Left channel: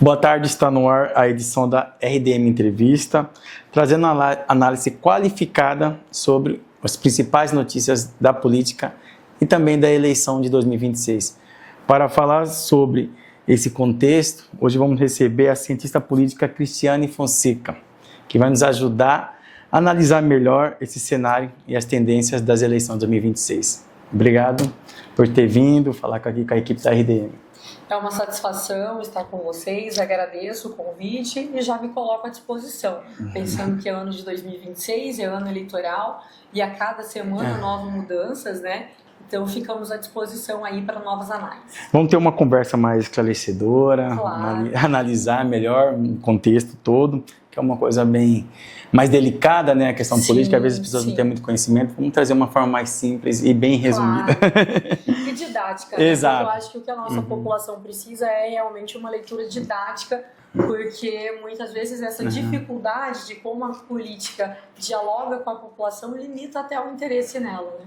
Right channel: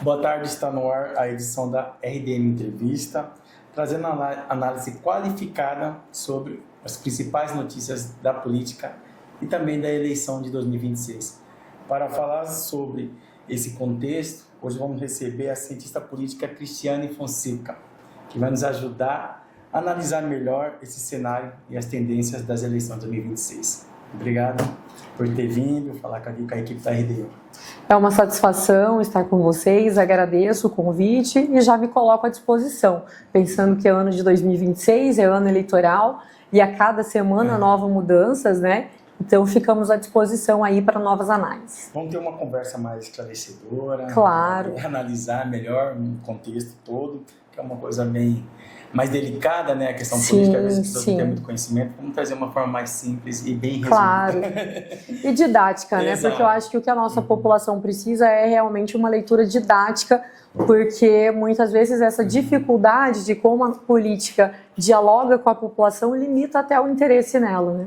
Boa tarde, está no ar a edição da RDM Entrevista, trazendo análise qualificada sobre as principais notícias da política e também da eleição de 2026. Para falar sobre esse contexto, hoje vamos receber a cientista política Cristiane Fonseca, que vai nos ajudar a analisar melhor esse cenário e as tendências das eleições de 2026. Obrigado por ter vindo falar aqui com a equipe da RDM. É uma satisfação estar com vocês, agradeço o convite e já me coloco à disposição, pensando que é ano de 2026, é ano eleitoral e a cada semana novas mudanças, né? Então ficamos à disposição aí para novas análises. Vamos ter uma conversa mais esclarecedora, claro. Analisar melhor o contexto todo, que é uma coisa bem mais delicada, né? A questão política, às vezes as pessoas não têm muito conhecimento. Vamos trazer uma forma mais simples e bem resumida. Claro. E didática, né? Exato. Porque eu acho que o que a nossa população precisa é realmente uma leitura didática, porque muitas vezes essa dificuldade de como a política dialoga com a população limita até o interesse nela, né?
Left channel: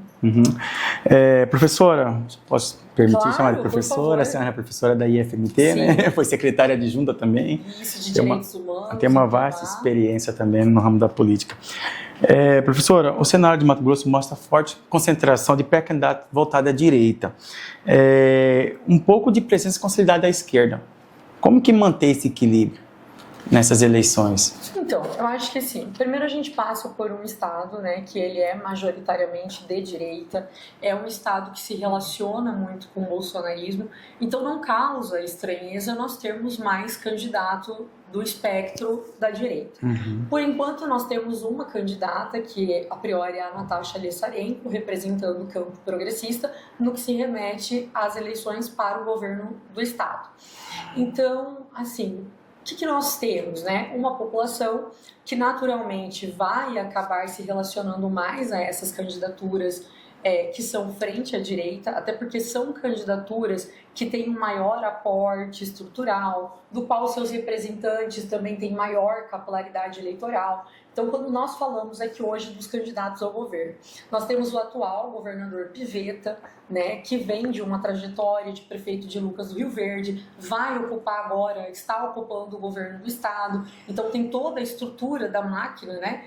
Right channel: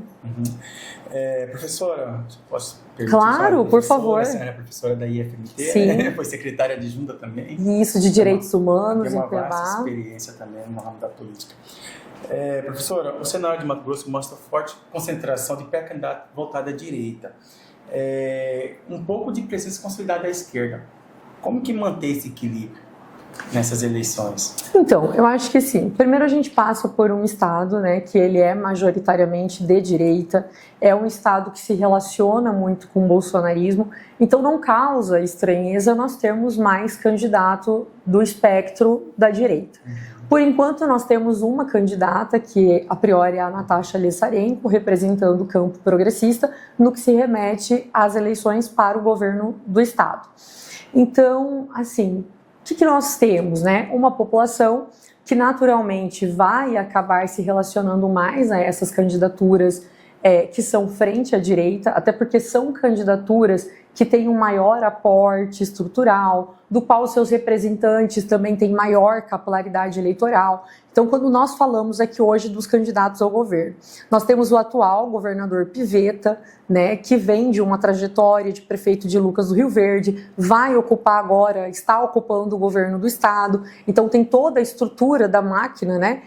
Professora, posso perguntar? Claro, por favor. A senhora é professora da IFMT, né? Foi secretária adjunta também. Isso, de Direitos Humanos. Tem uma vasta experiência também no ramo da política. Professora, o cenário de Mato Grosso mostra forte concentração de pré-candidatos voltados à direita. Um pouco de presença consolidada à esquerda. Como que manter esse equilíbrio nessas eleições? Então, eu acho que sim. Primeiro a gente passa por um estado, né, que ele é majoritariamente de direita, é um estado que se relaciona muito com o bolsonarismo, então não causa estranheza nós termos mais candidato do espectro da direita. Por enquanto nós temos uma candidata que a priori é a Natasha Lessarenko, representando o campo progressista, no que se remete às eleições para o governo do estado. Então, assim, o que nós temos, né? Uma população que naturalmente vai acabar se relacionando mais a essas candidaturas que são frente à direita, até porque são candidaturas que têm um maior aporte estrutural, do qual seus representantes também têm maior capilaridade eleitoral. Então, quando nós falamos aqui hoje dos candidatos ao governo, nós temos o atual governador Pivetta, né, que vem de uma trajetória de prefeito de Lucas do Rio Verde, vai ocupar agora, está ocupando o governo do estado, então tem toda a estrutura da máquina, né,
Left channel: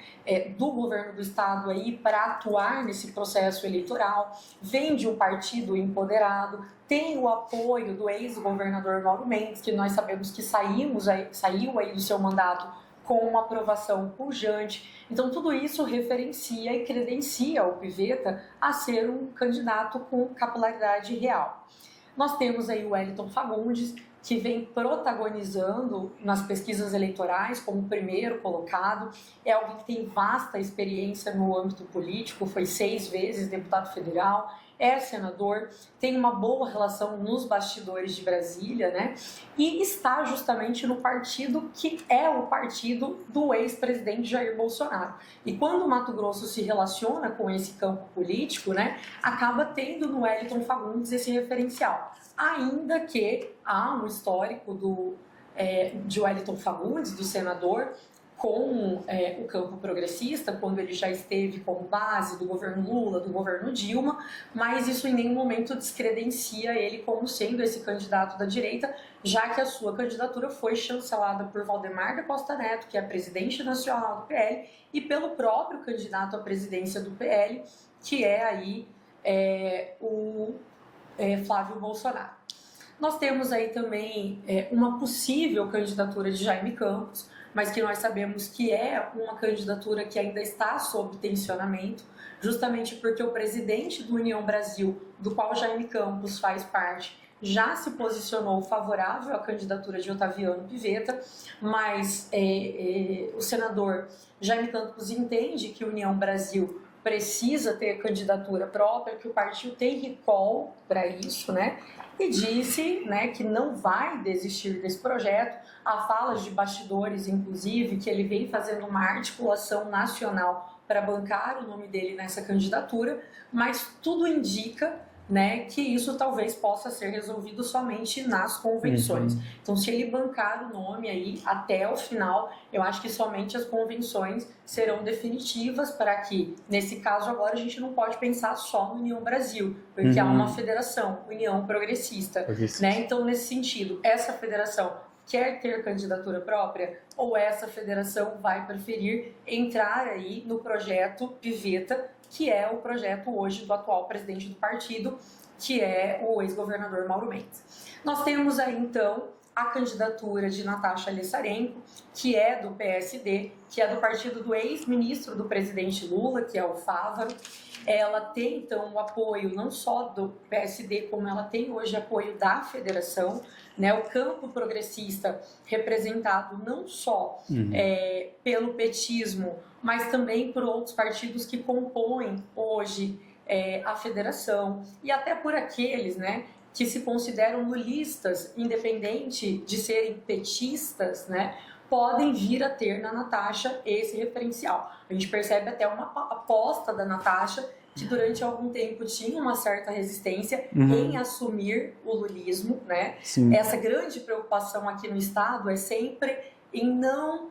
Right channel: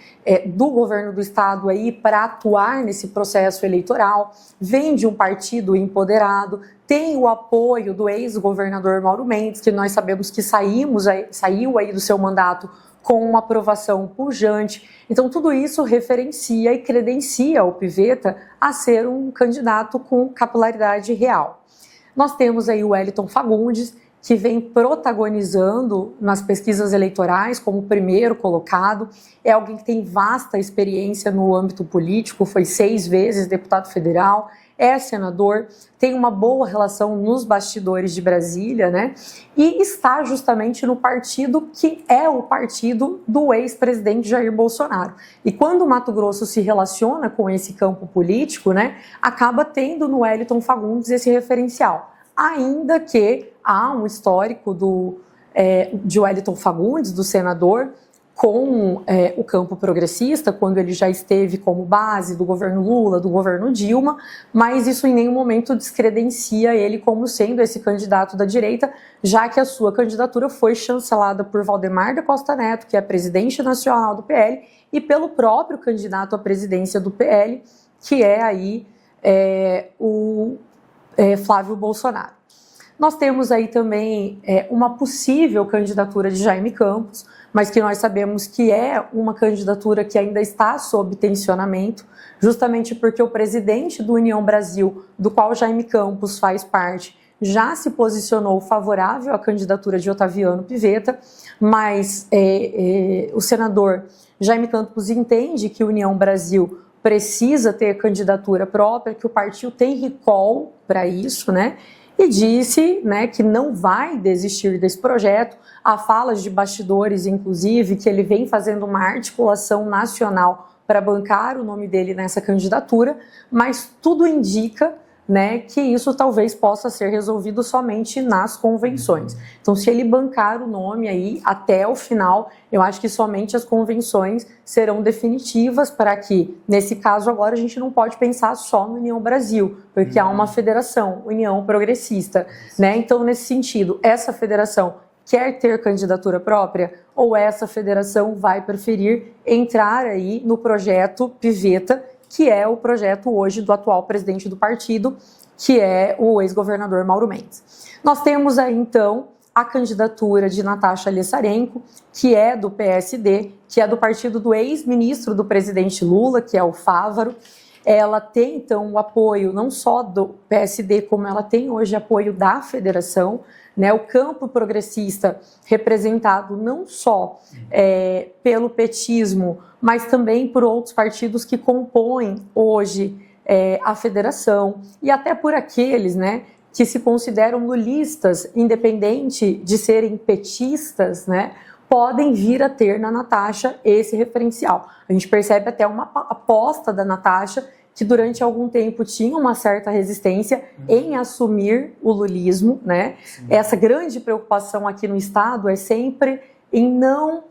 do governo do estado aí para atuar nesse processo eleitoral, vem de um partido empoderado, tem o apoio do ex-governador Mauro Mendes, que nós sabemos que saiu aí do seu mandato com uma aprovação pujante. Então, tudo isso referencia e credencia o Pivetta a ser um candidato com capilaridade real. Nós temos aí o Wellington Fagundes, que vem protagonizando nas pesquisas eleitorais como primeiro colocado. É alguém que tem vasta experiência no âmbito político, foi 6 vezes deputado federal, é senador, tem uma boa relação nos bastidores de Brasília, né? E está justamente no partido que é o partido do ex-presidente Jair Bolsonaro. E quando o Mato Grosso se relaciona com esse campo político, né, acaba tendo no Wellington Fagundes esse referencial. Ainda que há um histórico de Wellington Fagundes, do senador, com o campo progressista, quando ele já esteve como base do governo Lula, do governo Dilma, mas isso em nenhum momento descredencia ele como sendo esse candidato da direita, já que a sua candidatura foi chancelada por Valdemar da Costa Neto, que é presidente nacional do PL, e pelo próprio candidato à presidência do PL, que é aí o Flávio Bolsonaro. Nós temos aí também uma possível candidatura de Jaime Campos, mas que nós sabemos que é uma candidatura que ainda está sob tensionamento, justamente porque o presidente do União Brasil, do qual Jaime Campos faz parte, já se posicionou favorável à candidatura de Otaviano Pivetta, mas o senador Jaime Campos entende que a União Brasil precisa ter candidatura própria, que o partido tem recall para isso, né? E disse, né, que não vai desistir desse projeto. Há falas de bastidores, inclusive, que ele vem fazendo uma articulação nacional para bancar o nome dele nessa candidatura, mas tudo indica, né, que isso talvez possa ser resolvido somente nas convenções. Então, se ele bancar o nome aí até o final, eu acho que somente as convenções serão definitivas para que, nesse caso agora, a gente não pode pensar só no União Brasil, porque há uma federação, União Progressista, né? Então, nesse sentido, essa federação quer ter candidatura própria ou essa federação vai preferir entrar aí no projeto Piveta, que é o projeto hoje do atual presidente do partido, que é o ex-governador Mauro Mendes. Nós temos aí, então, a candidatura de Natasha Alessarenko, que é do PSD, que é do partido do ex-ministro do presidente Lula, que é o Fávaro. Ela tem, então, o apoio não só do PSD, como ela tem hoje apoio da federação, né? O campo progressista representado não só pelo petismo, mas também por outros partidos que compõem hoje a federação, e até por aqueles, né, que se consideram lulistas, independente de serem petistas, né, podem vir a ter na Natasha esse referencial. A gente percebe até uma aposta da Natasha, que durante algum tempo tinha uma certa resistência em assumir o lulismo, né? Sim. Essa grande preocupação aqui no Estado é sempre em não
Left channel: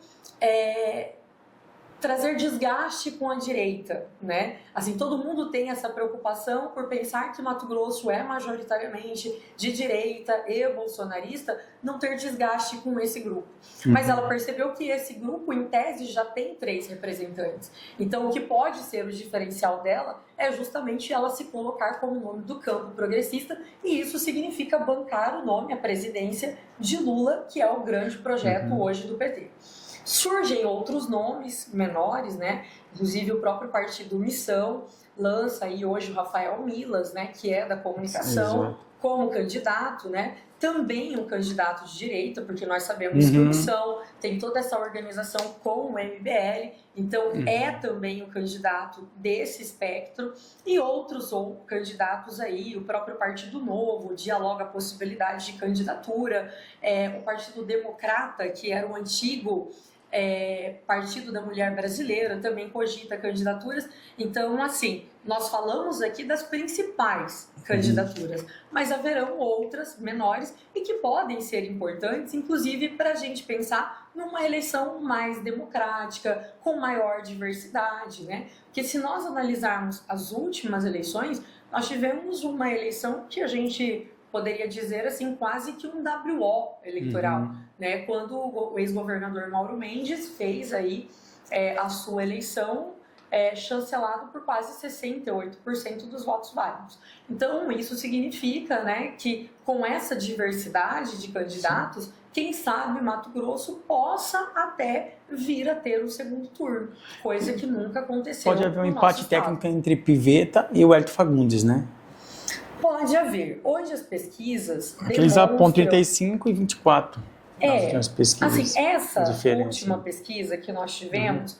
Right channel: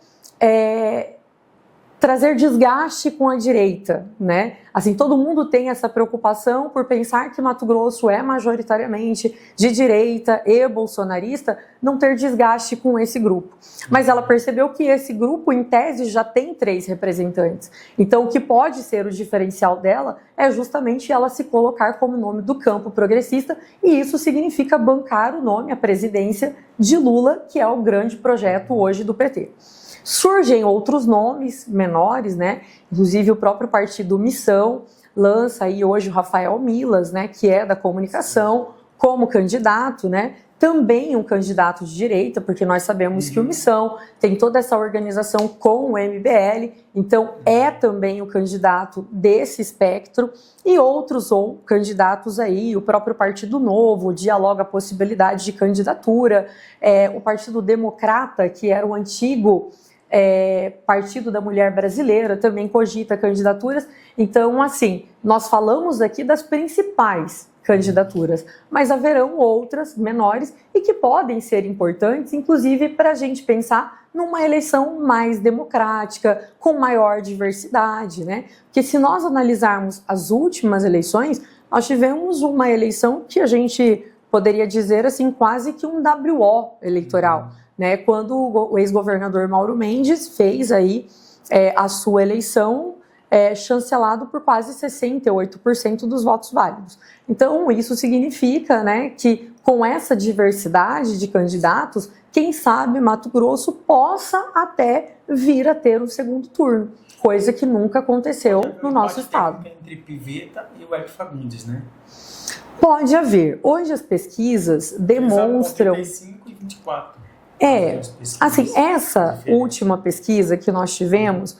trazer desgaste com a direita, né? Assim, todo mundo tem essa preocupação por pensar que Mato Grosso é majoritariamente de direita e bolsonarista, não ter desgaste com esse grupo. Mas ela percebeu que esse grupo, em tese, já tem 3 representantes. Então, o que pode ser o diferencial dela é justamente ela se colocar como nome do campo progressista, e isso significa bancar o nome, a presidência de Lula, que é o grande projeto hoje do PT. Surgem outros nomes menores, né? Inclusive o próprio partido Missão lança aí hoje o Rafael Milas, né? Que é da comunicação, como candidato, né? Também um candidato de direita, porque nós sabemos que o Missão tem toda essa organização com o MBL, então é também o candidato desse espectro, e outros candidatos aí, o próprio Partido Novo dialoga a possibilidade de candidatura, o Partido Democrata, que era o antigo Partido da Mulher Brasileira, também cogita candidaturas. Então, assim, nós falamos aqui das principais candidaturas, mas haverão outras menores e que podem ser importantes, inclusive para a gente pensar numa eleição mais democrática, com maior diversidade, né? Porque se nós analisarmos as últimas eleições, nós tivemos uma eleição que a gente poderia dizer assim, quase que um WO eleitoral, né? Quando o ex-governador Mauro Mendes fez aí a sua eleição chancelado por quase 68% dos votos válidos. Então, isso significa, né, que com essa diversidade de candidatos, quem sabe Mato Grosso possa até vir a ter um segundo turno, coisa que nunca aconteceu no nosso estado. Pode haver um empate técnico entre Piveta e o Hélio Fagundes, né? Pode haver. Hoje as pesquisas demonstram... Eles 35 e 24. Assim, essa última pesquisa que nós tivemos,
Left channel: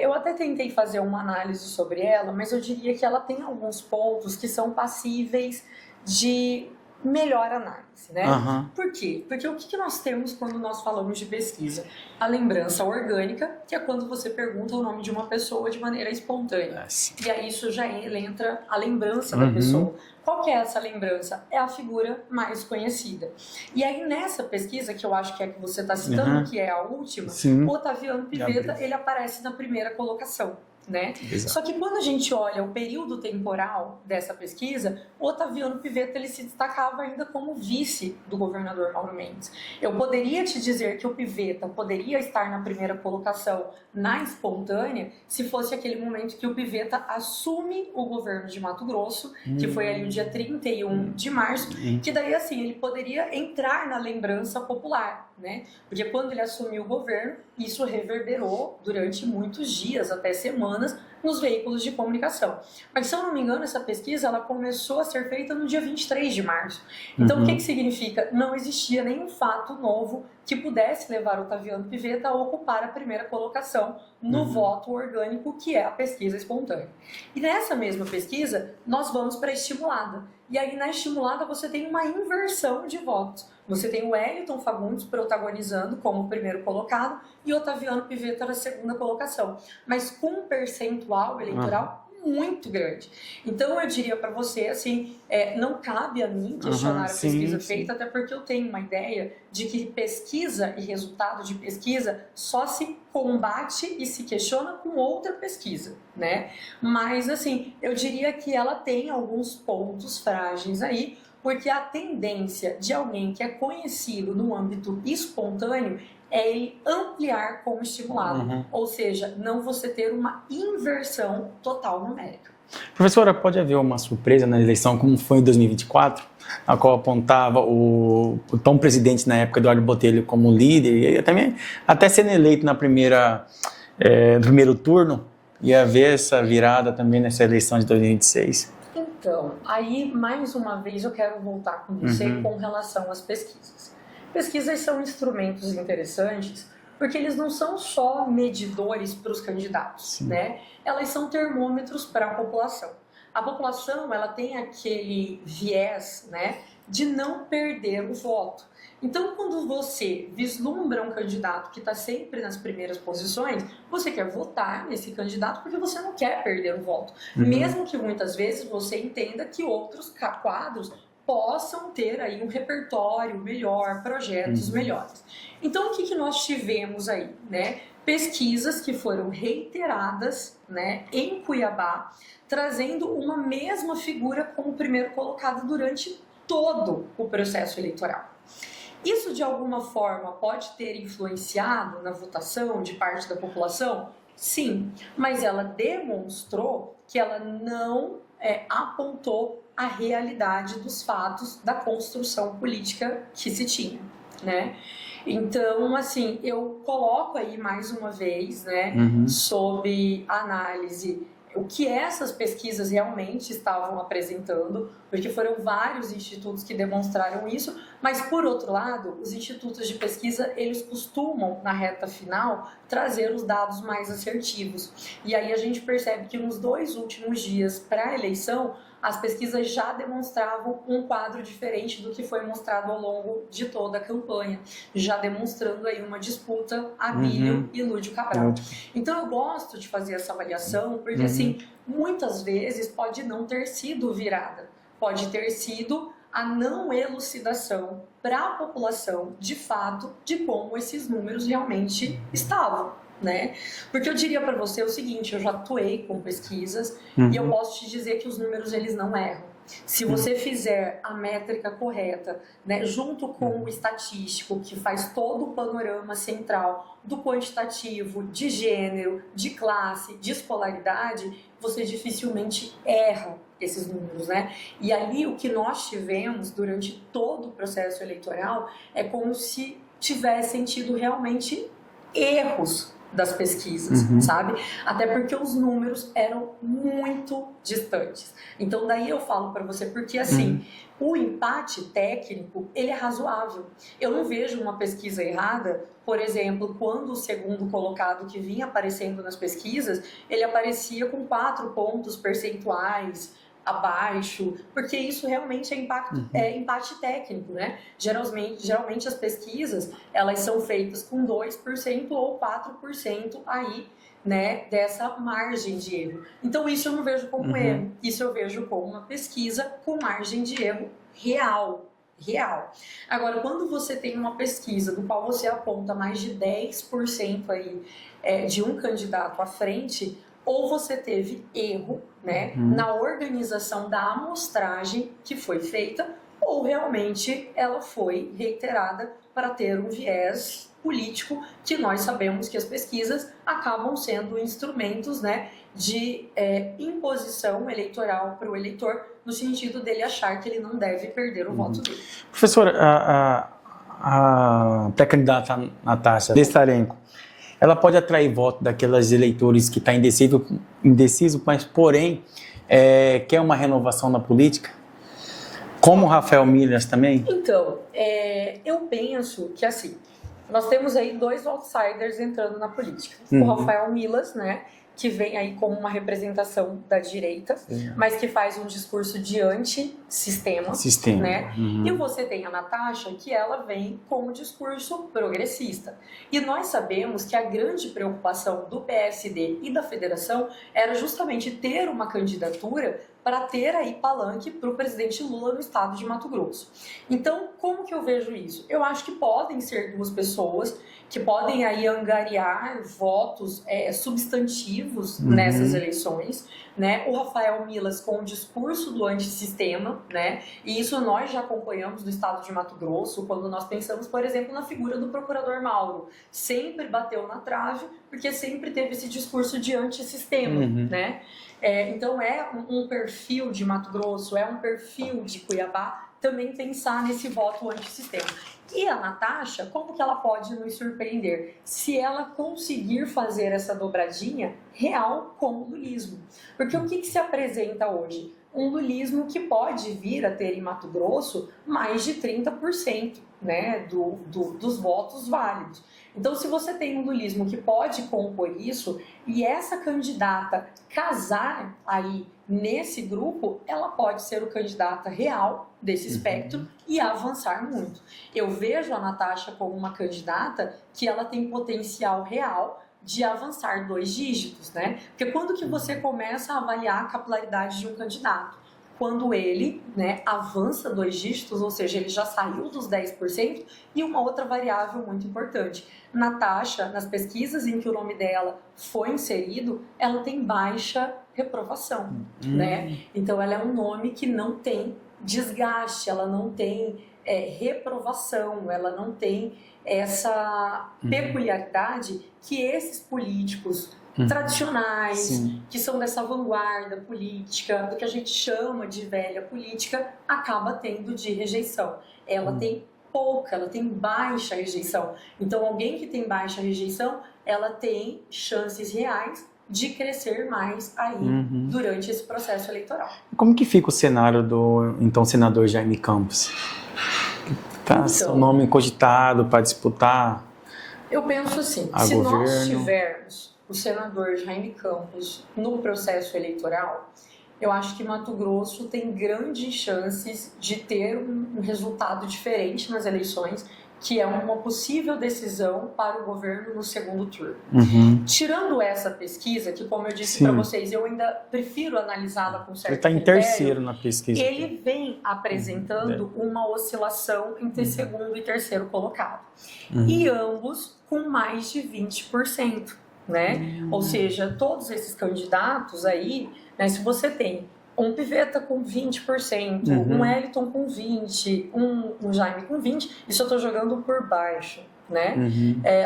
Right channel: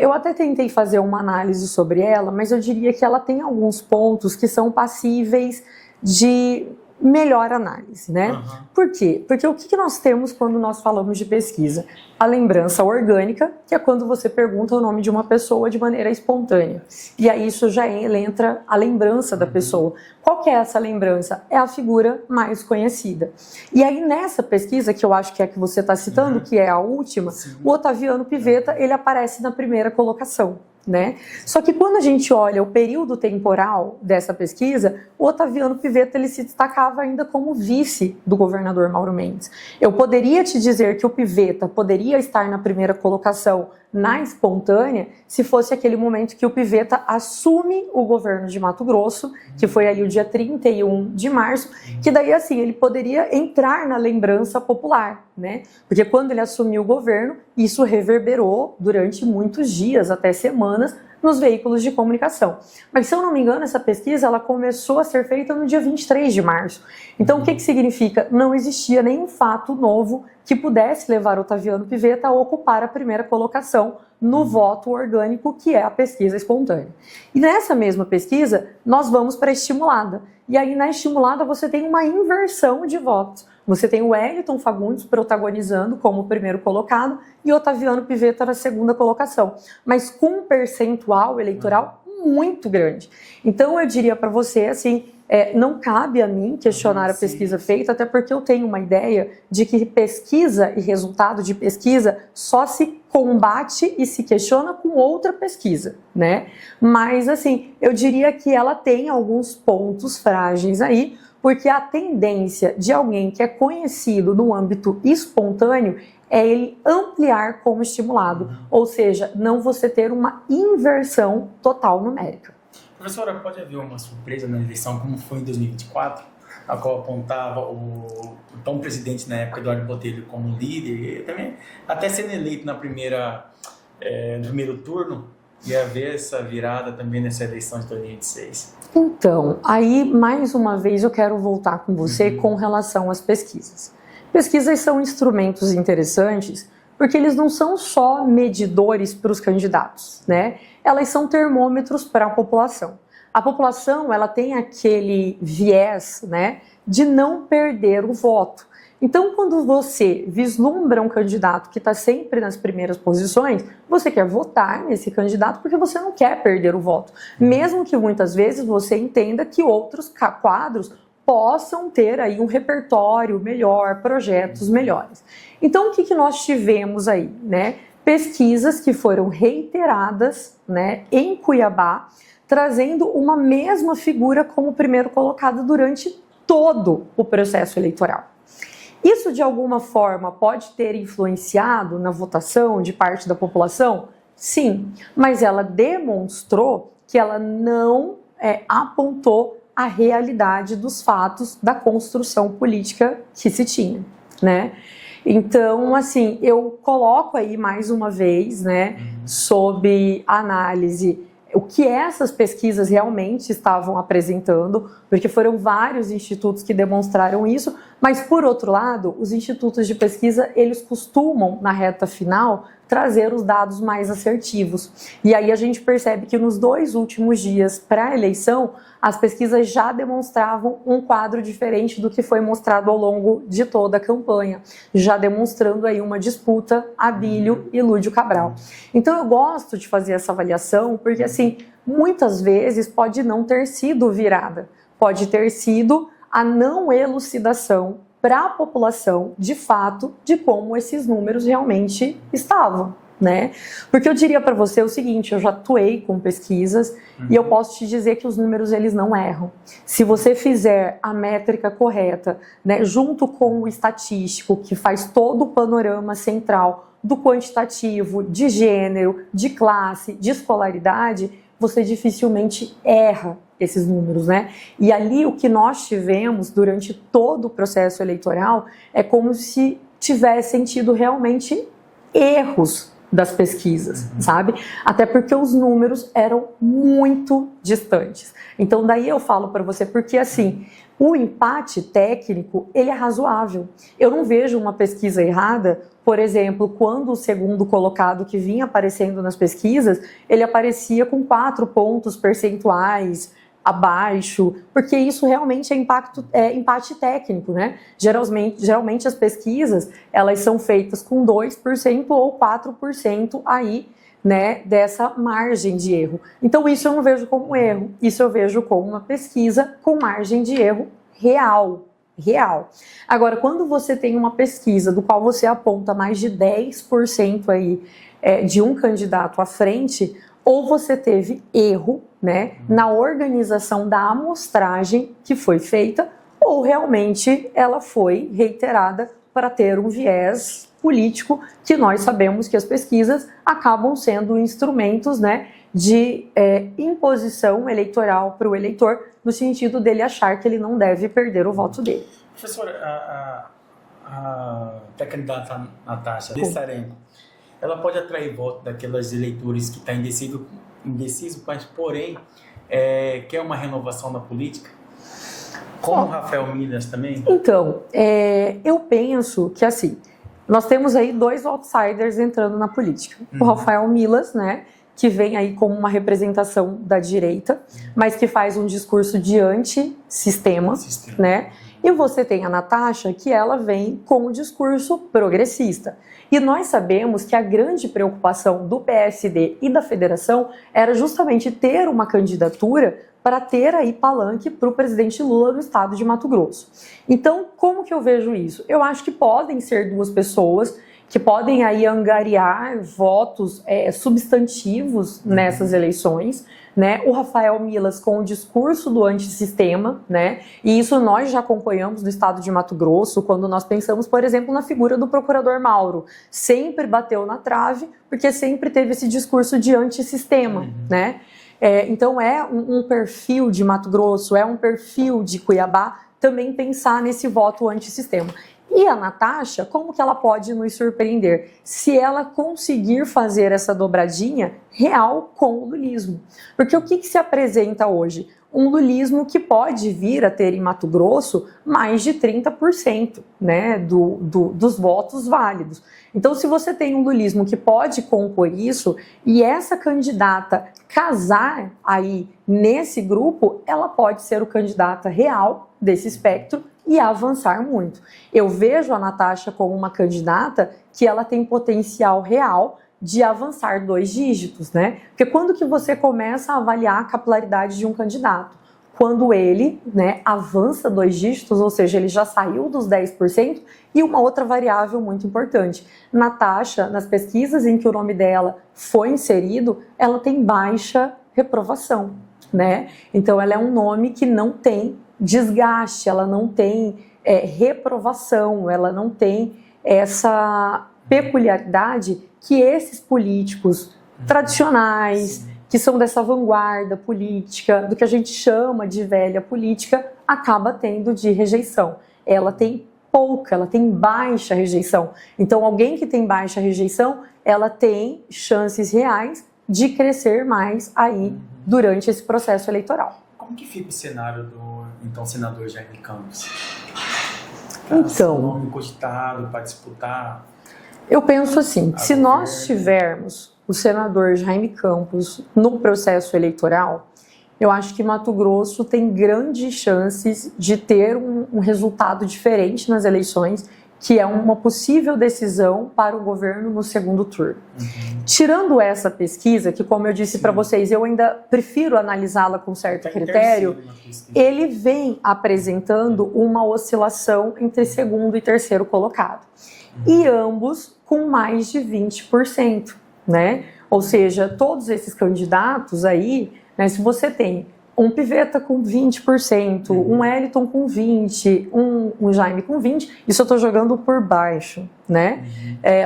eu até tentei fazer uma análise sobre ela, mas eu diria que ela tem alguns pontos que são passíveis de melhor análise, né? Por quê? Porque o que nós temos quando nós falamos de pesquisa? A lembrança orgânica, que é quando você pergunta o nome de uma pessoa de maneira espontânea. E aí isso já entra a lembrança da pessoa. Qual que é essa lembrança? É a figura mais conhecida. E aí nessa pesquisa, que eu acho que é a que você está citando, que é a última, o Otaviano Piveta, ele aparece na primeira colocação, né? Só que quando a gente olha o período temporal dessa pesquisa, o Otaviano Piveta ele se destacava ainda como vice do governador Mauro Mendes. Eu poderia te dizer que o Piveta poderia estar na primeira colocação na espontânea se fosse aquele momento que o Piveta assume o governo de Mato Grosso, que foi ali o dia 31 de março, que daí assim ele poderia entrar na lembrança popular, né? Porque quando ele assumiu o governo, isso reverberou durante muitos dias, até semanas, nos veículos de comunicação. Mas, se eu não me engano, essa pesquisa ela começou a ser feita no dia 23 de março. Então, o que significa? Não existia nenhum fato novo que pudesse levar o Otaviano Piveta a ocupar a primeira colocação no voto orgânico, que é a pesquisa espontânea. E nessa mesma pesquisa, nós vamos para a estimulada. E aí, na estimulada, você tem uma inversão de votos. Você tem o Wellington Fagundes protagonizando como primeiro colocado e Otaviano Piveta na segunda colocação, mas com um percentual eleitoral muito grande. Então, eu diria para você, assim, não cabe a mim questionar a pesquisa feita, até porque eu tenho uma ideia de que pesquisa e resultado de pesquisa só se combate e se questiona com outra pesquisa, né? Mas, assim, eu diria que ela tem alguns pontos frágeis aí, Porque a tendência de alguém que é conhecido no âmbito espontâneo é ele ampliar como estimulado, ou seja, não você ter uma inversão total numérica. Professora, pode haver uma surpresa na eleição, como foi em 2024, a qual apontava o então presidente na época, Eduardo Botelho, como líder, e também até sendo eleito no primeiro turno, e haver essa virada também nessa eleição de 2026? Então, aí mais uma vez eu quero voltar com você com relação às pesquisas. Pesquisas são instrumentos interessantes porque eles não são só medidores para os candidatos, né? Elas são termômetros para a população. A população, ela tem aquele viés, né, de não perder o voto. Então, quando você vislumbra um candidato que está sempre nas primeiras posições, você quer votar nesse candidato porque você não quer perder o voto. Mesmo que muitas vezes você entenda que outros quadros possam ter aí um repertório melhor, projetos melhores. Então, o que nós tivemos aí, né? Pesquisas que foram reiteradas, né, em Cuiabá, trazendo uma mesma figura como primeiro colocado durante todo o processo eleitoral. Isso, de alguma forma, pode ter influenciado na votação de parte da população? Sim, mas ela demonstrou que ela não apontou a realidade dos fatos da construção política que se tinha, né? Então, assim, eu coloco aí mais uma vez, né, sob análise o que essas pesquisas realmente estavam apresentando, porque foram vários institutos que demonstraram isso, mas, por outro lado, os institutos de pesquisa, eles costumam, na reta final, trazer os dados mais assertivos. E aí a gente percebe que nos 2 últimos dias para a eleição, as pesquisas já demonstravam um quadro diferente do que foi mostrado ao longo de toda a campanha, já demonstrando aí uma disputa Abílio e Lúdio Cabral. Então eu gosto de fazer essa avaliação, porque assim, muitas vezes pode não ter sido virada, pode ter sido a não elucidação para a população, de fato, de como esses números realmente estavam, né? Porque eu diria para você o seguinte, eu já atuei com pesquisas e eu posso te dizer que os números, eles não erram. Se você fizer a métrica correta, né, junto com o estatístico, que faz todo o panorama central do quantitativo, de gênero, de classe, de escolaridade, você dificilmente erra esses números, né? E ali o que nós tivemos durante todo o processo eleitoral é como se tivessem tido realmente erros das pesquisas, sabe? Até porque os números eram muito distantes. Então daí eu falo para você, porque assim, o empate técnico, ele é razoável. Eu não vejo uma pesquisa errada, por exemplo, quando o segundo colocado que vinha aparecendo nas pesquisas, ele aparecia com 4 pontos percentuais abaixo, porque isso realmente é empate técnico, né? Geralmente as pesquisas, elas são feitas com 2% ou 4% aí, né, dessa margem de erro. Então isso eu não vejo como erro, isso eu vejo como uma pesquisa com margem de erro real. Agora, quando você tem uma pesquisa do qual você aponta mais de 10% aí de um candidato à frente, ou você teve erro, né, na organização da amostragem que foi feita, ou realmente ela foi reiterada para ter um viés político, que nós sabemos que as pesquisas acabam sendo instrumentos, né, de imposição eleitoral para o eleitor, no sentido dele achar que ele não deve perder o voto dele. Professora, a pré-candidata Natasha Destarenko, ela pode atrair voto daqueles eleitores que estão indeciso, mas porém quer uma renovação na política? Como o Rafael Milas também? Então, eu penso que assim, nós temos aí 2 outsiders entrando na política. O Rafael Milas, né, que vem aí como uma representação da direita, mas que faz um discurso de antissistema, né? E você tem a Natasha, que ela vem com um discurso progressista. E nós sabemos que a grande preocupação do PSD e da federação era justamente ter uma candidatura para ter aí palanque para o presidente Lula no estado de Mato Grosso. Então, como que eu vejo isso? Eu acho que podem ser duas pessoas que podem aí angariar votos substantivos nessas eleições, né? O Rafael Milas com o discurso do antissistema, né? E isso nós já acompanhamos no estado de Mato Grosso, quando nós pensamos, por exemplo, na figura do procurador Mauro. Sempre bateu na trave, porque sempre teve esse discurso de antissistema, né? Então é um perfil de Mato Grosso, é um perfil de Cuiabá também pensar nesse voto antissistema. E a Natasha, como que ela pode nos surpreender? Se ela conseguir fazer essa dobradinha real com o lulismo. Porque o que se apresenta hoje? Um lulismo que pode vir a ter em Mato Grosso mais de 30%, né, dos votos válidos. Então, se você tem um lulismo que pode compor isso e essa candidata casar aí nesse grupo, ela pode ser o candidata real desse espectro e avançar muito. Eu vejo a Natasha como uma candidata que ela tem potencial real de avançar 2 dígitos, né? Porque quando que você começa a avaliar a capilaridade de um candidato? Quando ele, né, avança 2 dígitos, ou seja, ele já saiu dos 10%, e uma outra variável muito importante. Natasha, nas pesquisas em que o nome dela foi inserido, ela tem baixa reprovação, né? Então, ela é um nome que não tem desgaste, ela não tem reprovação, ela não tem essa peculiaridade que esses políticos tradicionais, Sim. que são dessa vanguarda política, do que a gente chama de velha política, acaba tendo de rejeição. Ela tem pouca, ela tem baixa rejeição. Então, alguém que tem baixa rejeição, ela tem chances reais de crescer mais aí durante esse processo eleitoral. Como que fica o cenário do então senador Jaime Campos? Então, o nome cogitado para disputar? Eu penso assim, se governo. nós tivermos o senador Jaime Campos no processo eleitoral, eu acho que Mato Grosso tem grandes chances de ter um resultado diferente nas eleições, que é uma possível decisão para o governo no segundo turno. Tirando essa pesquisa, que como eu disse para vocês, eu ainda prefiro analisá-la com certo ele tá critério, em terceiro na pesquisa. ele vem apresentando uma oscilação entre segundo e terceiro colocado. E ambos com mais de 20%, né? Ou seja, todos esses candidatos aí, né, se você tem um Pivetta com 20%, um Wellington com 20%, um Jaime com 20%, isso eu estou jogando por baixo, né?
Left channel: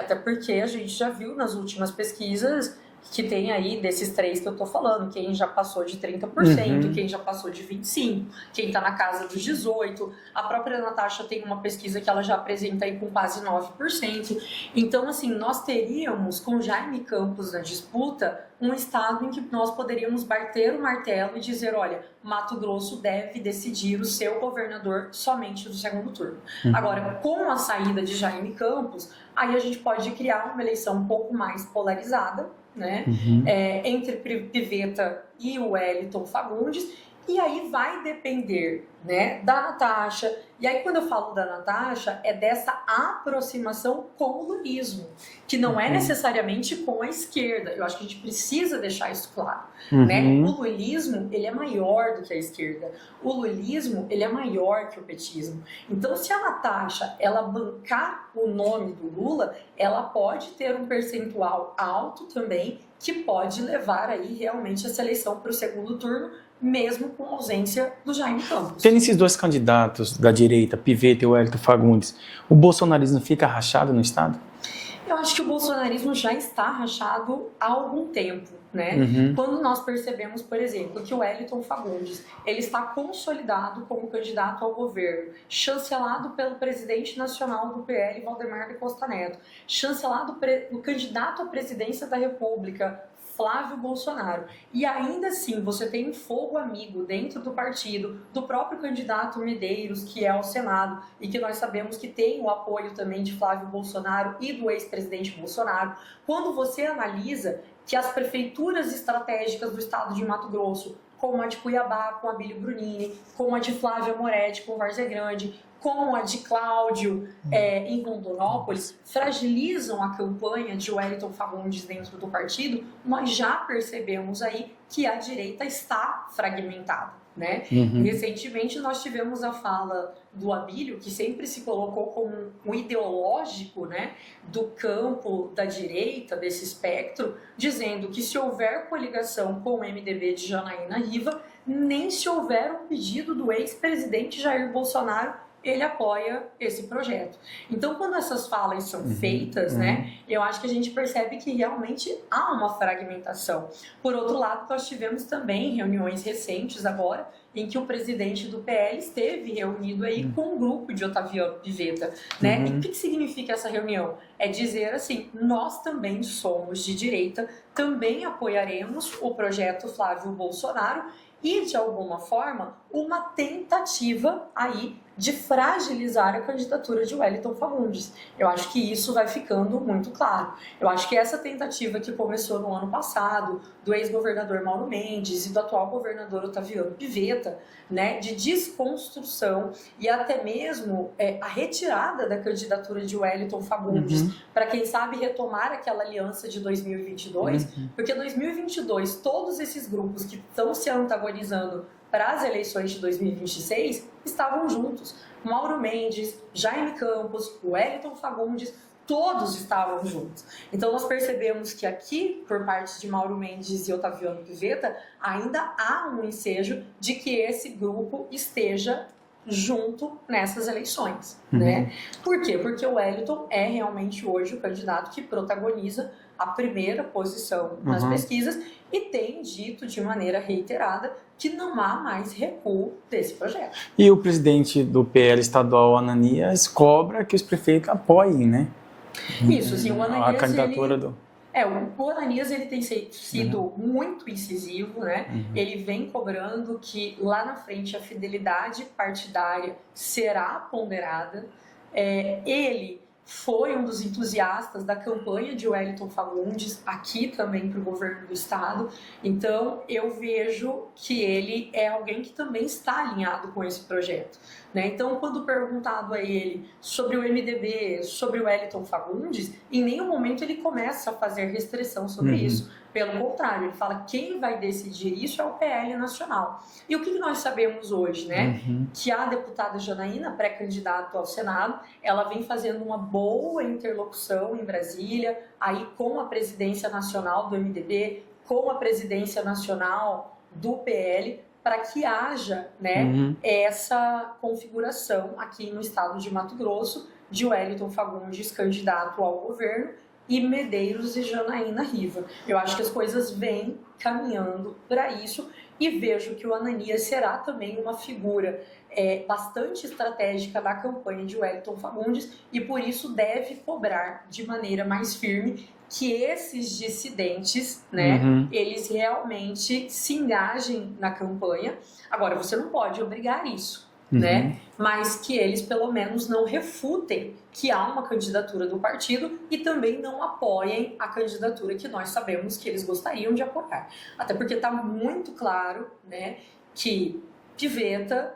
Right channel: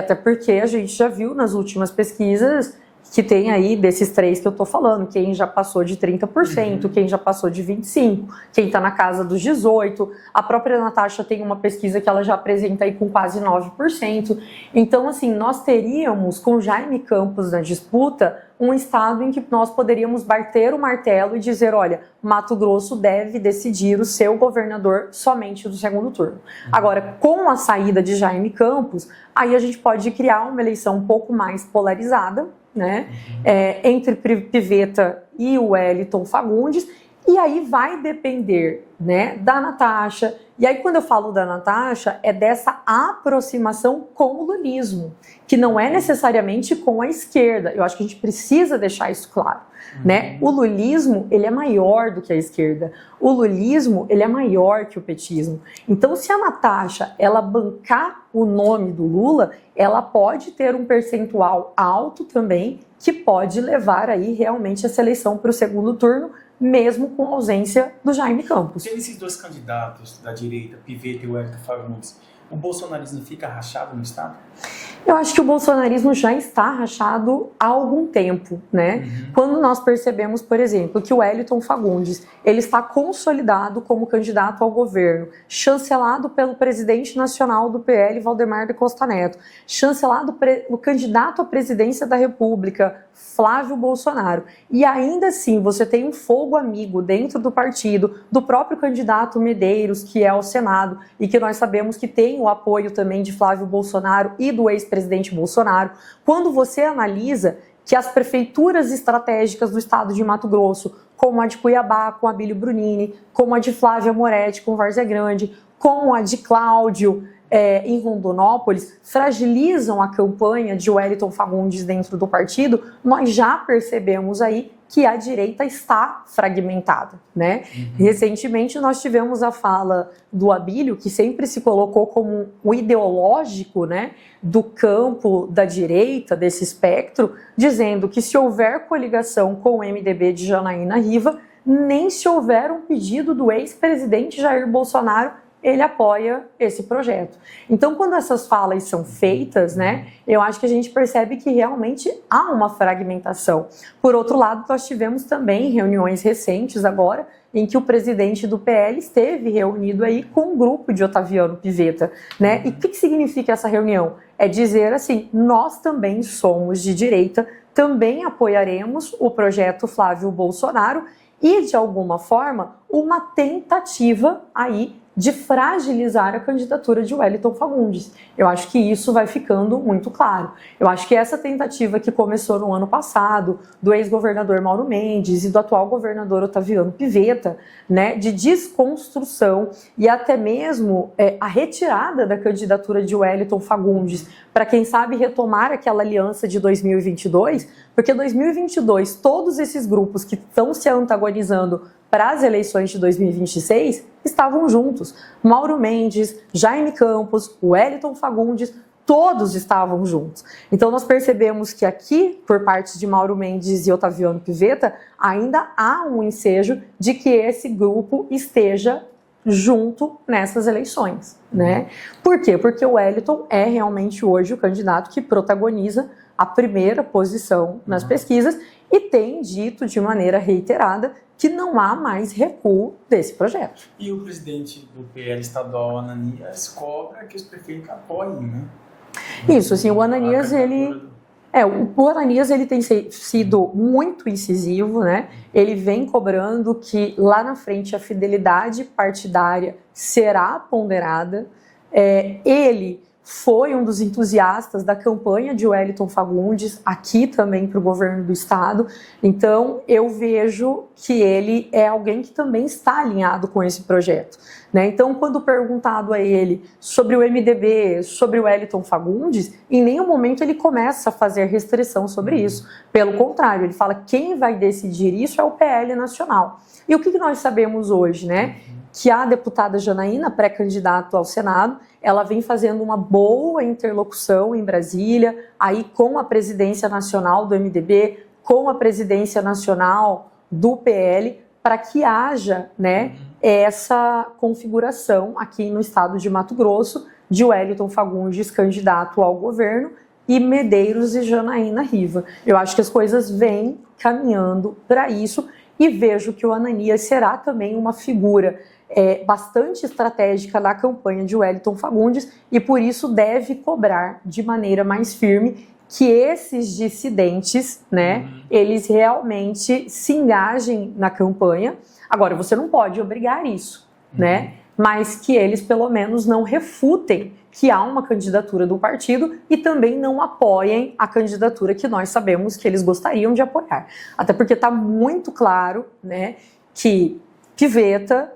Até porque a gente já viu nas últimas pesquisas que tem aí desses 3 que eu estou falando, quem já passou de 30%, quem já passou de 25%, quem está na casa dos 18%. A própria Natasha tem uma pesquisa que ela já apresenta aí com quase 9%. Então, assim, nós teríamos com Jaime Campos na disputa um estado em que nós poderíamos bater o martelo e dizer, olha, Mato Grosso deve decidir o seu governador somente no segundo turno. Agora, com a saída de Jaime Campos, aí a gente pode criar uma eleição um pouco mais polarizada, né? Entre Pivetta e o Wellington Fagundes, e aí vai depender, né, da Natasha. E aí quando eu falo da Natasha, é dessa aproximação com o lulismo, que não é necessariamente com a esquerda. Eu acho que a gente precisa deixar isso claro, né? O lulismo, ele é maior do que a esquerda. O lulismo, ele é maior que o petismo. Então, se a Natasha, ela bancar o nome do Lula, ela pode ter um percentual alto também, que pode levar aí realmente essa eleição para o segundo turno, mesmo com a ausência do Jaime Campos. Tendo esses 2 candidatos da direita, Pivetta e Wellington Fagundes, o bolsonarismo fica rachado no estado? Eu acho que o bolsonarismo já está rachado há algum tempo, né? Quando nós percebemos, por exemplo, que o Wellington Fagundes, ele está consolidado como candidato ao governo, chancelado pelo presidente nacional do PL, Valdemar da Costa Neto, chancelado o candidato à presidência da República, Flávio Bolsonaro. E ainda assim, você tem um fogo amigo dentro do partido, do próprio candidato Medeiros, que é ao Senado, e que nós sabemos que tem o apoio também de Flávio Bolsonaro e do ex-presidente Bolsonaro. Quando você analisa que as prefeituras estratégicas do estado de Mato Grosso, como a de Cuiabá, com Abílio Brunini, como a de Flávia Moretti, com Várzea Grande, como a de Cláudio em Rondonópolis, fragilizam a campanha de Wellington Fagundes dentro do partido, nós já percebemos aí que a direita está fragmentada, né? Recentemente nós tivemos a fala do Abílio, que sempre se colocou como um ideológico, né, do campo da direita, desse espectro, dizendo que se houver coligação com o MDB de Janaína Riva, nem se houver um pedido do ex-presidente Jair Bolsonaro, ele apoia esse projeto. Então, quando essas falas são feitas, né, eu acho que a gente percebe que realmente há uma fragmentação. Por outro lado, nós tivemos também reuniões recentes agora, em que o presidente do PL esteve reunido aí com um grupo de Otaviano Pivetta, né? E o que significa essa reunião? É dizer assim, nós também somos de direita, também apoiaremos o projeto Flávio Bolsonaro e, de alguma forma, uma tentativa aí de fragilizar a candidatura de Wellington Fagundes. Eu acho que isso vai ficando muito claro. Eu acho que essa tentativa que começou no ano passado, do ex-governador Mauro Mendes e do atual governador Otaviano Pivetta, né, de desconstrução e até mesmo a retirada da candidatura de Wellington Fagundes, para quem sabe retomar aquela aliança de 2022, porque 2022, todos esses grupos que estão se antagonizando para as eleições de 2026 estavam juntos. Mauro Mendes, Jaime Campos, Wellington Fagundes, todos estavam juntos. Então nós percebemos que aqui, por parte de Mauro Mendes e Otaviano Pivetta, ainda há um ensejo de que esse grupo esteja junto nessas eleições, né? Por quê? Porque o Wellington é realmente hoje o candidato que protagoniza a primeira posição nas pesquisas e tem dito de maneira reiterada que não há mais recuo desse projeto. E o presidente do PL estadual, Ananias, cobra que os prefeitos apoiem, né? Isso, assim, o Ananias, o Ananias ele tem sido muito incisivo, né? Ele vem cobrando que lá na frente a fidelidade partidária será ponderada. Ele foi um dos entusiastas da campanha de Wellington Fagundes, aqui também para o governo do estado. Então, eu vejo que ele é alguém que também está alinhado com esse projeto, né? Então, quando perguntado a ele sobre o MDB, sobre o Wellington Fagundes, em nenhum momento ele começa a fazer restrição sobre isso. Pelo contrário, ele fala que quem vai decidir isso é o PL nacional. E o que nós sabemos hoje, né? Que a deputada Janaína, pré-candidata ao Senado, ela vem fazendo uma boa interlocução em Brasília, aí com a presidência nacional do MDB, com a presidência nacional do PL, para que haja, né, essa configuração aqui no estado de Mato Grosso de Wellington Fagundes, candidato ao governo, e Medeiros e Janaína Riva. Eu acho que as coisas vêm caminhando para isso e vejo que o Ananias será também uma figura bastante estratégica na campanha de Wellington Fagundes e por isso deve cobrar de maneira mais firme que esses dissidentes, né, eles realmente se engajem na campanha. Agora, você não pode obrigar isso, né, mas que eles pelo menos não refutem que há uma candidatura do partido e também não apoiem a candidatura que nós sabemos que eles gostariam de apoiar. Até porque está muito claro, né, que Pivetta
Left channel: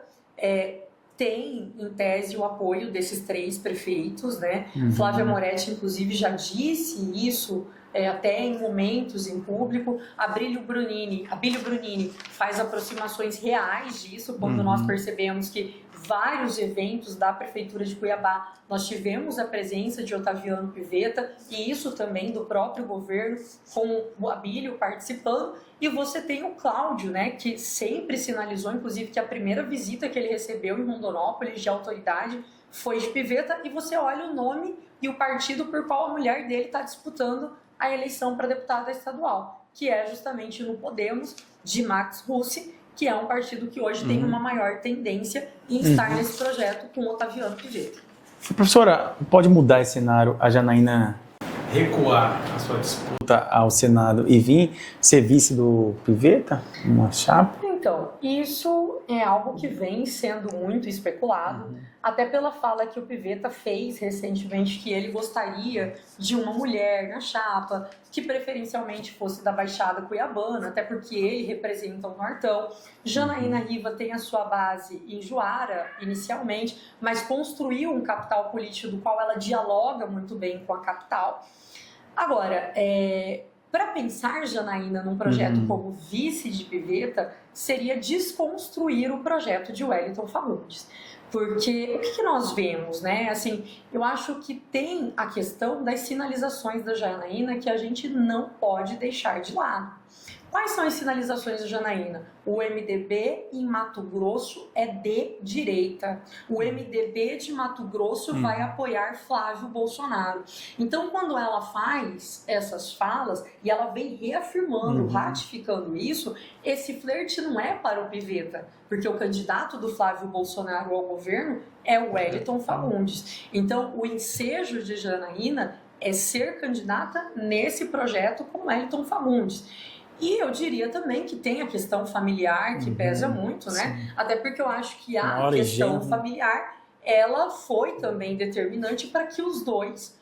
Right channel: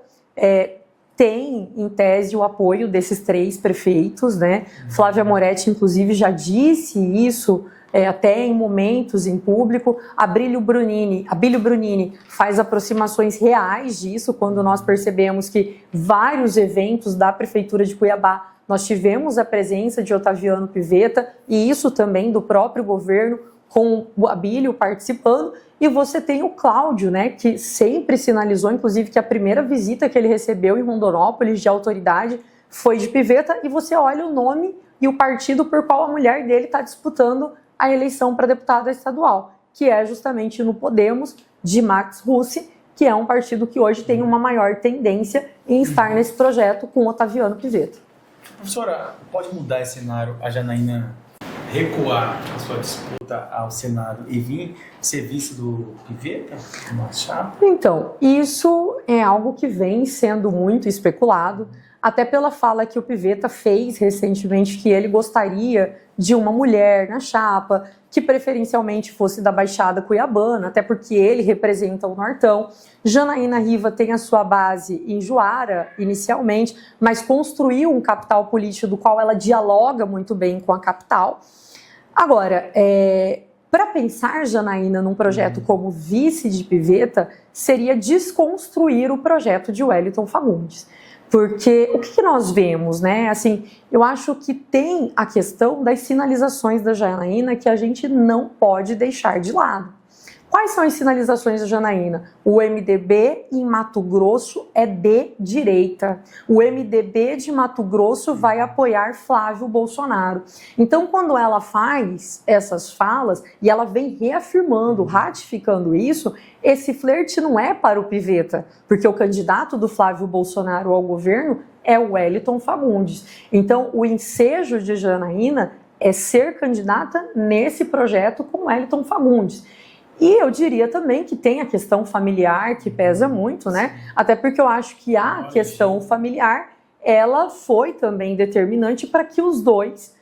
tem, em tese, o apoio desses 3 prefeitos, né? Flávia Moretti, inclusive, já disse isso até em momentos em público. Abílio Brunini faz aproximações reais disso, quando nós percebemos que vários eventos da Prefeitura de Cuiabá nós tivemos a presença de Otaviano Pivetta e isso também do próprio governo, com o Abílio participando. E você tem o Cláudio, né, que sempre sinalizou, inclusive, que a primeira visita que ele recebeu em Rondonópolis de autoridade foi de Pivetta. E você olha o nome e o partido por qual a mulher dele está disputando a eleição para deputada estadual, que é justamente no Podemos, de Max Russi, que é um partido que hoje tem uma maior tendência em estar nesse projeto com Otaviano Pivetta. Professora, pode mudar esse cenário, a Janaína recuar a sua disputa ao Senado e vir ser vice do Pivetta, uma chapa? Então, isso é algo que vem sendo muito especulado, até pela fala que o Pivetta fez recentemente, que ele gostaria de uma mulher na chapa, que preferencialmente fosse da Baixada Cuiabana, até porque ele representa o Nortão. Janaína Riva tem a sua base em Juara, inicialmente, mas construiu um capital político do qual ela dialoga muito bem com a capital. Agora, para pensar Janaína num projeto como vice de Pivetta seria desconstruir o projeto de Wellington Fagundes. Porque o que nós vemos, né? Assim, eu acho que tem a questão das sinalizações da Janaína que a gente não pode deixar de lado. Quais são as sinalizações da Janaína? O MDB em Mato Grosso é de direita. O MDB de Mato Grosso vai apoiar Flávio Bolsonaro. Então, quando ela faz essas falas e ela vem reafirmando, ratificando isso, esse flerte não é para o Pivetta, porque o candidato do Flávio Bolsonaro ao governo é o Wellington Fagundes. Então, o ensejo de Janaína é ser candidata nesse projeto com Wellington Fagundes. E eu diria também que tem a questão familiar que pesa muito, né? Sim. Até porque eu acho que a questão familiar, ela foi também determinante para que os dois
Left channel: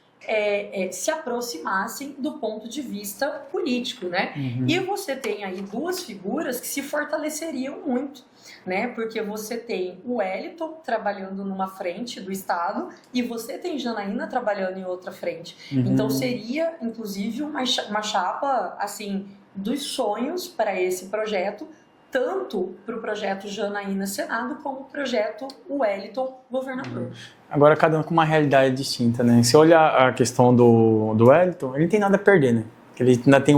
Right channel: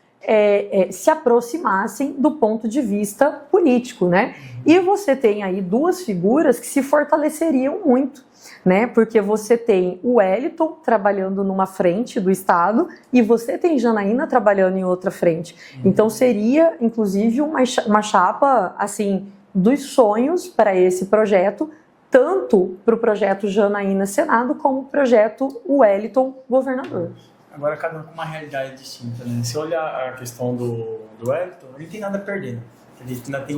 se aproximassem do ponto de vista político, né? E você tem aí duas figuras que se fortaleceriam muito, né? Porque você tem o Wellington trabalhando numa frente do Estado e você tem Janaína trabalhando em outra frente. Então seria, inclusive, uma chapa, assim, dos sonhos para esse projeto, tanto para o projeto Janaína Senado, como o projeto Wellington Governador. Agora, cada um com uma realidade distinta, né? Se olhar a questão do Wellington, ele não tem nada a perder, né? Ele ainda tem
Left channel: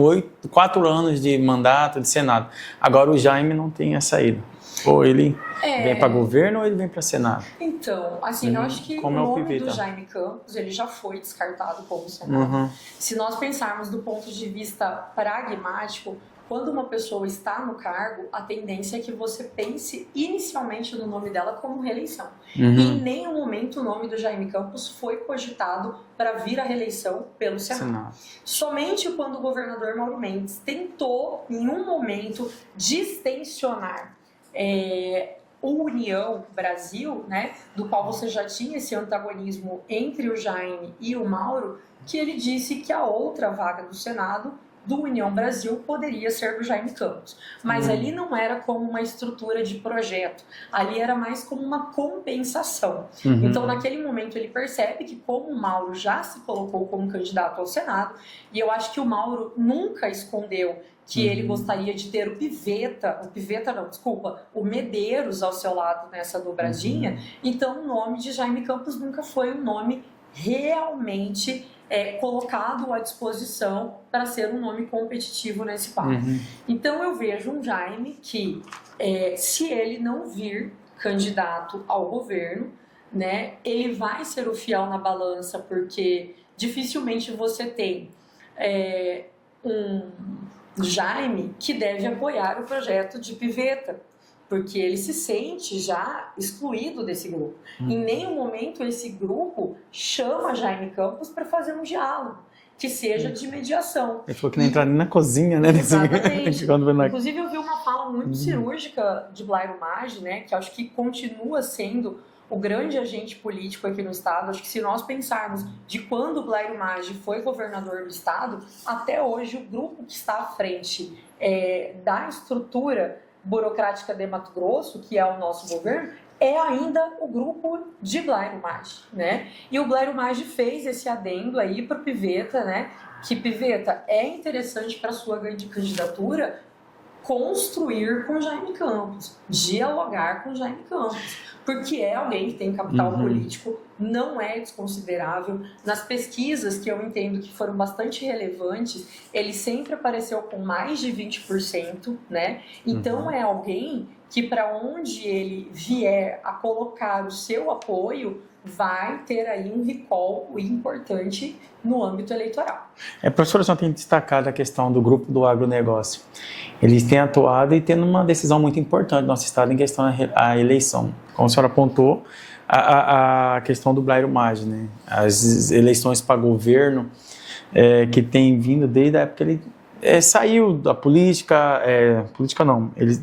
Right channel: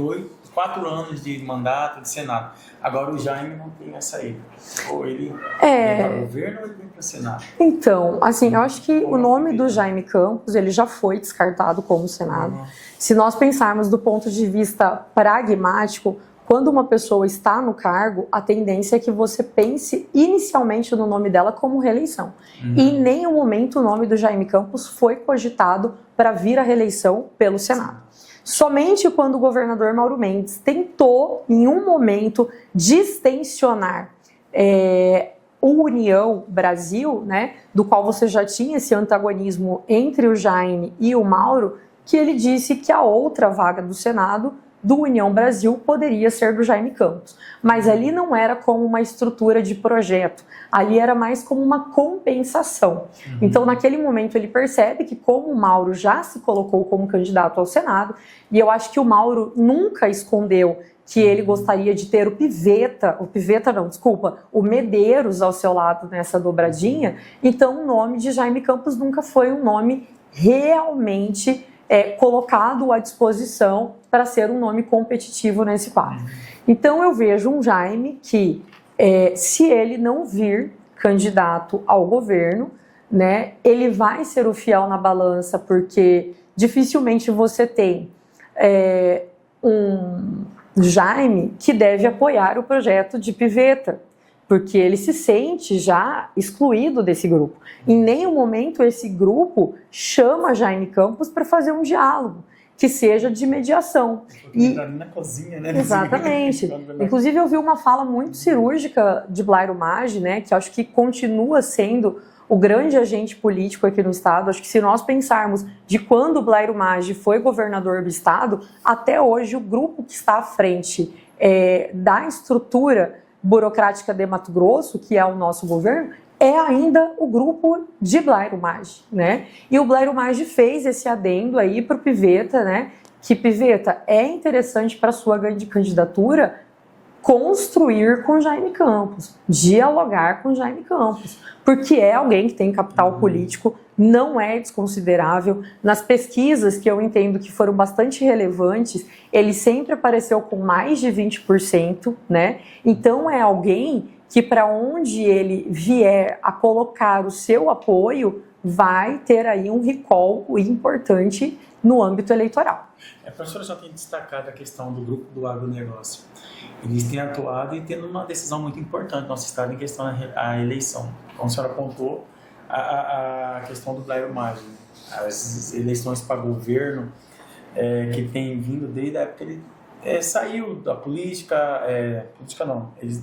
4 anos de mandato de Senado. Agora, o Jaime não tem a saída. Ou ele vem para governo ou ele vem para Senado. Então, assim, eu acho que o nome do Jaime Campos, ele já foi descartado como Senado. Se nós pensarmos do ponto de vista pragmático, quando uma pessoa está no cargo, a tendência é que você pense inicialmente no nome dela como reeleição. E em nenhum momento o nome do Jaime Campos foi cogitado para vir à reeleição pelo Senado. Somente quando o governador Mauro Mendes tentou, em um momento, distensionar o União Brasil, né, do qual você já tinha esse antagonismo entre o Jaime e o Mauro, que ele disse que a outra vaga do Senado do União Brasil poderia ser do Jaime Campos. Mas ali não era como uma estrutura de projeto, ali era mais como uma compensação. Então, naquele momento, ele percebe que como o Mauro já se colocou como candidato ao Senado, e eu acho que o Mauro nunca escondeu que ele gostaria de ter o Medeiros ao seu lado nessa dobradinha, então o nome de Jaime Campos nunca foi um nome realmente colocado à disposição para ser um nome competitivo nesse quadro. Então eu vejo um Jaime que, se ele não vir candidato ao governo, né, ele vai ser o fiel na balança, porque dificilmente você tem um Jaime que deve apoiar o projeto de Pivetta, porque ele se sente já excluído desse grupo. Em nenhum momento esse grupo chama Jaime Campos para fazer um diálogo que seja de mediação. Ele falou que não entrar nem na cozinha, né? Exatamente. Inclusive eu vi uma fala muito cirúrgica de Blairo Maggi, né, que eu acho que continua sendo o grande agente político aqui no estado. Acho que se nós pensarmos de quando o Blairo Maggi foi governador do estado, até hoje o grupo que está à frente da estrutura burocrática de Mato Grosso, que é o nosso governo, é ainda o grupo de Blairo Maggi, né? E o Blairo Maggi fez esse adendo aí para o Pivetta, né? Que Pivetta é interessante para sua candidatura construir com Jaime Campos, dialogar com Jaime Campos, porque é alguém que tem capital político, não é desconsiderável. Nas pesquisas que eu entendo que foram bastante relevantes, ele sempre apareceu com mais de 20%, né? Então é alguém que, para onde ele vier a colocar o seu apoio, vai ter aí um recall importante no âmbito eleitoral. Professora, a senhora tem destacado a questão do grupo do agronegócio. Eles têm atuado e tendo uma decisão muito importante no nosso estado em questão à eleição. Como a senhora apontou, a questão do Blairo Maggi, né? As eleições para governo que tem vindo desde a época que ele saiu da política, ele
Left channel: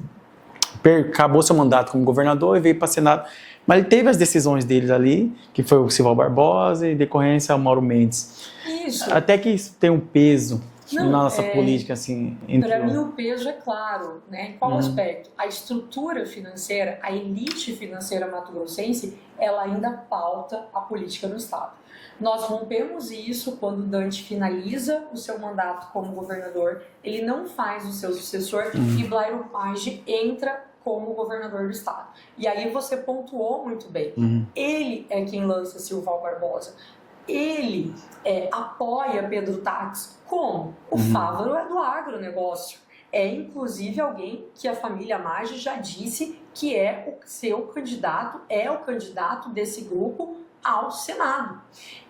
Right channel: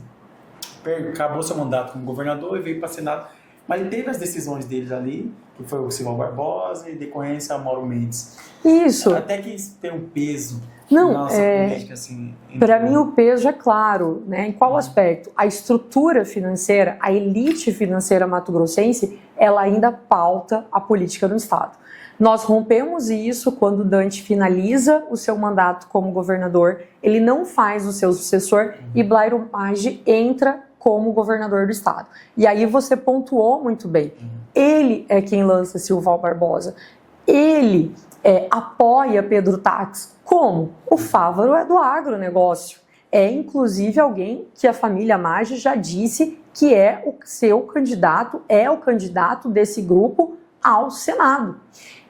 acabou seu mandato como governador e veio para o Senado, mas ele teve as decisões dele ali, que foi o Silval Barbosa e decorrência ao Mauro Mendes. Isso. Até que isso tem um peso na nossa política, assim. Para mim o peso é claro, né? Em qual aspecto? A estrutura financeira, a elite financeira mato-grossense, ela ainda pauta a política no estado. Nós rompemos isso quando Dante finaliza o seu mandato como governador, ele não faz o seu sucessor e Blairo Maggi entra como governador do estado. E aí você pontuou muito bem. Ele é quem lança Silval Barbosa. Ele apoia Pedro Táxi. Como? O Fávaro é do agronegócio. É inclusive alguém que a família Maggi já disse que é o seu candidato, é o candidato desse grupo ao Senado.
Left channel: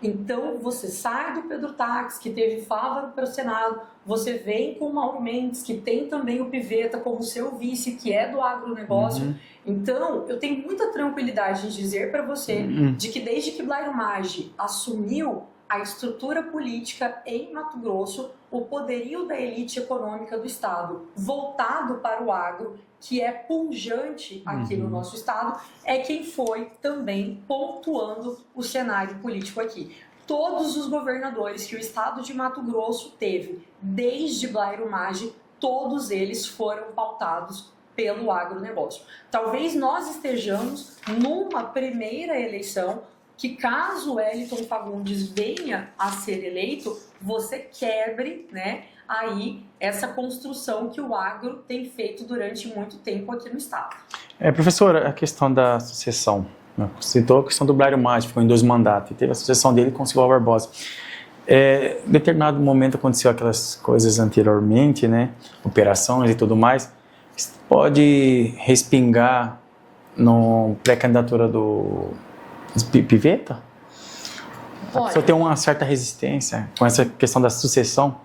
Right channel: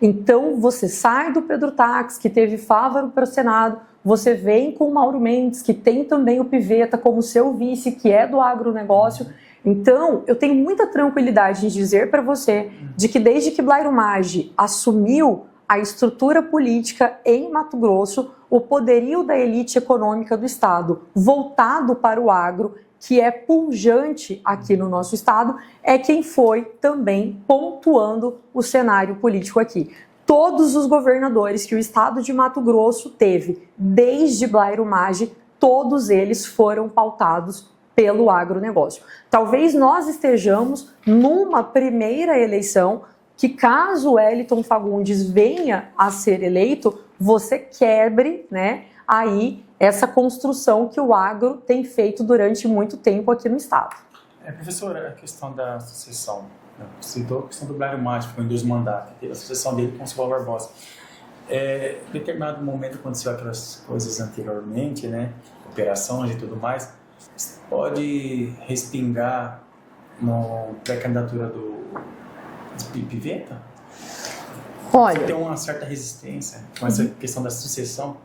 Então você sai do Pedro Táxi, que teve Fávaro para o Senado, você vem com o Mauro Mendes, que tem também o Pivetta como seu vice, que é do agronegócio. Então, eu tenho muita tranquilidade em dizer para você de que desde que Blairo Maggi assumiu a estrutura política em Mato Grosso, o poderio da elite econômica do estado voltado para o agro, que é pujante aqui no nosso estado, é quem foi também pontuando o cenário político aqui. Todos os governadores que o estado de Mato Grosso teve, desde Blairo Maggi, todos eles foram pautados pelo agronegócio. Talvez nós estejamos numa primeira eleição que, caso Wellington Fagundes venha a ser eleito, você quebre, né, aí essa construção que o agro tem feito durante muito tempo aqui no estado. Professora, a questão da sucessão, né? Citou a questão do Blairo Maggi, ficou em 2 mandatos, e teve a sucessão dele com o Silval Barbosa. Em determinado momento aconteceu aquelas coisas anteriormente, né, operações e tudo mais, pode respingar na pré-candidatura do Pivetta? Olha, Só tem uma certa resistência com essa questão da sucessão?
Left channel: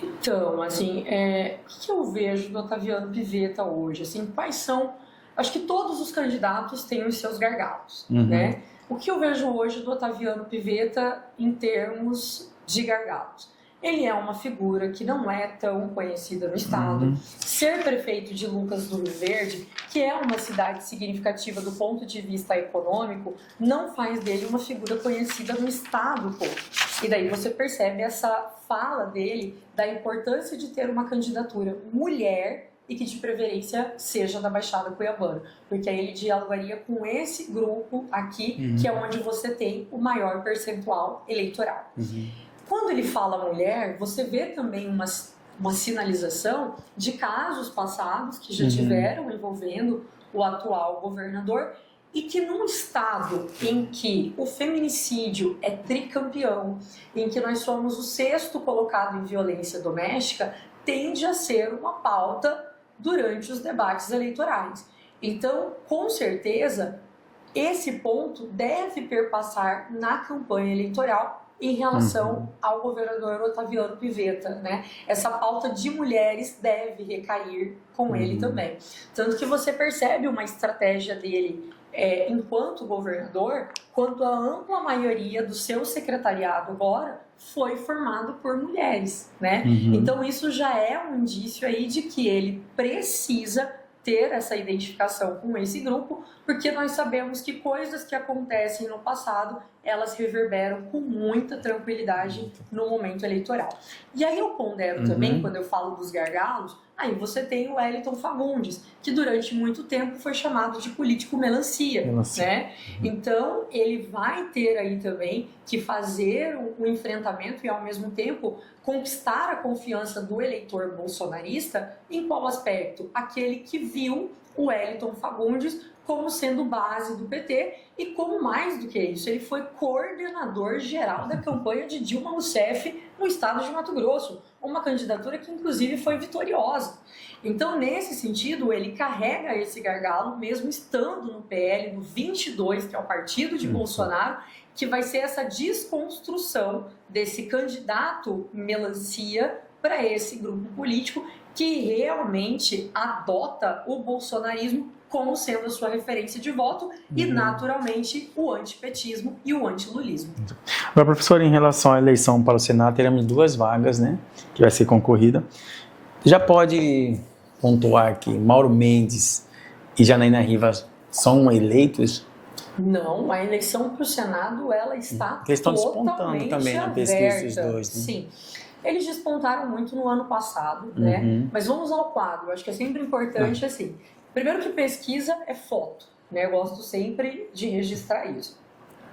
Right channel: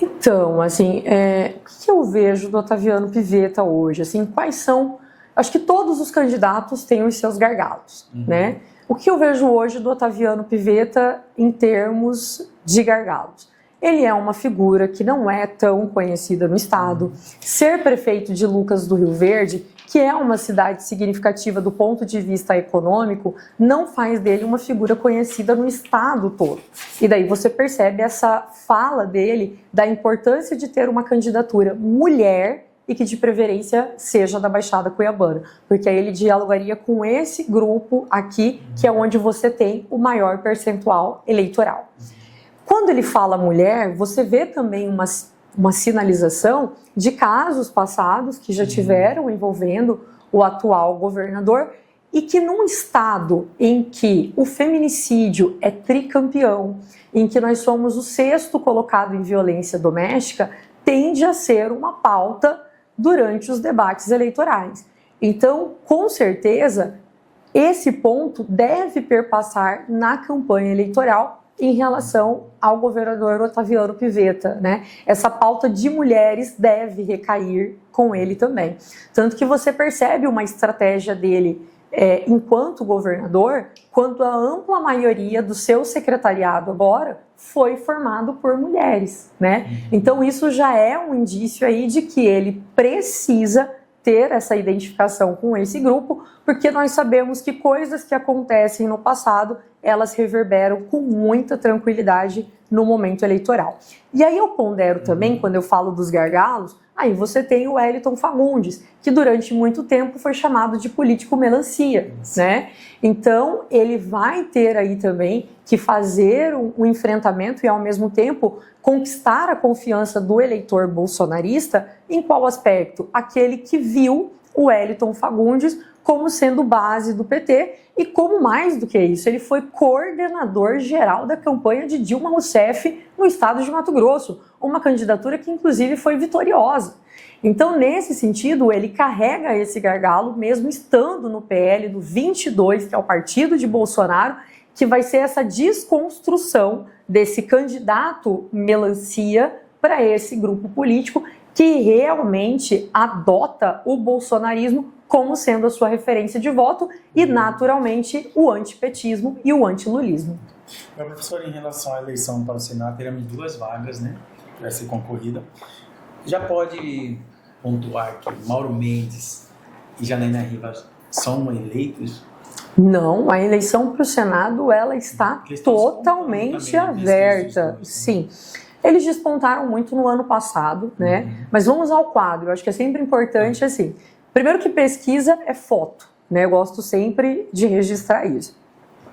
Então, assim, o que eu vejo do Otaviano Pivetta hoje? Assim, quais são... Acho que todos os candidatos têm os seus gargalos, né? O que eu vejo hoje do Otaviano Pivetta em termos de gargalos? Ele é uma figura que não é tão conhecida no estado. Ser prefeito de Lucas do Rio Verde, que é uma cidade significativa do ponto de vista econômico, não faz dele uma figura conhecida no estado todo. E daí você percebe essa fala dele da importância de ter uma candidatura mulher e que de preferência seja da Baixada Cuiabana, porque aí ele dialogaria com esse grupo aqui, que é onde você tem o maior percentual eleitoral. Quando ele fala mulher, você vê também uma sinalização de casos passados que já tiveram envolvendo o atual governador e que num estado em que o feminicídio é tricampeão, em que nós somos o 6º colocado em violência doméstica, tende a ser uma pauta durante os debates eleitorais. Então, com certeza, esse ponto deve perpassar na campanha eleitoral em relação ao governador Otaviano Pivetta, né? Essa pauta de mulheres deve recair com ele também. Tanto que você percebe uma estratégia dele enquanto governador, quando a ampla maioria do seu secretariado agora foi formado por mulheres, né? Então isso já é um indício aí de que ele precisa ter essa identificação com esse grupo, porque nós sabemos que coisas que acontecem no passado, elas reverberam com muita tranquilidade no momento eleitoral. E aí eu pondero também, quando eu falo dos gargalos, aí você tem o Wellington Fagundes, que durante muito tempo foi chamado de político melancia, né? Então, ele vai ter aí também que fazer um enfrentamento e, ao mesmo tempo, conquistar a confiança do eleitor bolsonarista. Em qual aspecto? Aquele que viu o Wellington Fagundes como sendo base do PT e como mais do que isso, ele foi coordenador geral da campanha de Dilma Rousseff no estado de Mato Grosso, uma candidatura que inclusive foi vitoriosa. Então, nesse sentido, ele carrega esse gargalo, mesmo estando no PL do 22, que é o partido de Bolsonaro, que vai ser essa desconstrução desse candidato melancia para esse grupo político que realmente adota o bolsonarismo como sendo a sua referência de voto e, naturalmente, o antipetismo e o antilulismo. Agora, professor, em relação à eleição para o Senado, teremos 2 vagas, né, que vai ser concorrida. Já pode pontuar que Mauro Mendes e Janaína Rivas são eleitos? Não, a eleição para o Senado, ela está totalmente aberta. Dois, né? Sim. Eles despontaram muito no ano passado, né? Mas vamos ao quadro. Eu acho que é sempre importante, assim. Primeiro que pesquisa é foto, né? Eu gosto sempre de registrar isso.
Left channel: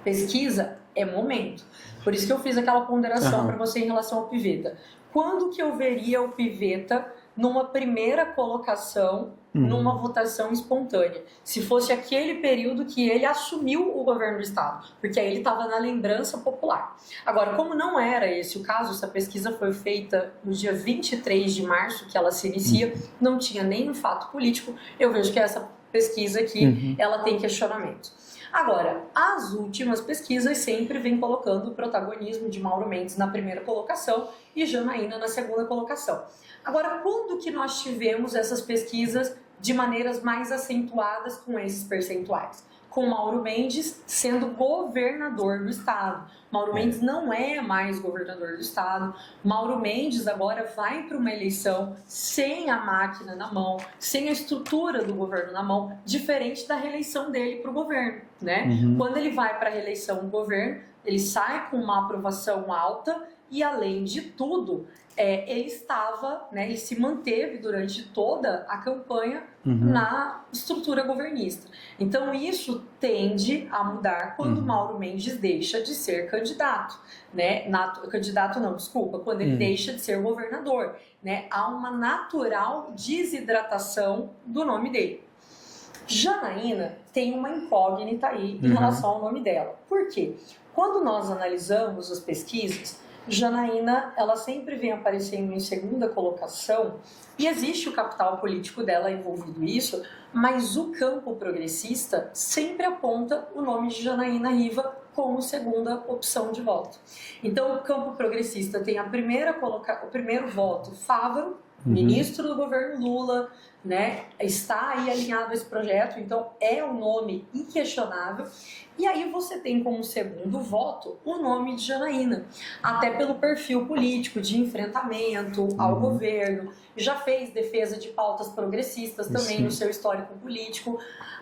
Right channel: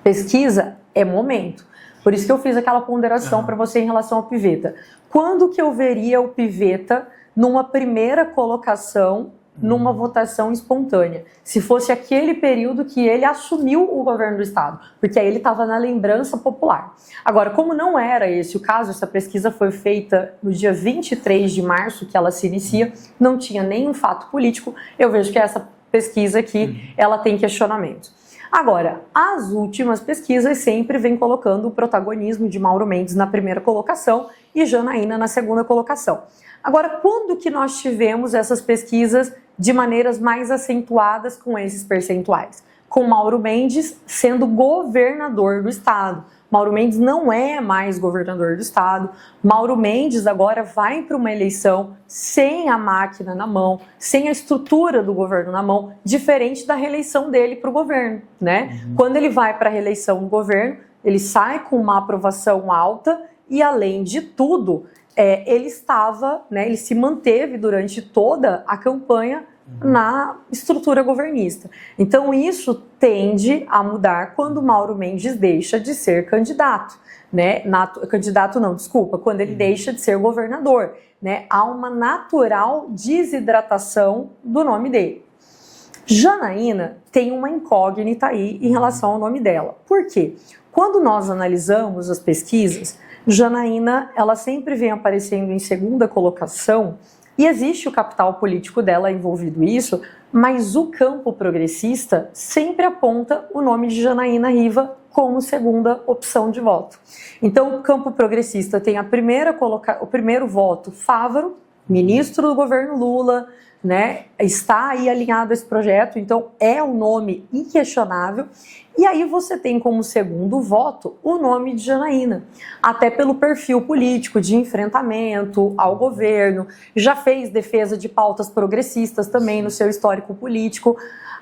Pesquisa é momento. Por isso que eu fiz aquela ponderação para você em relação ao Pivetta. Quando que eu veria o Pivetta numa primeira colocação, numa votação espontânea? Se fosse aquele período que ele assumiu o governo do estado, porque aí ele estava na lembrança popular. Agora, como não era esse o caso, essa pesquisa foi feita no dia 23 de março, que ela se inicia, não tinha nenhum fato político, eu vejo que essa pesquisa aqui, ela tem questionamentos. Agora, as últimas pesquisas sempre vêm colocando o protagonismo de Mauro Mendes na primeira colocação e Janaína na segunda colocação. Agora, quando que nós tivemos essas pesquisas de maneiras mais acentuadas com esses percentuais? Com Mauro Mendes sendo governador do estado. Mauro Mendes não é mais governador do estado. Mauro Mendes agora vai para uma eleição sem a máquina na mão, sem a estrutura do governo na mão, diferente da reeleição dele para o governo, né? Quando ele vai para a reeleição no governo, ele sai com uma aprovação alta e, além de tudo, ele estava, né, ele se manteve durante toda a campanha na estrutura governista. Então isso tende a mudar quando Mauro Mendes deixa de ser candidato, né? Quando ele deixa de ser governador, né? Há uma natural desidratação do nome dele. Janaína tem uma incógnita aí em relação ao nome dela. Por quê? Quando nós analisamos as pesquisas, Janaína, ela sempre vem aparecendo em segunda colocação e existe o capital político dela envolvido nisso, mas o campo progressista sempre aponta o nome de Janaína Riva como segunda opção de voto. Então, o campo progressista tem o primeiro voto, Fávaro, ministro do governo Lula, né? Está aí alinhado a esse projeto, então é um nome inquestionável. E aí você tem como segundo voto o nome de Janaína, até pelo perfil político de enfrentamento ao governo, já fez defesa de pautas progressistas também no seu histórico político.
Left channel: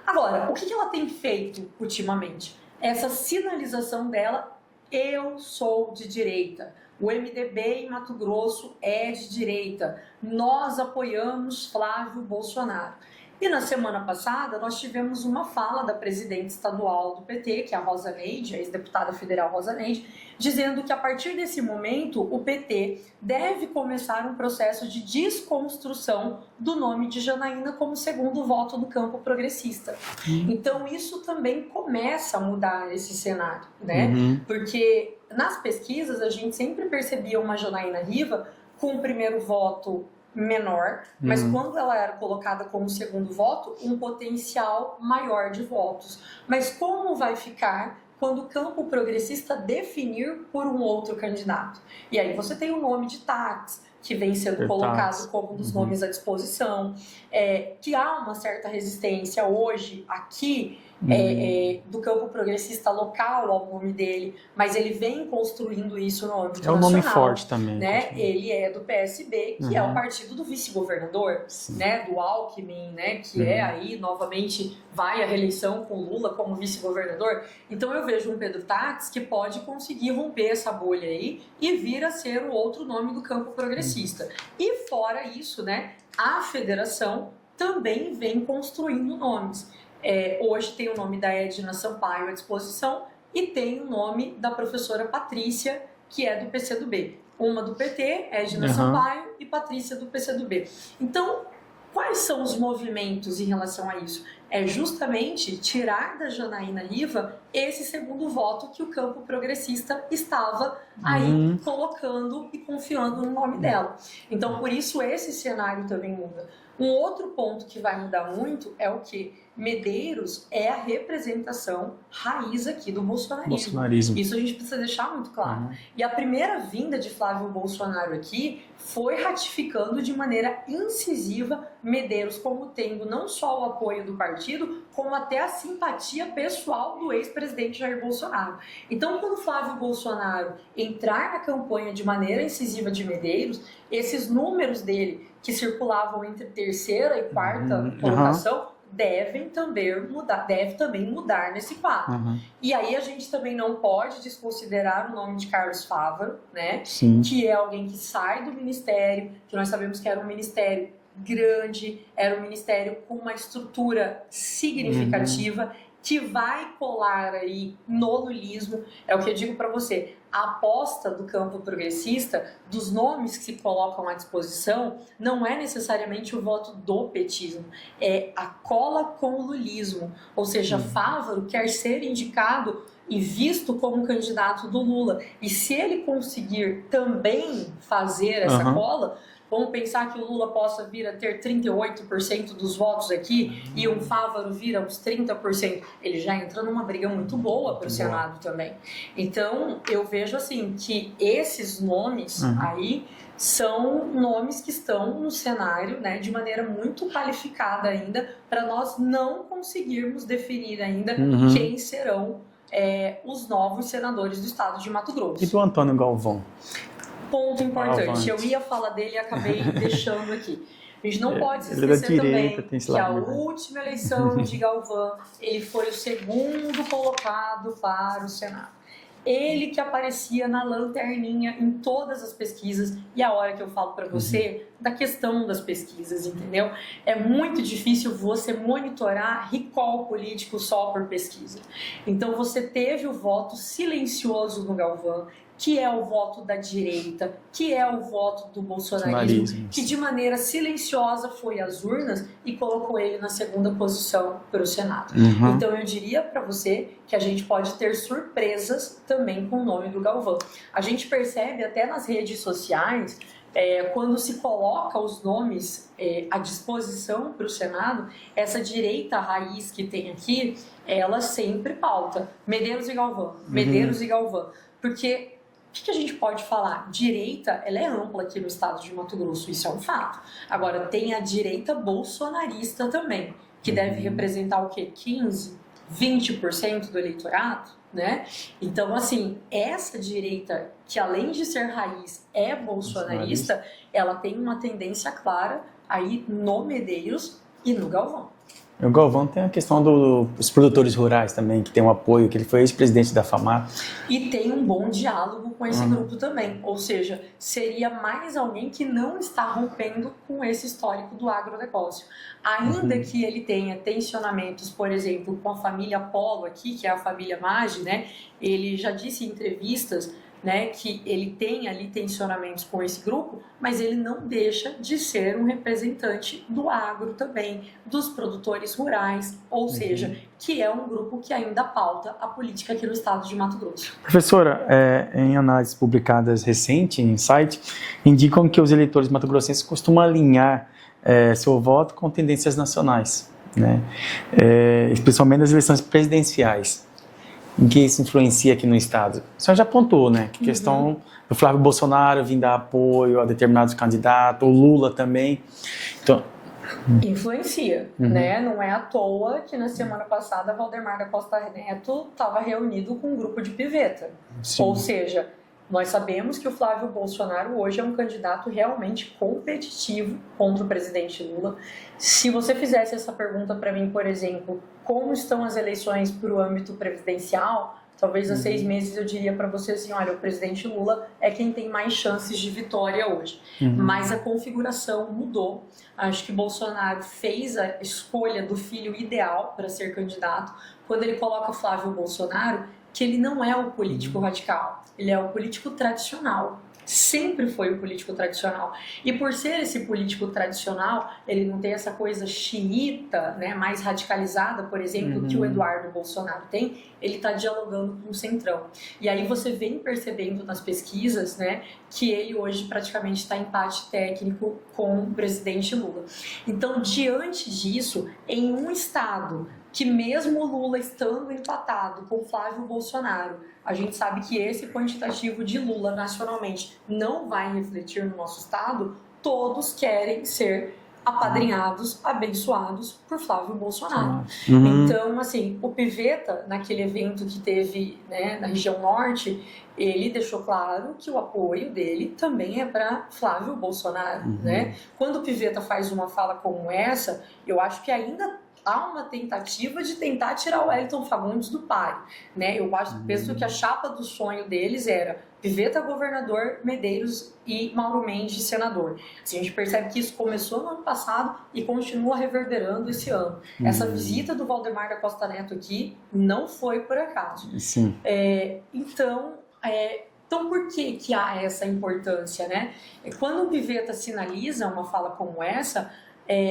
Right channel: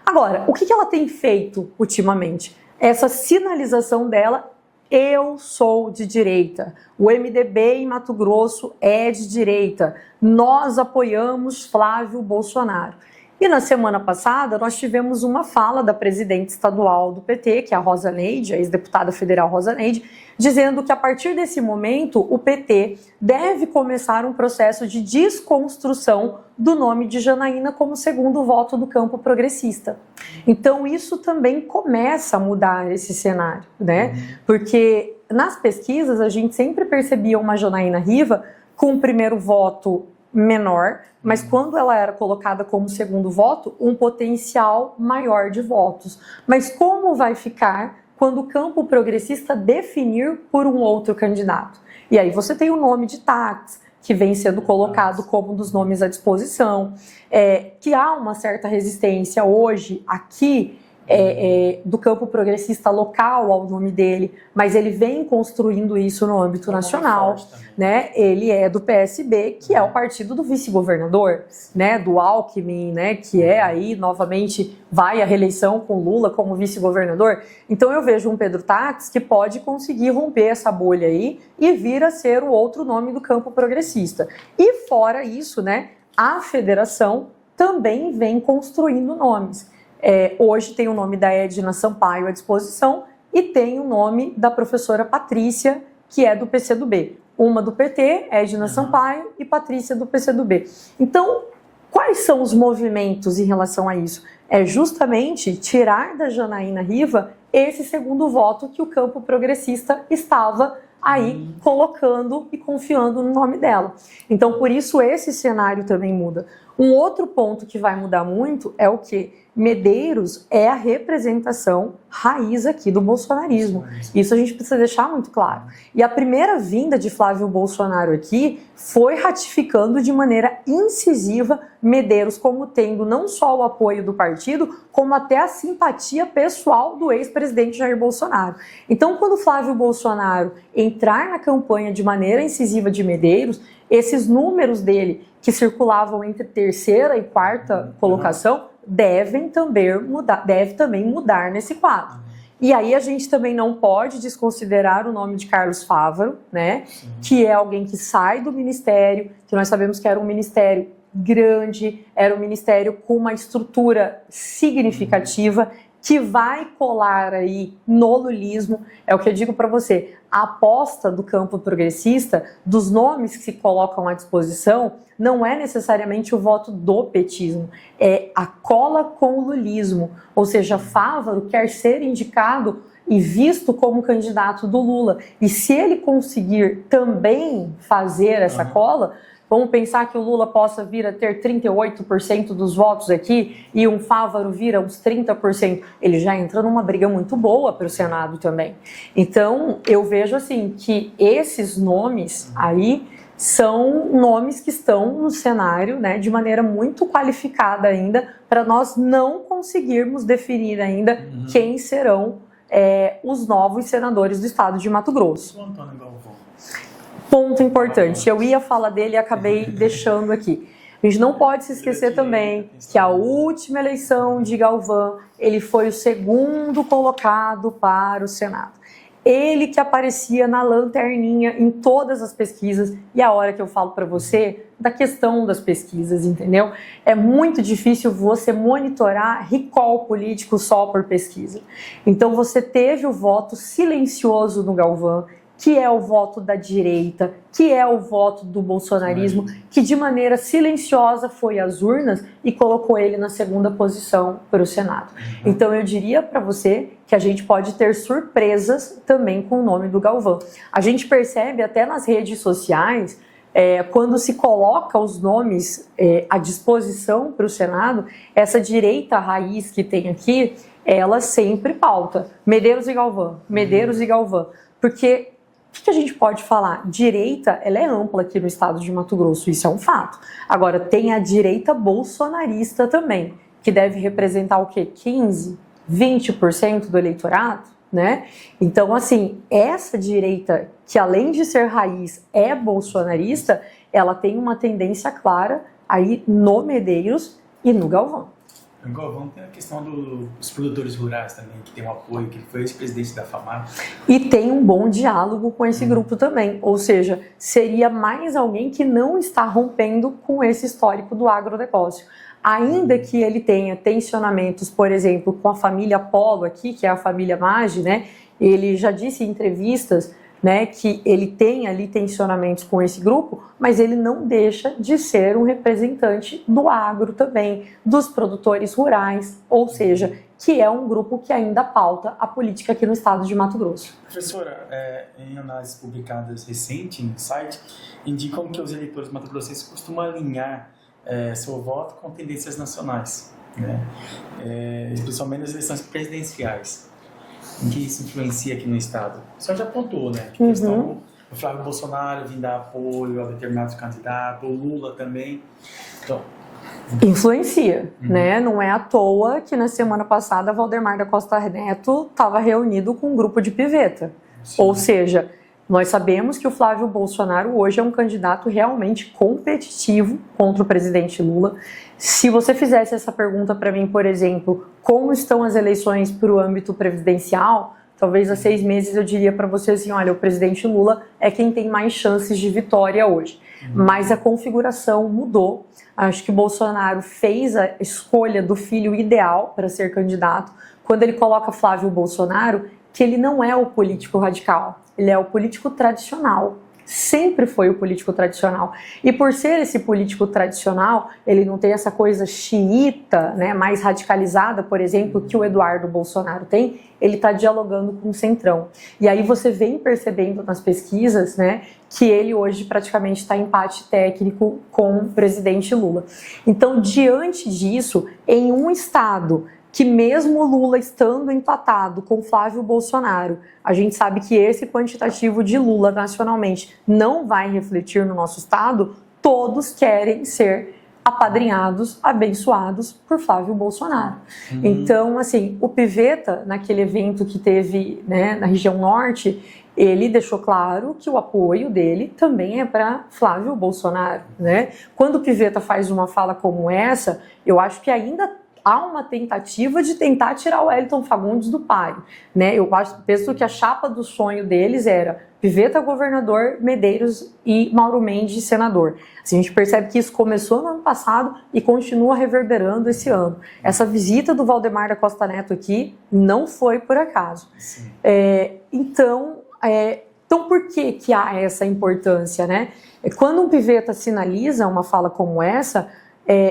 Agora, o que ela tem feito ultimamente? Essa sinalização dela: eu sou de direita, o MDB em Mato Grosso é de direita, nós apoiamos Flávio Bolsonaro. E na semana passada nós tivemos uma fala da presidente estadual do PT, que é a Rosa Neide, a ex-deputada federal Rosa Neide, dizendo que a partir desse momento o PT deve começar um processo de desconstrução do nome de Janaína como segundo voto do campo progressista. Então isso também começa a mudar esse cenário, né? Porque nas pesquisas a gente sempre percebia uma Janaína Riva com o primeiro voto menor, mas quando ela era colocada como segundo voto, um potencial maior de votos. Mas como vai ficar quando o campo progressista definir por um outro candidato? E aí você tem o nome de Táxi, que vem sendo colocado como um dos nomes à disposição, que há uma certa resistência hoje aqui do campo progressista local ao nome dele, mas ele vem construindo isso no âmbito nacional. Um nome forte também, né? Ele é do PSB, que é o partido do vice-governador, né? Do Alckmin, né? Que é aí, novamente, vai à reeleição com Lula como vice-governador. Então eu vejo um Pedro Táxi que pode conseguir romper essa bolha aí e vir a ser o outro nome do campo progressista. E fora isso, né? A federação também vem construindo nomes. Hoje tem o nome da Edna Sampaio à disposição e tem o nome da professora Patrícia, que é do PCdoB. Uma do PT, Edna Sampaio, e Patrícia do PCdoB. Então, quais são os movimentos em relação a isso? É justamente tirar da Janaína Riva esse segundo voto que o campo progressista estava aí colocando e confiando no nome dela. Então, por isso, esse cenário também muda. Um outro ponto que vai mudar muito é o quê? Medeiros é a representação raiz aqui do bolsonarismo. Isso a gente precisa deixar muito claro. E a primeira vinda de Flávio Bolsonaro aqui foi ratificando de maneira incisiva Medeiros como tendo não só o apoio do partido, como até a simpatia pessoal do ex-presidente Jair Bolsonaro. Então, quando Flávio Bolsonaro entrar na campanha de maneira incisiva de Medeiros, esses números dele que circulavam entre terceira e quarta colocação deve também mudar nesse quadro. E aí a gente também não pode desconsiderar o nome de Carlos Fávaro, né? Que é alguém que sai do ministério, que nós sabemos que era um ministério grande, era um ministério com uma estrutura significativa, que vai colar aí no lulismo. É o que eu digo para você, a aposta do campo progressista, dos nomes que se colocam à disposição, não é necessariamente o voto do petismo, é a cola com o lulismo, ou seja, Fávaro quer ser indicado e visto como candidato do Lula, e se ele conseguir também fazer essa cola, vamos pensar que o Lula possa vir a ter 38% dos votos aqui e um Fávaro vira uns 30%. Ele já entra numa briga muito boa para o Senado também. Então, eu vejo assim que esses nomes aí são nomes que estão no cenário, né, de maneira muito qualificada ainda, para nós não conseguirmos definir ainda quem serão os novos senadores do estado de Mato Grosso. E do Antônio Galvão? Ponto importante, eu ia falar dele e acabei deixando aqui. A gente não pode se esquecer também que a última eleição de Galvão, ele foi o segundo colocado para o Senado. Ele que aparecia na lanterninha em todas as pesquisas, e a hora que eu falo para você da questão das pesquisas, entendeu? É muito difícil você monitorar recall político só por pesquisa. Então você teve o voto silencioso no Galvão, que é o voto da direita, que é o voto do bolsonarismo, que de maneira silenciosa foi às urnas e colocou ele na segunda posição para o Senado. Então eu diria para você que a gente pode ter surpresas também com o nome do Galvão. A gente percebe até nas redes sociais, quando se coloca os nomes à disposição para o Senado, essa direita raiz que tem aqui, ela sempre pauta Medeiros e Galvão, Medeiros e Galvão, porque o que a gente pode falar? Direita, ela é ampla aqui no estado de Mato Grosso, isso é um fato. Agora, tem a direita bolsonarista também, que deve representar o quê? 15%, 20% do eleitorado, né? Então, assim, essa direita, que além de ser raiz, é bolsonarista, ela tem uma tendência clara aí no Medeiros e no Galvão. O Galvão tem a questão dos produtores rurais também, que tem um apoio, que ele foi ex-presidente da FAMAR. E tem um bom diálogo com esse grupo também, ou seja, seria mais alguém que não está rompendo com esse histórico do agronegócio. Ainda que ele tenha tensionamentos, por exemplo, com a família Polo aqui, que é a família Maggi, né? Ele já disse em entrevistas, né, que ele tem ali tensionamentos com esse grupo, mas ele não deixa de ser um representante do agro também, dos produtores rurais, ou seja, que é um grupo que ainda pauta a política aqui no estado de Mato Grosso. Professora, em análises publicadas recentes em site, indicam que os eleitores mato-grossenses costumam alinhar seu voto com tendências nacionais, né? Especialmente nas eleições presidenciais. Em que isso influencia aqui no estado? O senhor já apontou, né? Que questão do Flávio Bolsonaro vir dar apoio a determinados candidatos, o Lula também. Então... Influencia, né? Não é à toa que na semana passada Valdemar da Costa Neto estava reunido com um grupo de piveta. Sim. Ou seja, nós sabemos que o Flávio Bolsonaro hoje é um candidato realmente competitivo contra o presidente Lula. Se você fizesse essa pergunta para mim, por exemplo, como estão as eleições para o âmbito presidencial, talvez há 6 meses eu diria para você assim, olha, o presidente Lula é quem tem mais chances de vitória hoje. Mas a configuração mudou. Acho que Bolsonaro fez a escolha do filho ideal para ser candidato. Quando ele coloca Flávio Bolsonaro, que ele não é o político radical, ele é o político tradicional. Sempre foi o político tradicional. E por ser esse político tradicional, ele não tem essa coisa xiita, né, mais radicalizada, por exemplo, que o Eduardo Bolsonaro tem, ele está dialogando com o Centrão. E aí você vem percebendo nas pesquisas, né, que ele hoje praticamente está em empate técnico com o presidente Lula. Então, diante disso, em um estado que mesmo o Lula estando empatado com Flávio Bolsonaro, a gente sabe que esse quantitativo de Lula nacionalmente não vai refletir no nosso estado, todos querem ser apadrinhados, abençoados por Flávio Bolsonaro. Então, assim, o Piveta, naquele evento que teve, né, na região norte, ele deixou claro que o apoio dele também é para Flávio Bolsonaro, né? Quando o Piveta faz uma fala como essa, eu acho que ainda há uma tentativa de tentar tirar o Wellington Fagundes do páreo, né? Eu penso que a chapa do sonho deles era Piveta governador, Medeiros e Mauro Mendes senador. Assim, a gente percebe que isso começou no ano passado e continua reverberando esse ano. Essa visita do Valdemar da Costa Neto aqui não foi por acaso. Sim. Então, por que há essa importância, né? Quando um piveta sinaliza uma fala como essa,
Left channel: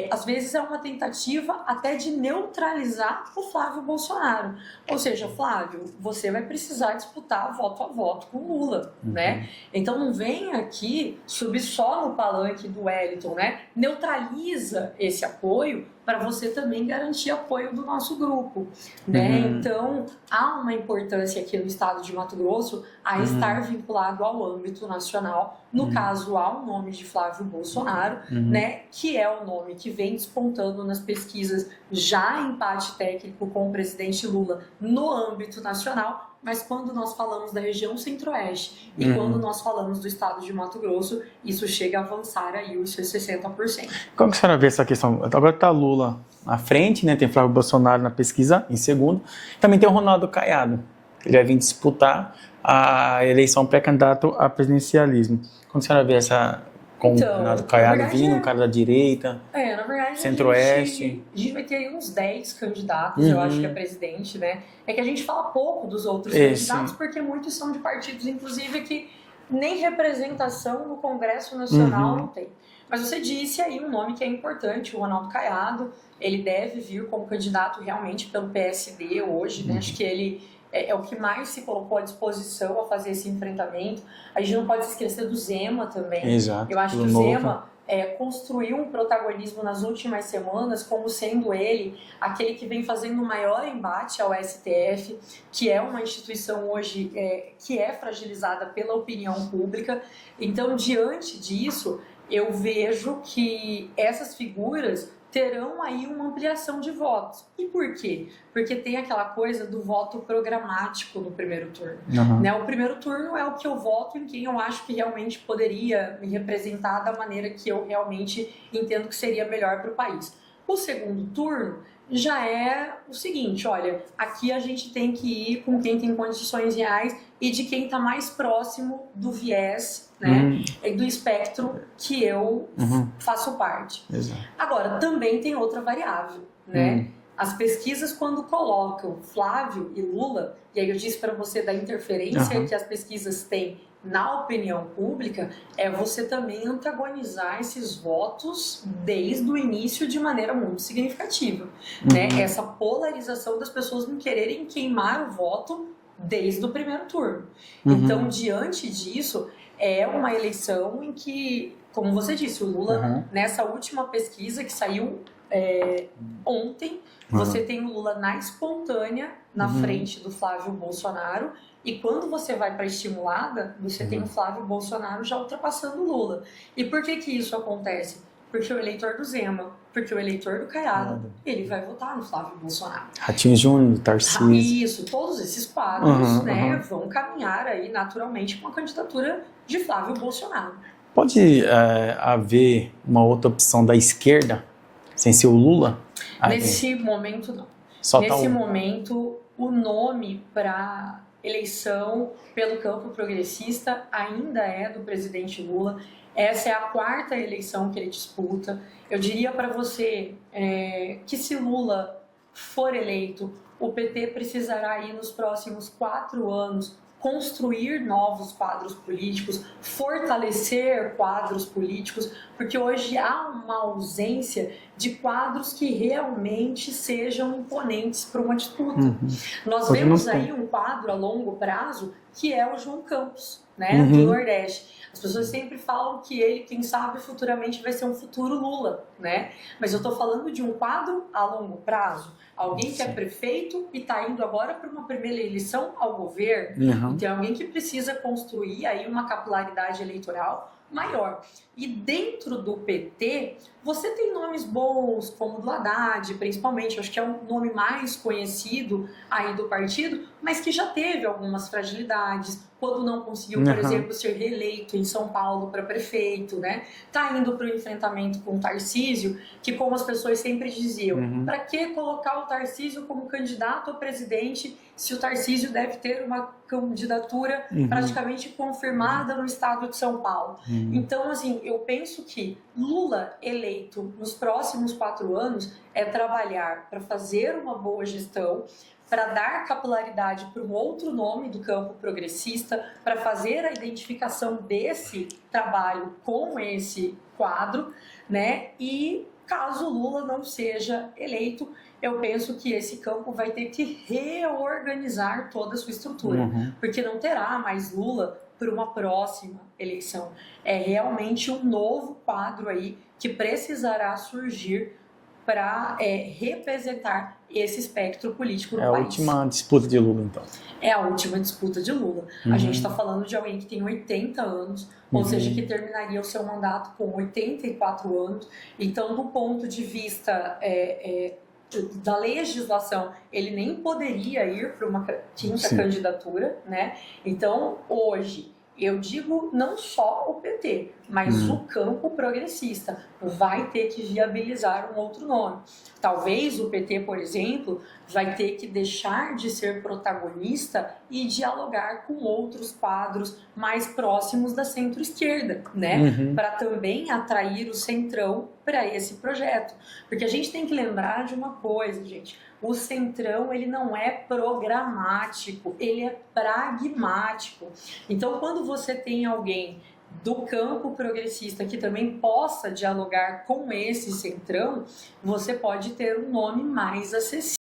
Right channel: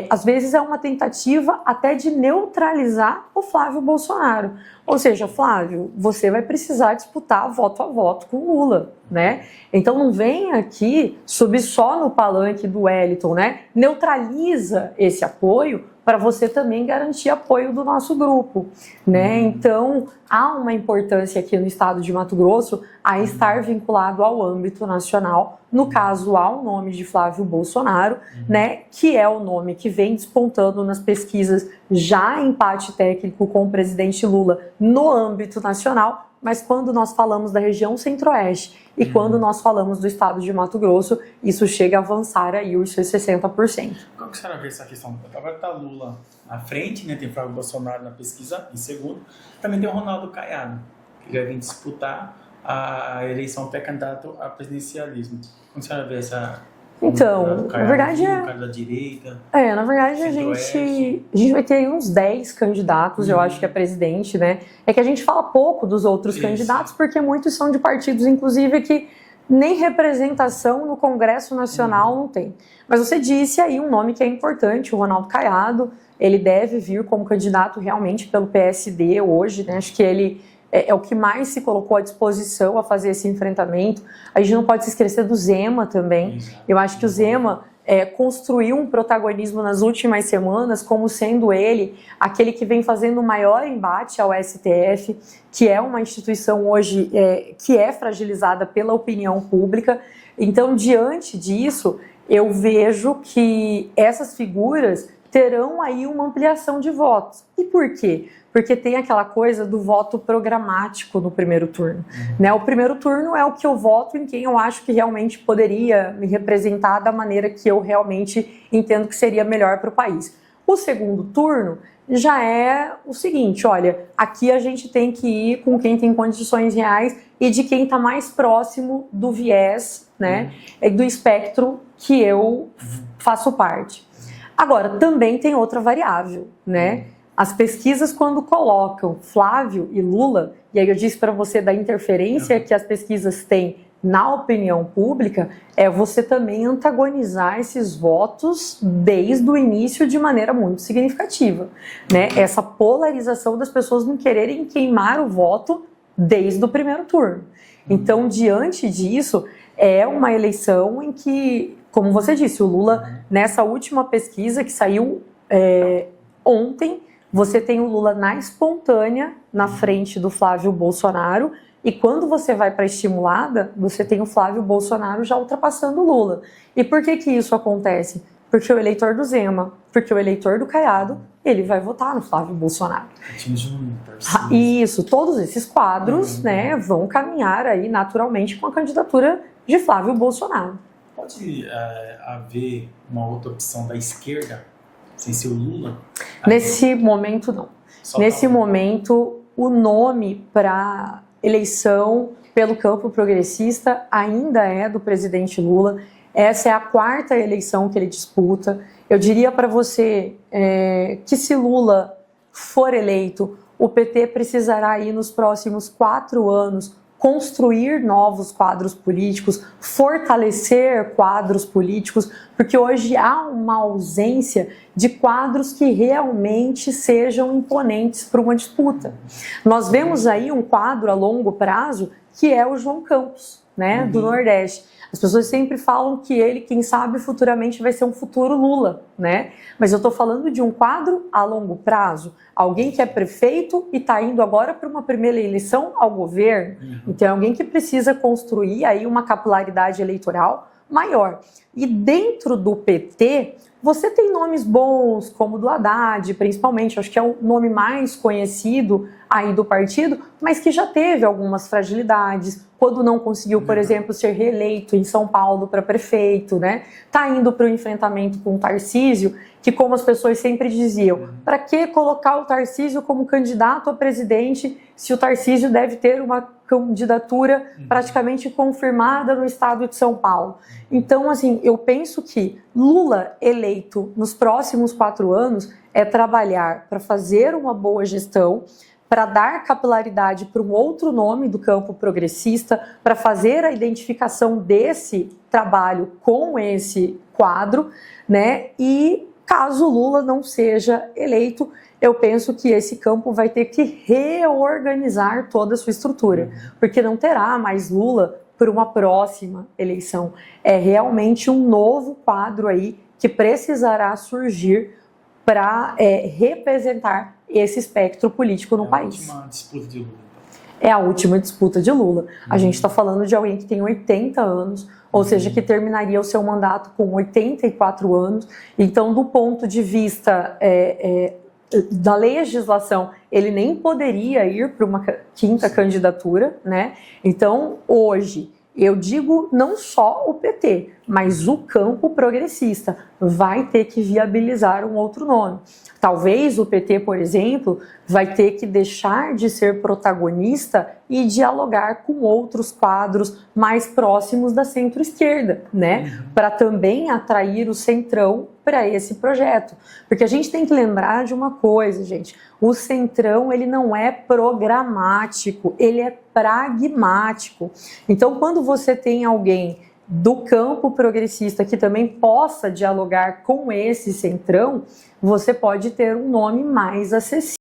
às vezes é uma tentativa até de neutralizar o Flávio Bolsonaro. Ou seja, Flávio, você vai precisar disputar voto a voto com Lula, né? Então não vem aqui subir só no palanque do Wellington, né? Neutraliza esse apoio para você também garantir apoio do nosso grupo, né? Então, há uma importância aqui no estado de Mato Grosso a estar vinculado ao âmbito nacional, no caso, ao nome de Flávio Bolsonaro, né? Que é o nome que vem despontando nas pesquisas já em empate técnico com o presidente Lula no âmbito nacional, mas quando nós falamos da região centro-oeste e quando nós falamos do estado de Mato Grosso, isso chega a avançar aí os seus 60%. Como que a senhora vê essa questão? Agora está Lula à frente, né? Tem Flávio Bolsonaro na pesquisa em segundo. Também tem o Ronaldo Caiado, que ele vai vir disputar a eleição pré-candidato a presidencialismo. Como a senhora vê essa... Então, Ronaldo Caiado na verdade, um cara da direita, na verdade a gente vai ter aí uns 10 candidatos, eu acho que é presidente, né? É que a gente fala pouco dos outros candidatos, porque muitos são de partidos, inclusive, que nem representação no Congresso Nacional não tem. Mas você disse aí um nome que é importante, o Ronaldo Caiado. Ele deve vir como candidato realmente pelo PSD hoje, né? Acho que ele é o que mais se colocou à disposição a fazer esse enfrentamento. A gente não pode se esquecer do Zema também. Exato, eu acho que o Zema construiu um protagonismo nas últimas semanas como sendo ele aquele que vem fazendo o maior embate ao STF, que é uma instituição hoje que é fragilizada pela opinião pública. Então, diante disso, eu vejo que essas figuras terão aí uma ampliação de votos. E por quê? Porque tem aquela coisa do voto programático no primeiro turno. Né? O primeiro turno é o que eu voto em quem eu acho que realmente poderia me representar da maneira que eu realmente entendo que seria melhor para o país. O segundo turno já é o seguinte, olha, aqui a gente tem que ir com quem tem condições reais e de quem está mais próximo do viés, né, do espectro que eu faço parte. Agora, também tem outra variável, né? As pesquisas, quando colocam Flávio e Lula, e aí eu disse para você da interferência que as pesquisas têm na opinião pública, é você também antagonizar esses votos desde o início de maneira muito significativa. Né? Essa polarização das pessoas não quererem queimar o voto desde o primeiro turno. Então, diante disso, é uma eleição em que, como você disse, o Lula, nessa última pesquisa que saiu ontem, você tem o Lula na espontânea, na frente do Flávio Bolsonaro, e quando você vai para a estimulada, você tem o Flávio Bolsonaro já ultrapassando o Lula. E por que isso acontece? Porque o eleitor do Zema, porque o eleitor do Caiado, ele vai votar no Flávio Bolsonaro. Ratinho Júnior, Tarcísio. Isso, todos esses quadros vão caminhar aí naturalmente com a candidatura de Flávio Bolsonaro. Pode haver uma outra opção da esquerda, sem ser o Lula? Nesse momento, não. Nesse momento, o nome para eleição pelo campo progressista ainda é do presidente Lula. Essa é a 4ª eleição que ele disputa. Eu diria para você que se Lula for eleito, o PT precisará ir nos próximos 4 anos construir novos quadros políticos, fortalecer quadros políticos, porque hoje há uma ausência de quadros que realmente sejam imponentes para uma disputa. Nós vemos aí um quadro a longo prazo que é o João Campos, né, do Nordeste. As pessoas sempre falam que ele, quem sabe, futuramente vai ser um futuro Lula, né? Mas eu estou falando de um quadro a longo prazo. Alguém que é prefeito e está indo agora para uma primeira eleição ao governo. Então, é alguém que precisa construir aí uma capilaridade eleitoral maior. E dentro do PT, você tem nomes bons, como o do Haddad, principalmente, acho que é o nome mais conhecido aí do partido, mas que já teve algumas fragilidades, quando não conseguiu, por exemplo, ser reeleito em São Paulo para prefeito, né? Tá indo para o enfrentamento com o Tarcísio, que, como as pessoas sempre diziam, para que colocar o Tarcísio como candidato a presidente se o Tarcísio deve ter uma candidatura praticamente confirmada no estado de São Paulo. Então, assim, eu penso que Lula eleito nos próximos 4 anos é trabalhar para fazer uma boa gestão, para dar capilaridade para um outro nome do campo progressista, para fazer a identificação desse trabalho com esse quadro, né? E caso Lula não seja eleito, eu penso que esse campo vai ter que reorganizar toda a sua estrutura, porque não terá mais Lula por uma próxima eleição. É realmente um novo quadro aí que precisará surgir para representar esse espectro político no país. É a última disputa de Lula, então. É a última disputa de Lula. A gente está falando de alguém que tem 80 anos, ou seja, que terminaria o seu mandato com 84 anos. Então, do ponto de vista da legislação, ele nem poderia ir para uma quinta candidatura, né? Então, hoje, eu digo não só o PT, mas o campo progressista vai ter que viabilizar um outro nome. Talvez o PT, por exemplo, vai ter que deixar de ser protagonista e dialogar com outros quadros mais próximos da centro-esquerda, né? Para também atrair o centrão para esse projeto. Porque a gente tem que lembrar de uma coisa, gente. O centrão, ele não é programático, ele é pragmático. Então, quando você tem alguém do campo progressista que também possa dialogar com esse centrão, você pode ter um nome mais acessível.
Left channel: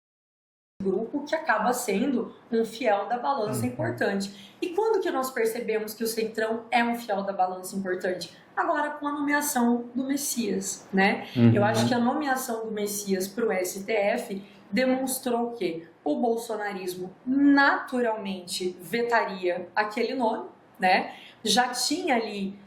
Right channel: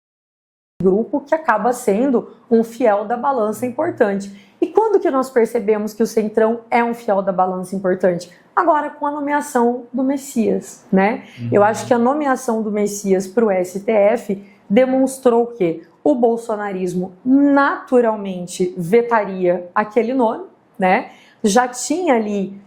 Grupo que acaba sendo um fiel da balança importante. E quando que nós percebemos que o centrão é um fiel da balança importante? Agora, com a nomeação do Messias, né? Eu acho que a nomeação do Messias para o STF demonstrou que o bolsonarismo naturalmente vetaria aquele nome, né? Já tinha ali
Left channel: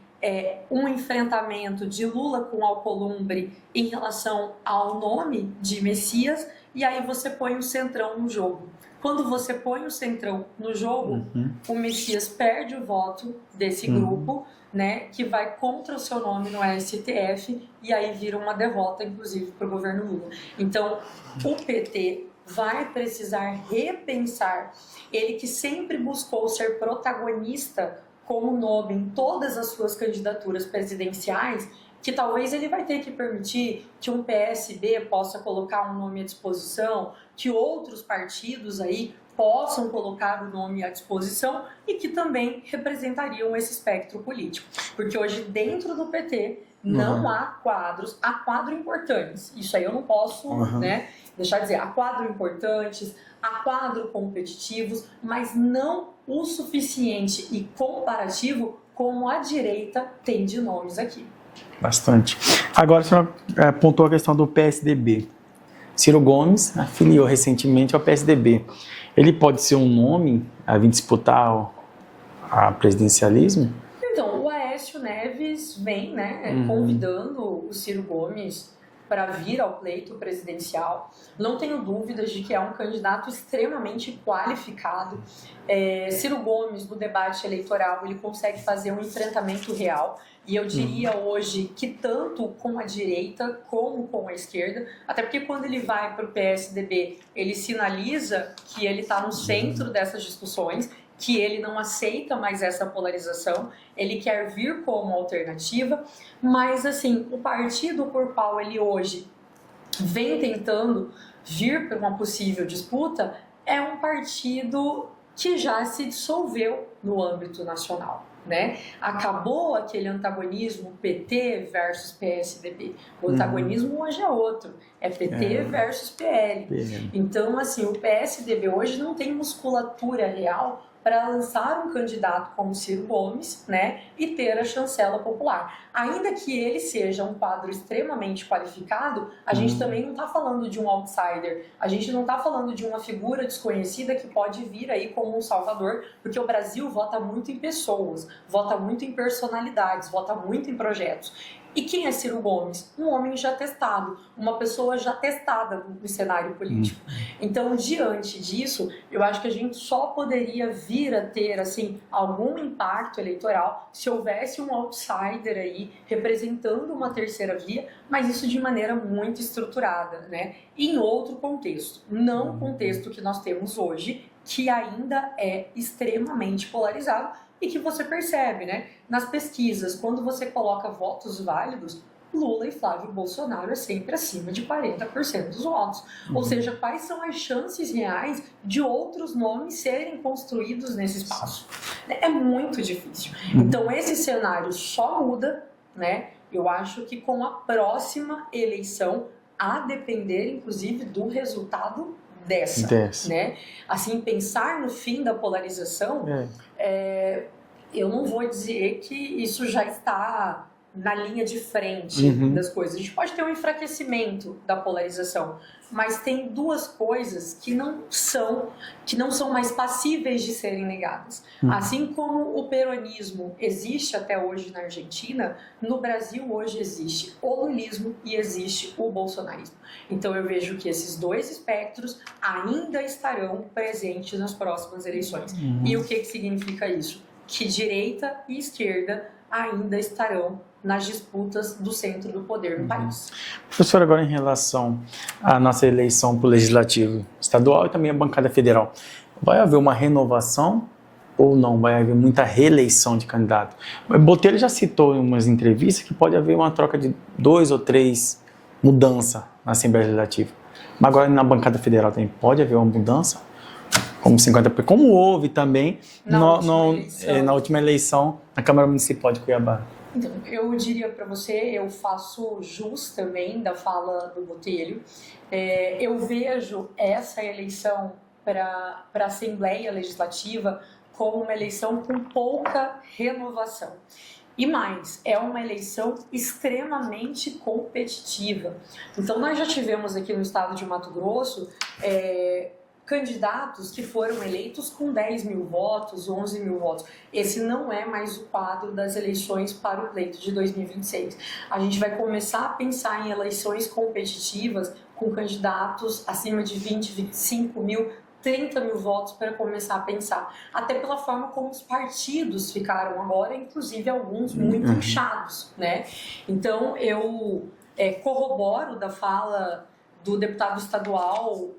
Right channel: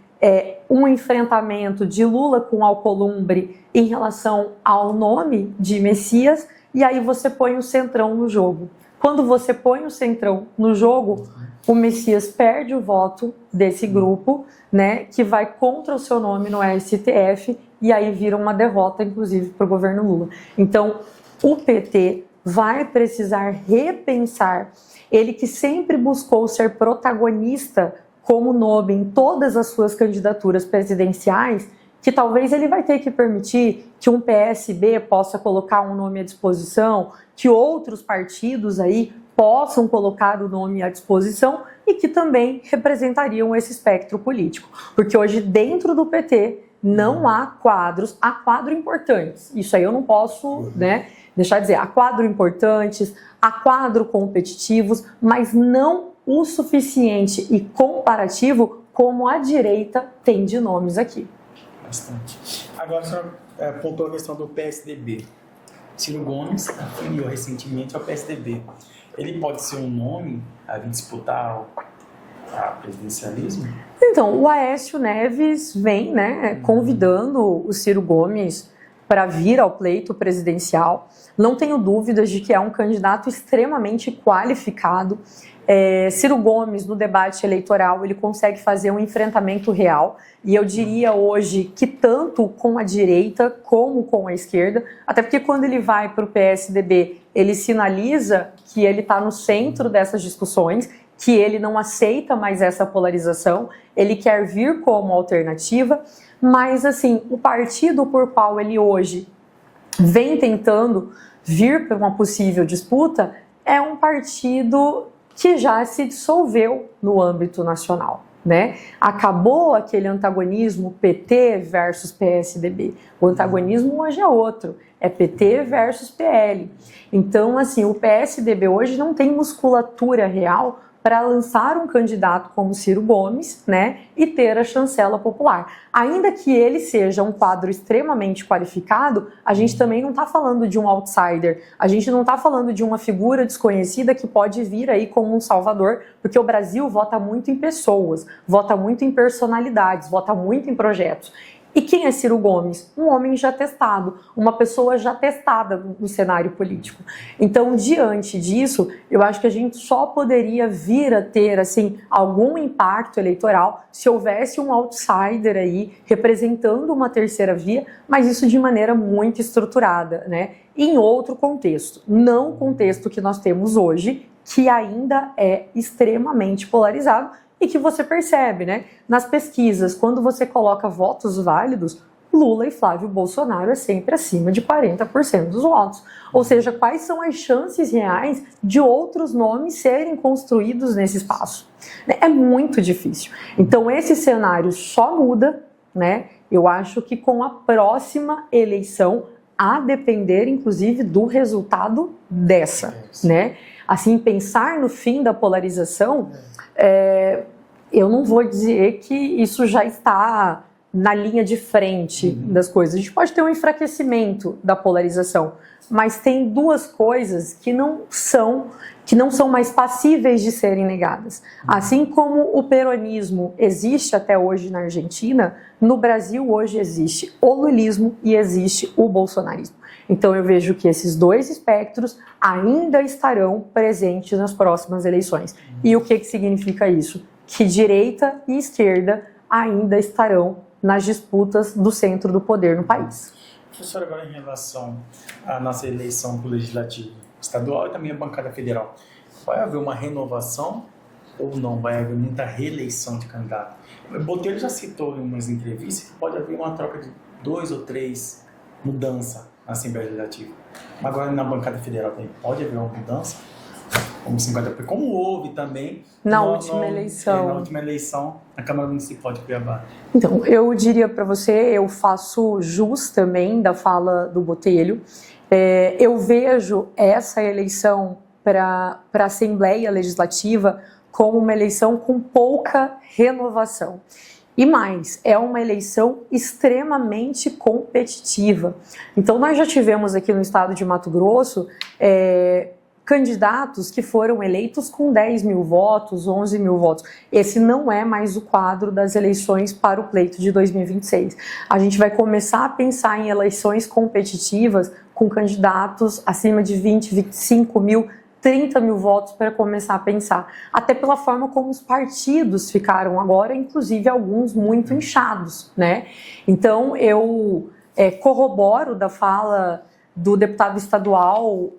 um enfrentamento de Lula com Alcolumbre em relação ao nome de Messias, e aí você põe o centrão no jogo. Quando você põe o centrão no jogo, o Messias perde o voto desse grupo, né, que vai contra o seu nome no STF, e aí vira uma derrota, inclusive, para o governo Lula. Então, o PT vai precisar repensar, ele que sempre buscou ser protagonista como nome em todas as suas candidaturas presidenciais, que talvez ele vai ter que permitir que um PSB possa colocar um nome à disposição, que outros partidos aí possam colocar o nome à disposição e que também representariam esse espectro político. Porque hoje, dentro do PT, não há quadros, há quadros importantes. Isso aí eu não posso deixar de dizer. Há quadros importantes, há quadros competitivos, mas não o suficiente e comparativo como a direita tem de nomes aqui. Bastante. Agora, a senhora apontou a questão do PSDB. Ciro Gomes afiliou recentemente ao PSDB. Ele pode ser um nome a vir disputar a presidencialismo? Então, o Aécio Neves vem convidando o Ciro Gomes para vir ao pleito presidencial. Não tenho dúvidas de que é um candidato extremamente qualificado. Ciro Gomes, no debate eleitoral, ele consegue fazer um enfrentamento real. E eu diria hoje que tanto com a direita como com a esquerda, até porque quando ele vai para o PSDB, ele sinaliza que ele está no centro dessas discussões, que ele não aceita mais essa polarização, ele quer vir como alternativa, mas assim, o partido por qual ele hoje vem tentando vir para uma possível disputa é um partido que já se dissolveu no âmbito nacional, né? Acabou aquele antagonismo PT versus PSDB. O antagonismo hoje é outro, é PT versus PL. Então, assim, o PSDB hoje não tem musculatura real para lançar um candidato como Ciro Gomes, né, e ter a chancela popular. Ainda que ele seja um quadro extremamente qualificado, a gente também não está falando de um outsider, a gente não está falando de uma figura desconhecida que pode vir aí como um salvador, porque o Brasil vota muito em pessoas, vota muito em personalidades, vota muito em projetos. E quem é Ciro Gomes? Um homem já testado, uma pessoa já testada no cenário político. Então, diante disso, eu acho que a gente só poderia vir a ter assim, algum impacto eleitoral se houvesse um outsider aí representando uma terceira via, mas isso de maneira muito estruturada, né? Em outro contexto, não o contexto que nós temos hoje, que ainda é extremamente polarizado e que você percebe, né? Nas pesquisas, quando você coloca votos válidos, Lula e Flávio Bolsonaro é sempre acima de 40% dos votos. Ou seja, quais são as chances reais de outros nomes serem construídos nesse espaço? É muito difícil. Então, esse cenário só muda, né? Eu acho que com a próxima eleição, a depender, inclusive, do resultado dessa, né? Assim, pensar no fim da polarização, eu não vou dizer que isso já está na linha de frente das coisas. A gente pode ter um enfraquecimento da polarização, mas tem duas coisas que não são mais passíveis de serem negadas. Assim como o peronismo existe até hoje na Argentina, no Brasil hoje existe o lulismo e existe o bolsonarismo. Então eu vejo que esses dois espectros ainda estarão presentes nas próximas eleições. E o que significa isso? Que direita e esquerda ainda estarão nas disputas do centro do poder no país. Professor, agora em relação à nossa eleição para o Legislativo Estadual e também a bancada federal, vai haver uma renovação ou não? Vai haver muita reeleição de candidato? Botelho já citou em umas entrevistas que pode haver uma troca de 2 ou 3 mudanças na Assembleia Legislativa. Mas agora na bancada federal também pode haver uma mudança? Como 50%, como houve também na última eleição na Câmara Municipal de Cuiabá. Então, eu diria para você, eu faço jus também da fala do Botelho. Eu vejo essa eleição para a Assembleia Legislativa como uma eleição com pouca renovação. E mais, é uma eleição extremamente competitiva. Então, nós já tivemos aqui no estado de Mato Grosso candidatos que foram eleitos com 10 mil votos, 11 mil votos. Esse não é mais o quadro das eleições para o pleito de 2026. A gente vai começar a pensar em eleições competitivas com candidatos acima de 20, 25 mil, 30 mil votos para começar a pensar. Até pela forma como os partidos ficaram agora, inclusive alguns muito inchados, né? Então, eu corroboro da fala do deputado estadual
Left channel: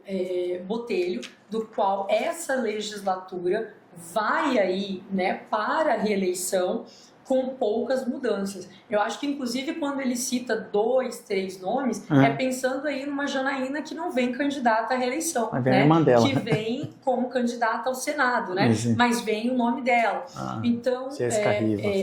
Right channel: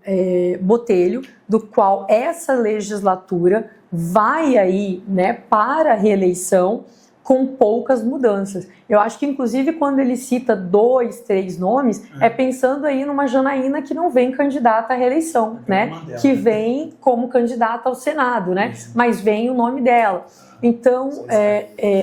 Botelho, do qual essa legislatura vai aí, né, para a reeleição com poucas mudanças. Eu acho que, inclusive, quando ele cita 2, 3 nomes, é pensando aí numa Janaína que não vem candidata à reeleição, né? Mandela, que vem como candidata ao Senado, né? Isso. Mas vem o nome dela. Então,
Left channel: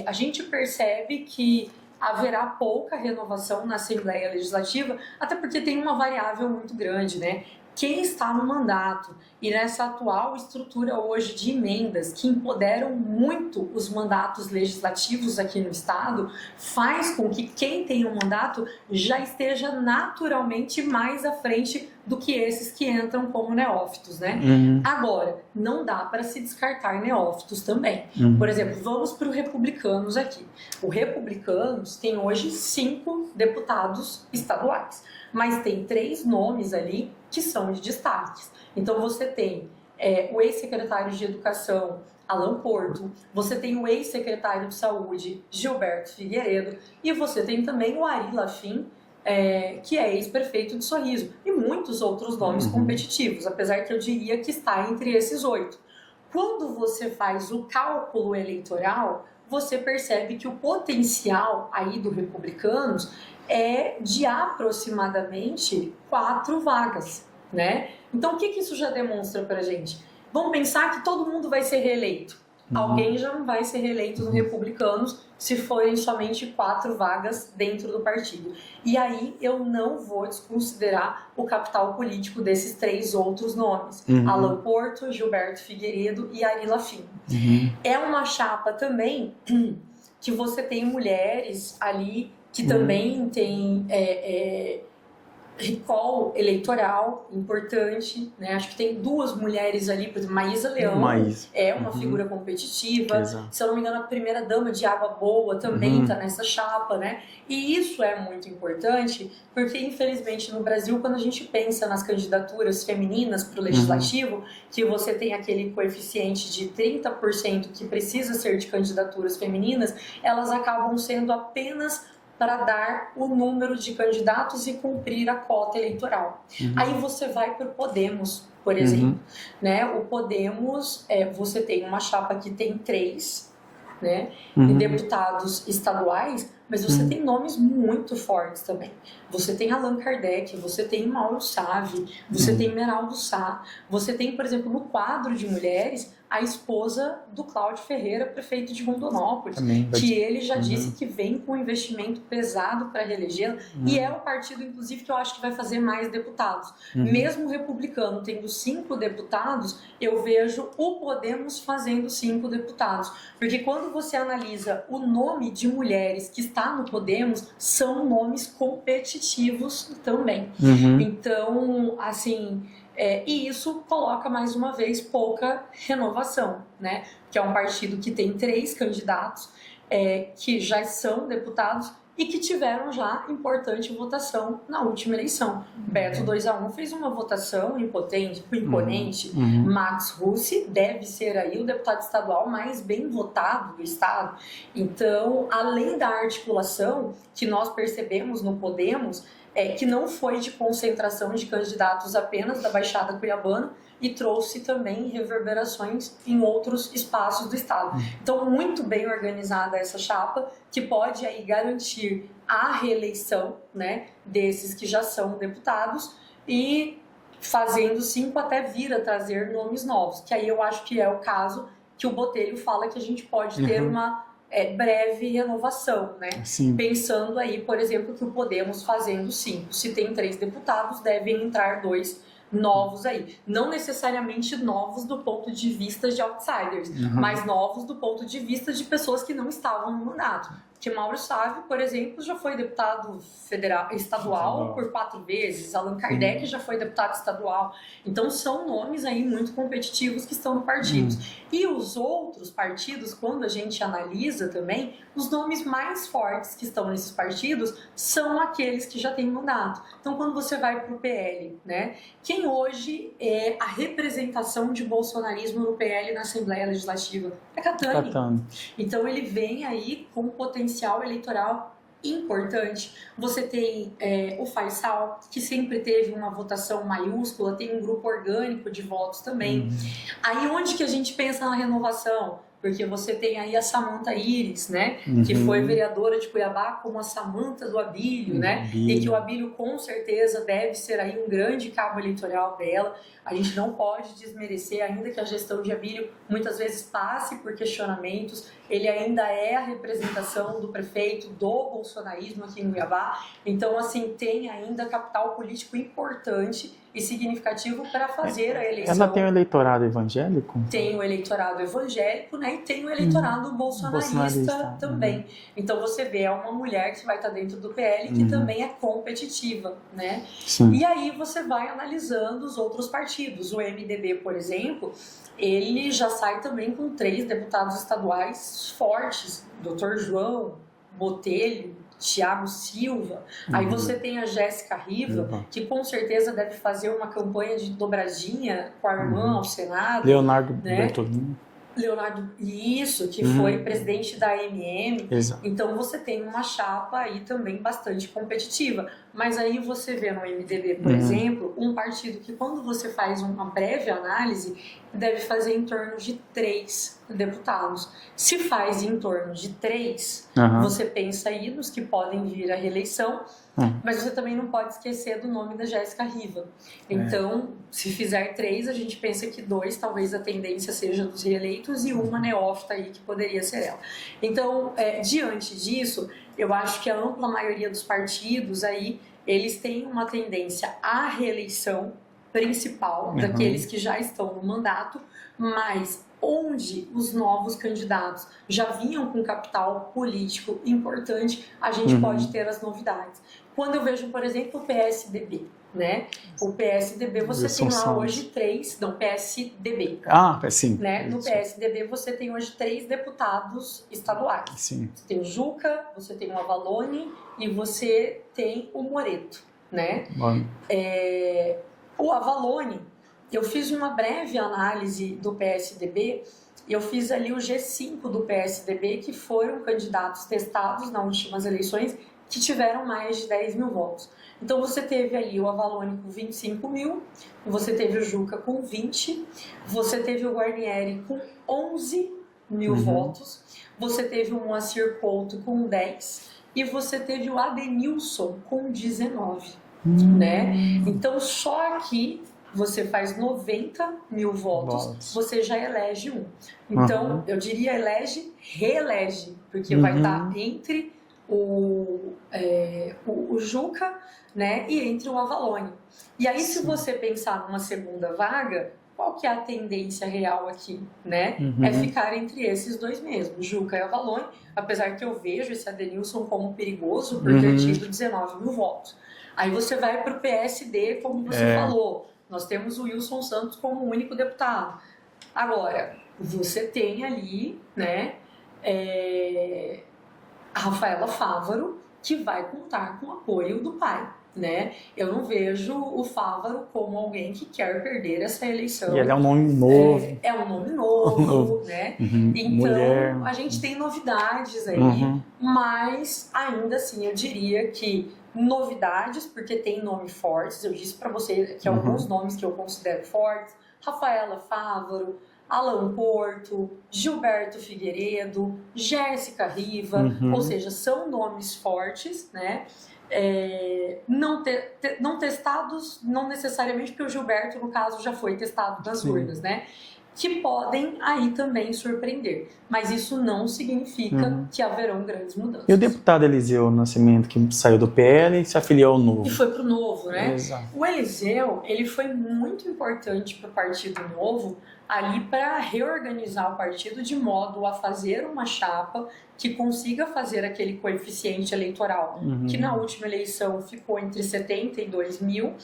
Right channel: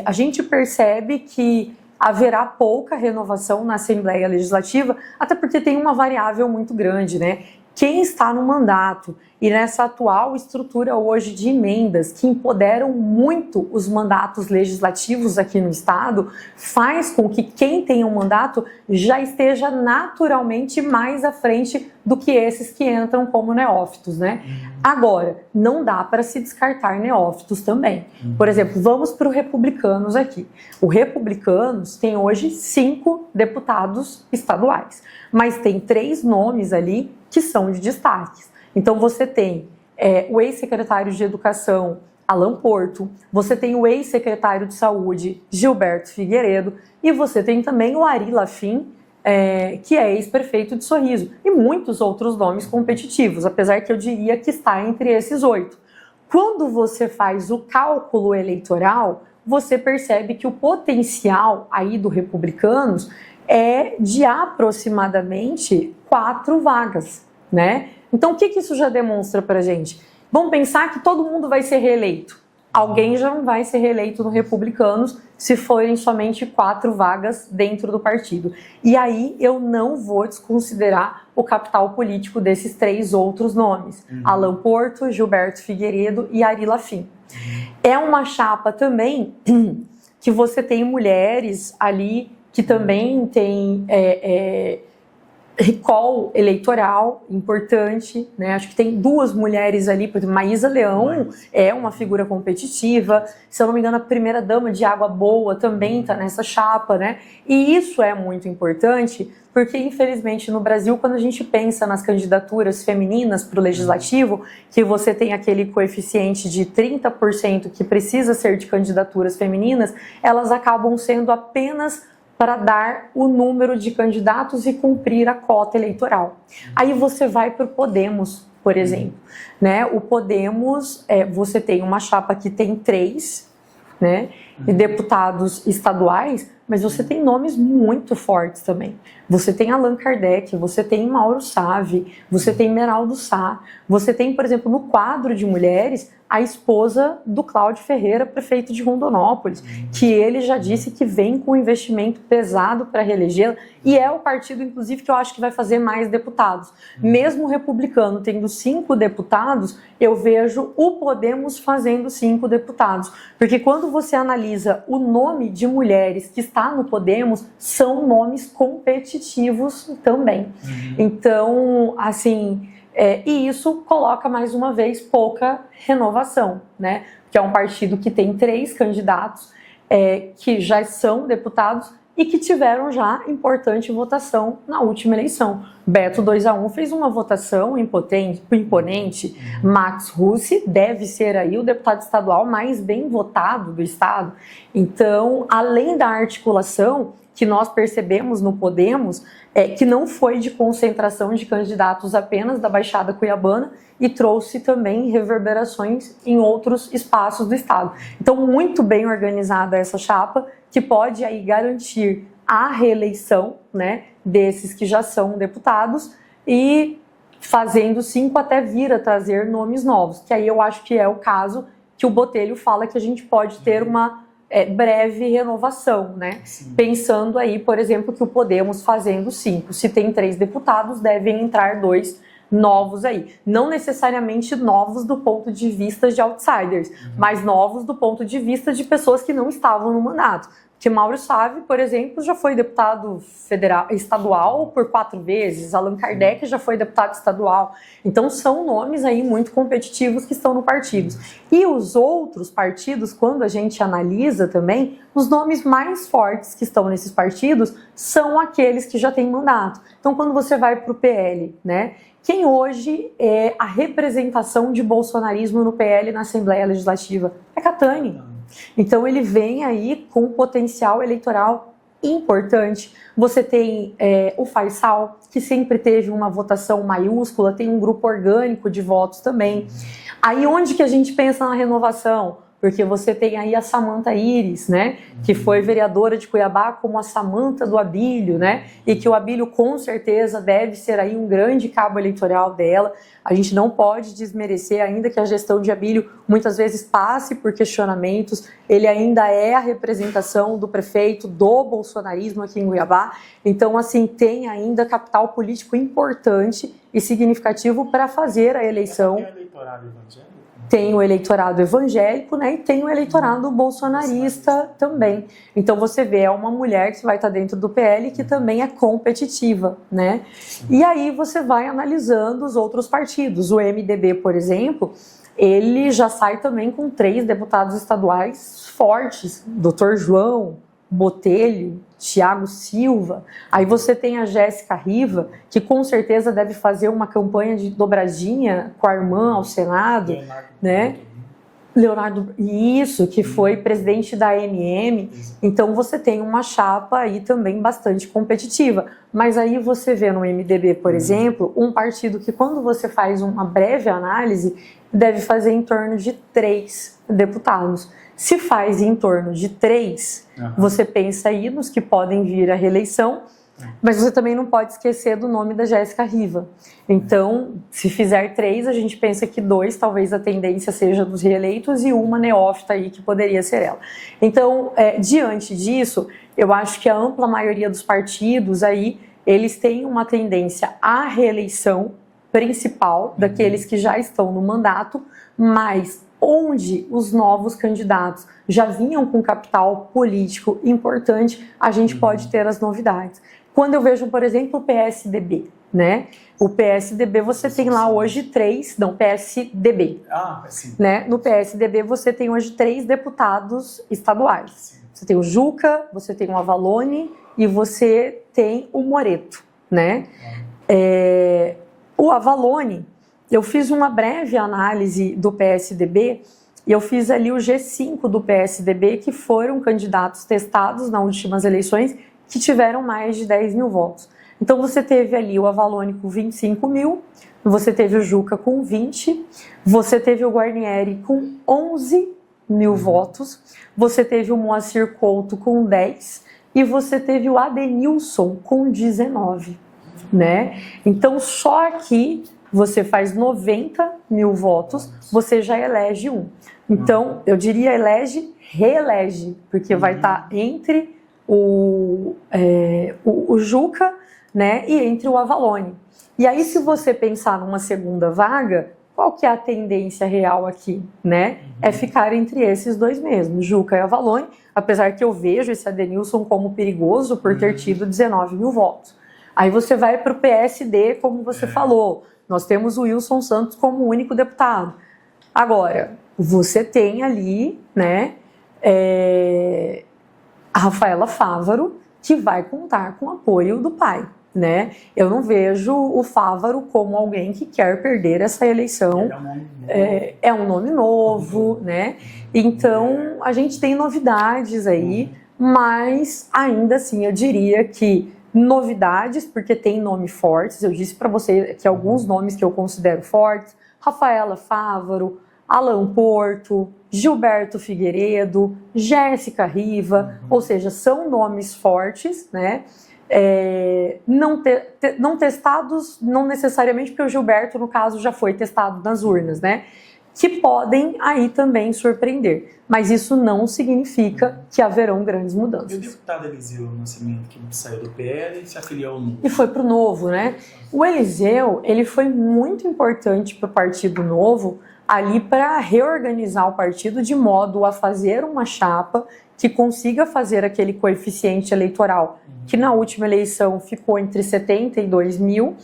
a gente percebe que haverá pouca renovação na Assembleia Legislativa, até porque tem uma variável muito grande, né? Quem está no mandato e nessa atual estrutura hoje de emendas que empoderam muito os mandatos legislativos aqui no Estado, faz com que quem tem um mandato já esteja naturalmente mais à frente do que esses que entram como neófitos, né? Agora, não dá para se descartar neófitos também. Por exemplo, vamos para o Republicanos aqui. O Republicanos tem hoje 5 deputados estaduais, mas tem 3 nomes ali que são de destaques. Então você tem o ex-secretário de Educação, Alan Porto, você tem o ex-secretário de Saúde, Gilberto Figueiredo, e você tem também o Ari Lafim, que é ex-prefeito de Sorriso, e muitos outros nomes competitivos, apesar que eu diria que está entre esses 8. Quando você faz o cálculo eleitoral, você percebe que o potencial aí do Republicanos é de aproximadamente 4 vagas, né? Então, o que isso já demonstra pra gente? Vamos pensar que todo mundo vai ser reeleito. Alguém já não vai ser reeleito no Republicanos se forem somente 4 vagas dentro do partido. E aí eu não vou desconsiderar o capital político desses 3 outros nomes. Alan Porto, Gilberto Figueiredo e Ari Lafim. É uma chapa também que você tem mulheres ali que também tem recall eleitoral importante, né? Acho que tem 2 mulheres ali, por exemplo, Maísa Leão é uma figura competitiva. Exato. Se eu não me engano, a primeira dama de Água Boa também está nessa chapa, né? E isso é muito importante porque, infelizmente, no Brasil, quando a gente pensa nas candidaturas femininas para o legislativo, que você tem aquele coeficiente de 30% que precisa ser de candidaturas femininas, elas acabam sendo apenas para dar o número de candidatos e cumprir a cota eleitoral. Aí você vai para o Podemos, por exemplo. Né? O Podemos, você tem uma chapa que tem 3, né, deputados estaduais, mas você tem nomes muito fortes também. Você tem Allan Kardec, você tem Mauro Save, você tem Meraldo Sá, você tem, por exemplo, no quadro de mulheres, a esposa do Cláudio Ferreira, prefeito de Rondonópolis, que ele já disse que vem com um investimento pesado para reelegê-la, e é o partido, inclusive, que eu acho que vai fazer mais deputados. Mesmo o republicano tendo 5 deputados, eu vejo o Podemos fazendo 5 deputados, porque quando você analisa o nome de mulheres que está no Podemos, são nomes competitivos também. Então, assim... e isso coloca, mais uma vez, pouca renovação, né? Que é um partido que tem 3 candidatos que já são deputados e que tiveram já importante votação na última eleição. Beto 2-1 fez uma votação imponente. Max Russi deve ser aí o deputado estadual mais bem votado do estado. Então, além da articulação que nós percebemos no Podemos, que não foi de concentração de candidatos apenas da Baixada Cuiabana e trouxe também reverberações em outros espaços do estado. Então, muito bem organizada essa chapa, que pode aí garantir a reeleição, né, desses que já são deputados e fazendo 5 até vir a trazer nomes novos, que aí eu acho que é o caso que o Botelho fala que a gente pode ter uma breve renovação, né? Pensando aí, por exemplo, que o Podemos fazendo 5. Se tem 3 deputados, devem entrar 2 novos aí. Não necessariamente novos do ponto de vista de outsiders, mas novos do ponto de vista de pessoas que não estavam no mandato. Porque Mauro Save, por exemplo, já foi deputado estadual por 4 vezes, Allan Kardec já foi deputado estadual. Então são nomes aí muito competitivos que estão no partido. E os outros partidos, quando a gente analisa também, os nomes mais fortes que estão nesses partidos são aqueles que já têm mandato. Então quando você vai para o PL, né? Quem hoje é a representação de bolsonarismo no PL na Assembleia Legislativa? É Catani. Então ele vem aí com um potencial eleitoral importante. Você tem o Faisal, que sempre teve uma votação maiúscula, tem um grupo orgânico de votos também. Aí onde que a gente pensa na renovação? Porque você tem aí a Samanta Iris, né? Que foi vereadora de Cuiabá como a Samanta do Abílio, né? E que o Abílio com certeza deve ser aí um grande cabo eleitoral dela. A gente não pode desmerecer, ainda que a gestão de Abílio muitas vezes passe por questionamentos, ele ainda é a representação do prefeito do bolsonarismo aqui em Cuiabá. Então, assim, tem ainda capital político importante e significativo para fazer a eleição. Ela tem o eleitorado evangélico? Tem o eleitorado evangélico, né? E tem o eleitorado bolsonarista também. Então você vê, é uma mulher que vai estar dentro do PL que também é competitiva, né? E aí você vai analisando os outros partidos. O MDB, por exemplo, ele já sai também com 3 deputados estaduais fortes. Dr. João, Botelho, Thiago Silva. Aí você tem a Jéssica Riva, que com certeza deve fazer uma campanha de dobradinha com a irmã ao Senado. Leonardo, né? Leonardo, isso, que foi presidente da AMM. Então você tem uma chapa aí também bastante competitiva. Mas aí você vê no MDB, por exemplo, um partido que quando você faz uma breve análise, deve fazer em torno de 3 deputados. Se faz em torno de 3, você pensa aí nos que podem vir à reeleição, mas você também não pode esquecer do nome da Jéssica Riva. Então, se fizer 3, a gente pensa que 2, talvez a tendência seja dos reeleitos, e uma neófita aí que poderia ser ela. Então, diante disso, eu acho que a ampla maioria dos partidos aí, eles têm uma tendência à reeleição principal daqueles que já estão no mandato, mas onde os novos candidatos já vinham com capital político importante, a gente pode ter as novidades. Quando eu vejo, por exemplo, o PSDB, né? O PSDB você tem lá hoje 3, não, PSDB. Sim. Né? No PSDB você tem hoje 3 deputados estaduais. Sim. Você tem o Juca, você tem o Avalone e você tem o Moreto, né? O Avalone, eu fiz uma breve análise do PSDB e eu fiz ali o G5 do PSDB, que foram candidatos testados nas últimas eleições, que tiveram mais de 10 mil votos. Então você teve ali o Avalone com 25 mil, você teve o Juca com 20, você teve o Guarnieri com 11 mil votos, você teve o Moacir Couto com 10 e você teve o Adenilson com 19, né? Então só aqui você faz 90 mil votos, você já elege um. Então eu diria elege, reelege, porque vai estar entre o Juca, né, e entre o Avalone. E aí se você pensar numa segunda vaga, qual que é a tendência real aqui, né? É ficar entre esses dois mesmo, Juca e Avalone, apesar que eu vejo esse Adenilson como perigoso por ter tido 19 mil votos. Aí você vai para o PSD, como você falou, nós temos o Wilson Santos como único deputado. Agora, você tem ali, né, a Rafaela Fávaro, que vai contar com o apoio do pai, né? Eu não vejo o Fávaro como alguém que quer perder essa eleição. E ele é um nome novo. É um nome novo, né? Então, mulher. A gente tem novidades aí, mas ainda assim eu diria que novidades, porque tem nomes fortes, eu disse para você que alguns nomes que eu considero fortes, Rafaela Fávaro, Alan Porto, Gilberto Figueiredo, Jéssica Riva, ou seja, são nomes fortes, né? Não testados, não necessariamente, porque o Gilberto, no caso, já foi testado nas urnas, né? Que podem aí também surpreender. Mas isso não significa que haverão grandes mudanças. E o deputado Eliseu Nascimento, que saiu do PL e se afiliou ao Novo. E foi para o Novo, né? Exato. O Eliseu, ele foi muito importante para o Partido Novo, ali para reorganizar o partido de modo a fazer uma chapa que consiga fazer aquele coeficiente eleitoral que na última eleição ficou entre 72 mil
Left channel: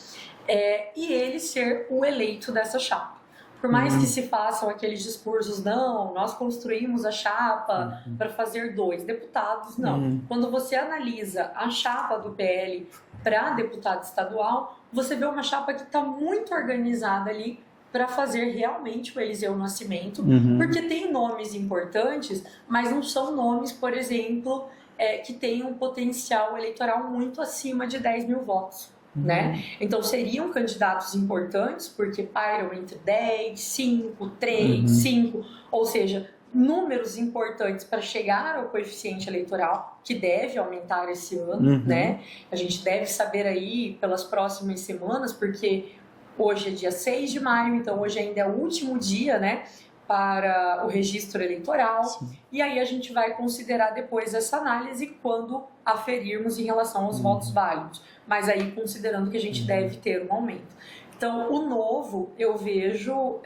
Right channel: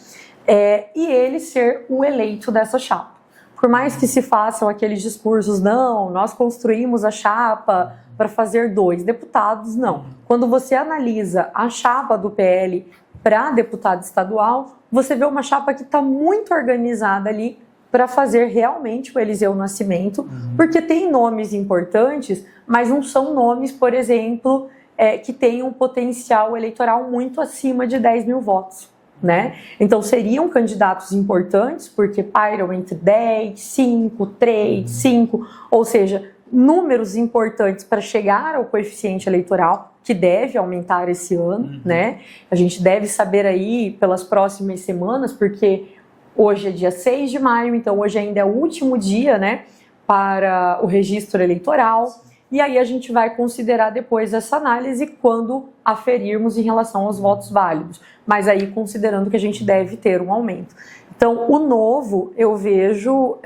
e ele ser o eleito dessa chapa. Por mais que se façam aqueles discursos, não, nós construímos a chapa para fazer 2 deputados, não. Quando você analisa a chapa do PL para deputado estadual, você vê uma chapa que está muito organizada ali para fazer realmente o Eliseu Nascimento, porque tem nomes importantes, mas não são nomes, por exemplo, que têm um potencial eleitoral muito acima de 10 mil votos. Né? Então seriam candidatos importantes, porque pairam entre 10, 5, 3, 5, ou seja, números importantes para chegar ao coeficiente eleitoral, que deve aumentar esse ano, né? A gente deve saber aí pelas próximas semanas, porque hoje é dia 6 de maio, então hoje ainda é o último dia, né, para o registro eleitoral. Sim. E aí a gente vai considerar depois essa análise quando aferirmos em relação aos votos válidos. Mas aí considerando que a gente deve ter um aumento. Então, o Novo eu vejo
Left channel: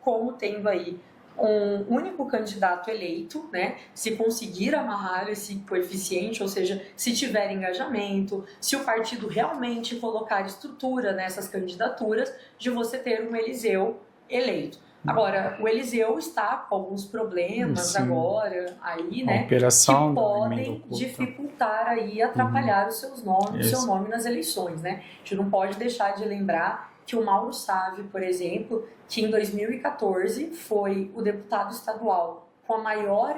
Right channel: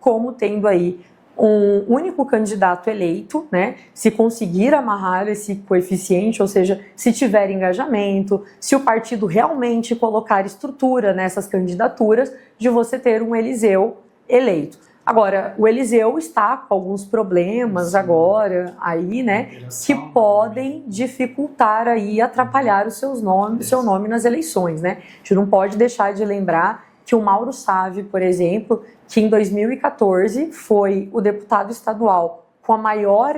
como tendo aí um único candidato eleito, né? Se conseguir amarrar esse coeficiente, ou seja, se tiver engajamento, se o partido realmente colocar estrutura nessas candidaturas, de você ter um Eliseu eleito. Agora, o Eliseu está com alguns problemas agora aí, né, que podem dificultar aí, atrapalhar os seus nomes, o seu nome nas eleições, né? A gente não pode deixar de lembrar que o Mauro Sávio, por exemplo, que em 2014 foi o deputado estadual com a maior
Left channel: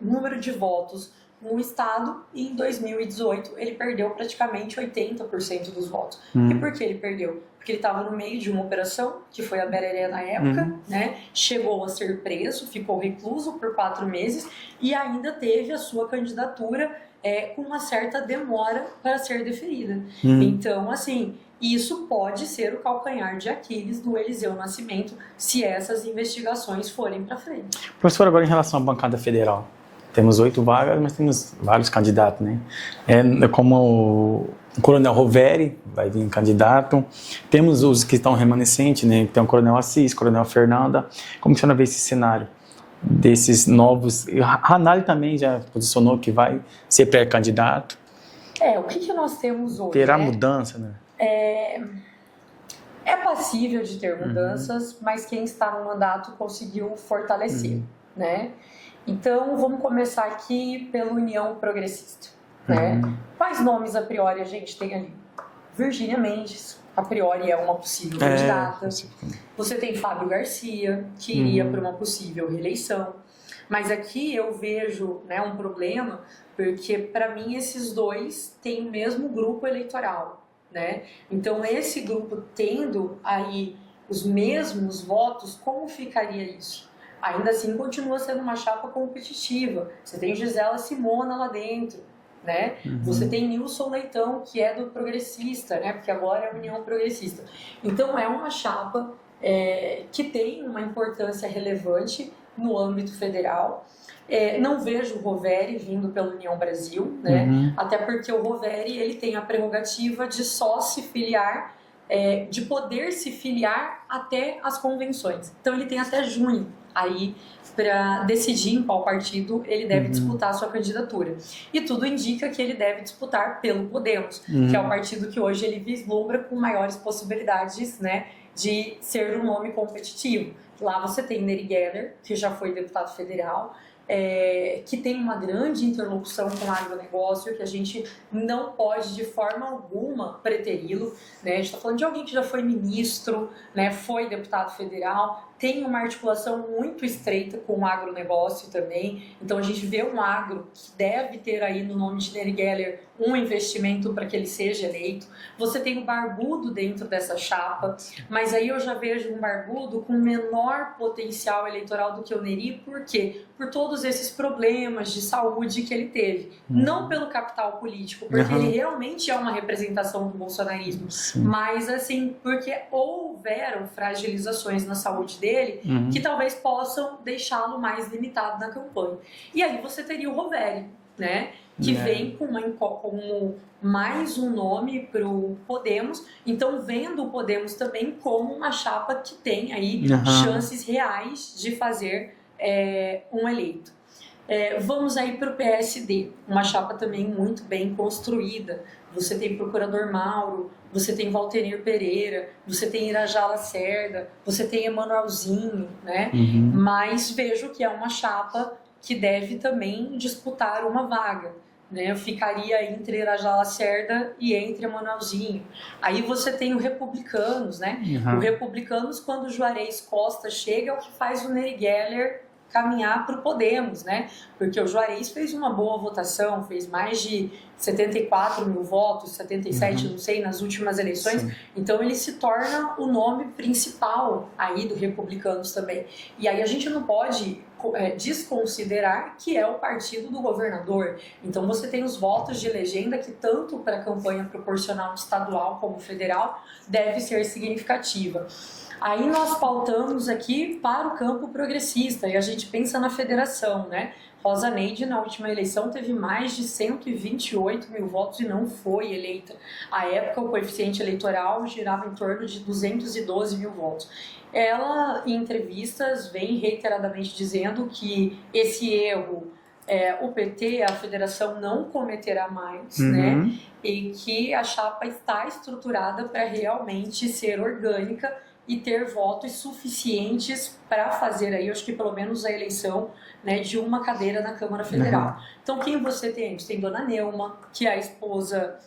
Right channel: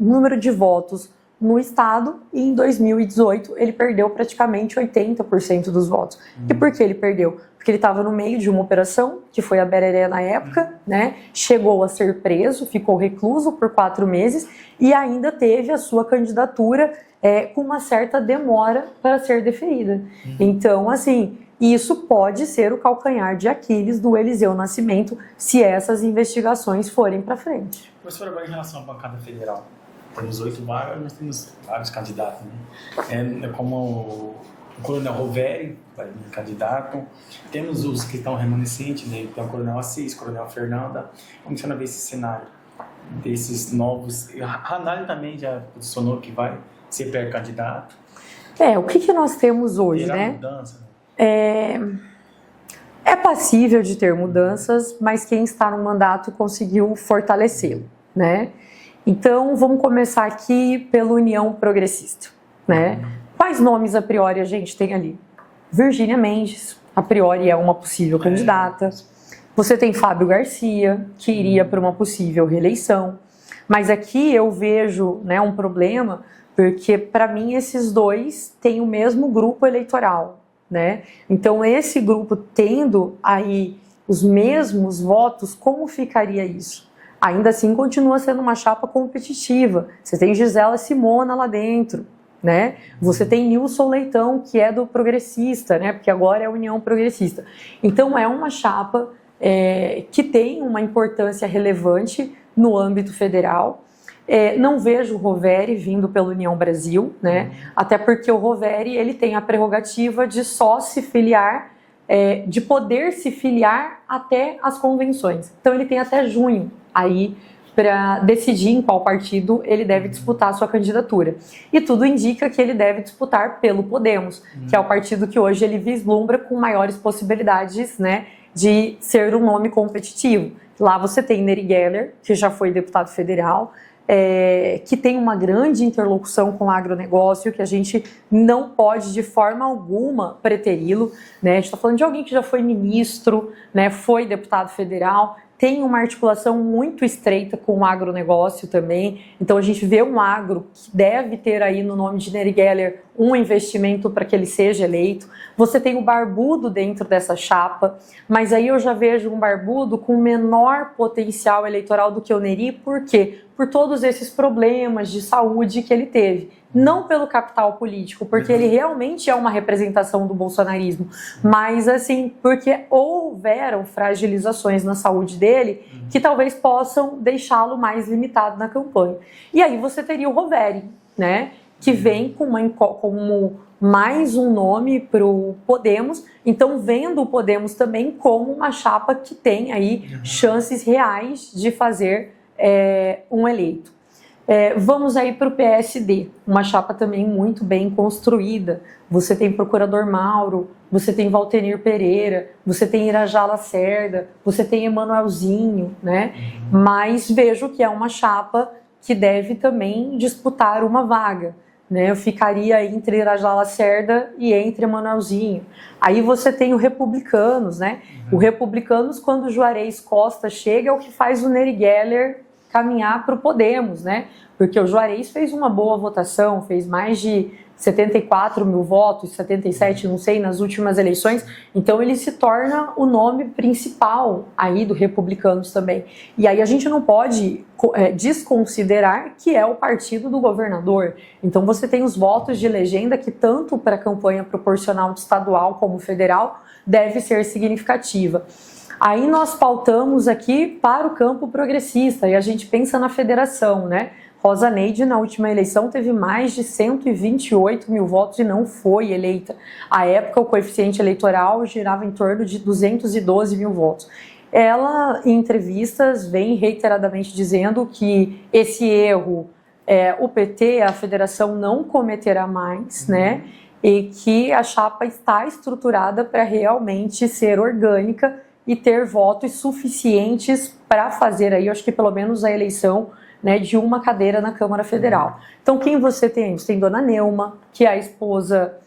número de votos no estado, e em 2018 ele perdeu praticamente 80% dos votos. E por que ele perdeu? Porque ele estava no meio de uma operação, que foi a Bereré na época, né? Chegou a ser preso, ficou recluso por 4 meses e ainda teve a sua candidatura com uma certa demora para ser deferida. Então, assim, isso pode ser o calcanhar de Aquiles do Eliseu Nascimento se essas investigações forem para frente. Professor, agora em relação à bancada federal, temos 8 vagas, mas temos vários candidatos, né? Como o Coronel Roveri vai vir candidato, temos os que estão remanescentes, né? Tem o Coronel Assis, Coronel Fernanda. Como você vê esse cenário desses novos? Ranalli também já posicionou que vai ser pré-candidato. O que nós temos hoje, terá né? mudança, né? É passível de ter mudanças, mas quem está no mandato conseguiu fortalecê-lo, né? Então, vamos começar aqui pela União Progressista, né? Quais nomes a priori a gente tem ali? Virgínia Mendes, a priori é uma possível candidata. Você tem Fábio Garcia, que iria para uma possível reeleição. Mas aqui eu vejo, né, um problema, Porque, para mim, esses dois têm o mesmo grupo eleitoral, né? Então, esse grupo tendo aí os mesmos votos, como ficaria isso? Ainda assim, continua sendo uma chapa competitiva. Você tem Gisela Simona lá dentro, né? Você tem Nilson Leitão, que é do Progressista, né? Porque agora é a União Progressista. Então, é uma chapa que tem uma importância relevante no âmbito federal. Não vejo o Roveri vindo pela União Brasil, né? Até porque o Roveri ele tem a prerrogativa de só se filiar, de poder se filiar até as convenções. Então ele tem até junho aí para decidir em qual partido ele deve disputar a sua candidatura. E tudo indica que ele deve disputar pelo Podemos, que é o partido que hoje ele vislumbra com maiores possibilidades, né, de ser um nome competitivo. Lá você tem Neri Geller, que já foi deputado federal, que tem uma grande interlocução com o agronegócio, que a gente não pode de forma alguma preteri-lo, né? A gente está falando de alguém que já foi ministro, né? Foi deputado federal, tem uma articulação muito estreita com o agronegócio também. Então a gente vê um agro que deve ter aí no nome de Neri Geller um investimento para que ele seja eleito. Você tem o Barbudo dentro dessa chapa, mas aí eu já vejo um Barbudo com menor potencial eleitoral do que o Neri, por quê? Por todos esses problemas de saúde que ele teve. Não pelo capital político, porque ele realmente é uma representação do bolsonarismo, mas assim, porque houveram fragilizações na saúde dele que talvez possam deixá-lo mais limitado na campanha. E aí você teria o Roveri, né? Que vem como mais um nome para o Podemos, então vendo o Podemos também como uma chapa que tem aí chances reais de fazer um eleito. Vamos aí para o PSD, uma chapa também muito bem construída. Você tem Procurador Mauro, você tem Valtenir Pereira, você tem Irajá Lacerda, você tem Emanuelzinho, né? Mas vejo que é uma chapa que deve também disputar uma vaga, né? Eu ficaria entre Irajá Lacerda e entre Emanuelzinho. Aí você tem o Republicanos, né? O Republicanos, quando o Juarez Costa chega, é o que faz o Neri Geller caminhar para o Podemos, né? Porque o Juarez fez uma boa votação, fez mais de 74 mil votos, 77, não sei, nas últimas eleições. Então ele se torna o nome principal aí do Republicanos também. E aí a gente não pode desconsiderar que é o partido do governador. Então você tem os votos de legenda que tanto para a campanha proporcional estadual como federal deve ser significativa. Aí nós pautamos aqui para o campo progressista e a gente pensa na federação, né? Rosa Neide, na última eleição, teve mais de 128 mil votos e não foi eleita. À época, o coeficiente eleitoral girava em torno de 212 mil votos. Ela, em entrevistas, vem reiteradamente dizendo que esse erro, o PT, a federação, não cometerá mais, né? E que a chapa está estruturada para realmente ser orgânica e ter votos suficientes para fazer aí, eu acho que pelo menos a eleição, né, de uma cadeira na Câmara Federal. Então quem você tem? Você tem Dona Neuma, que é a esposa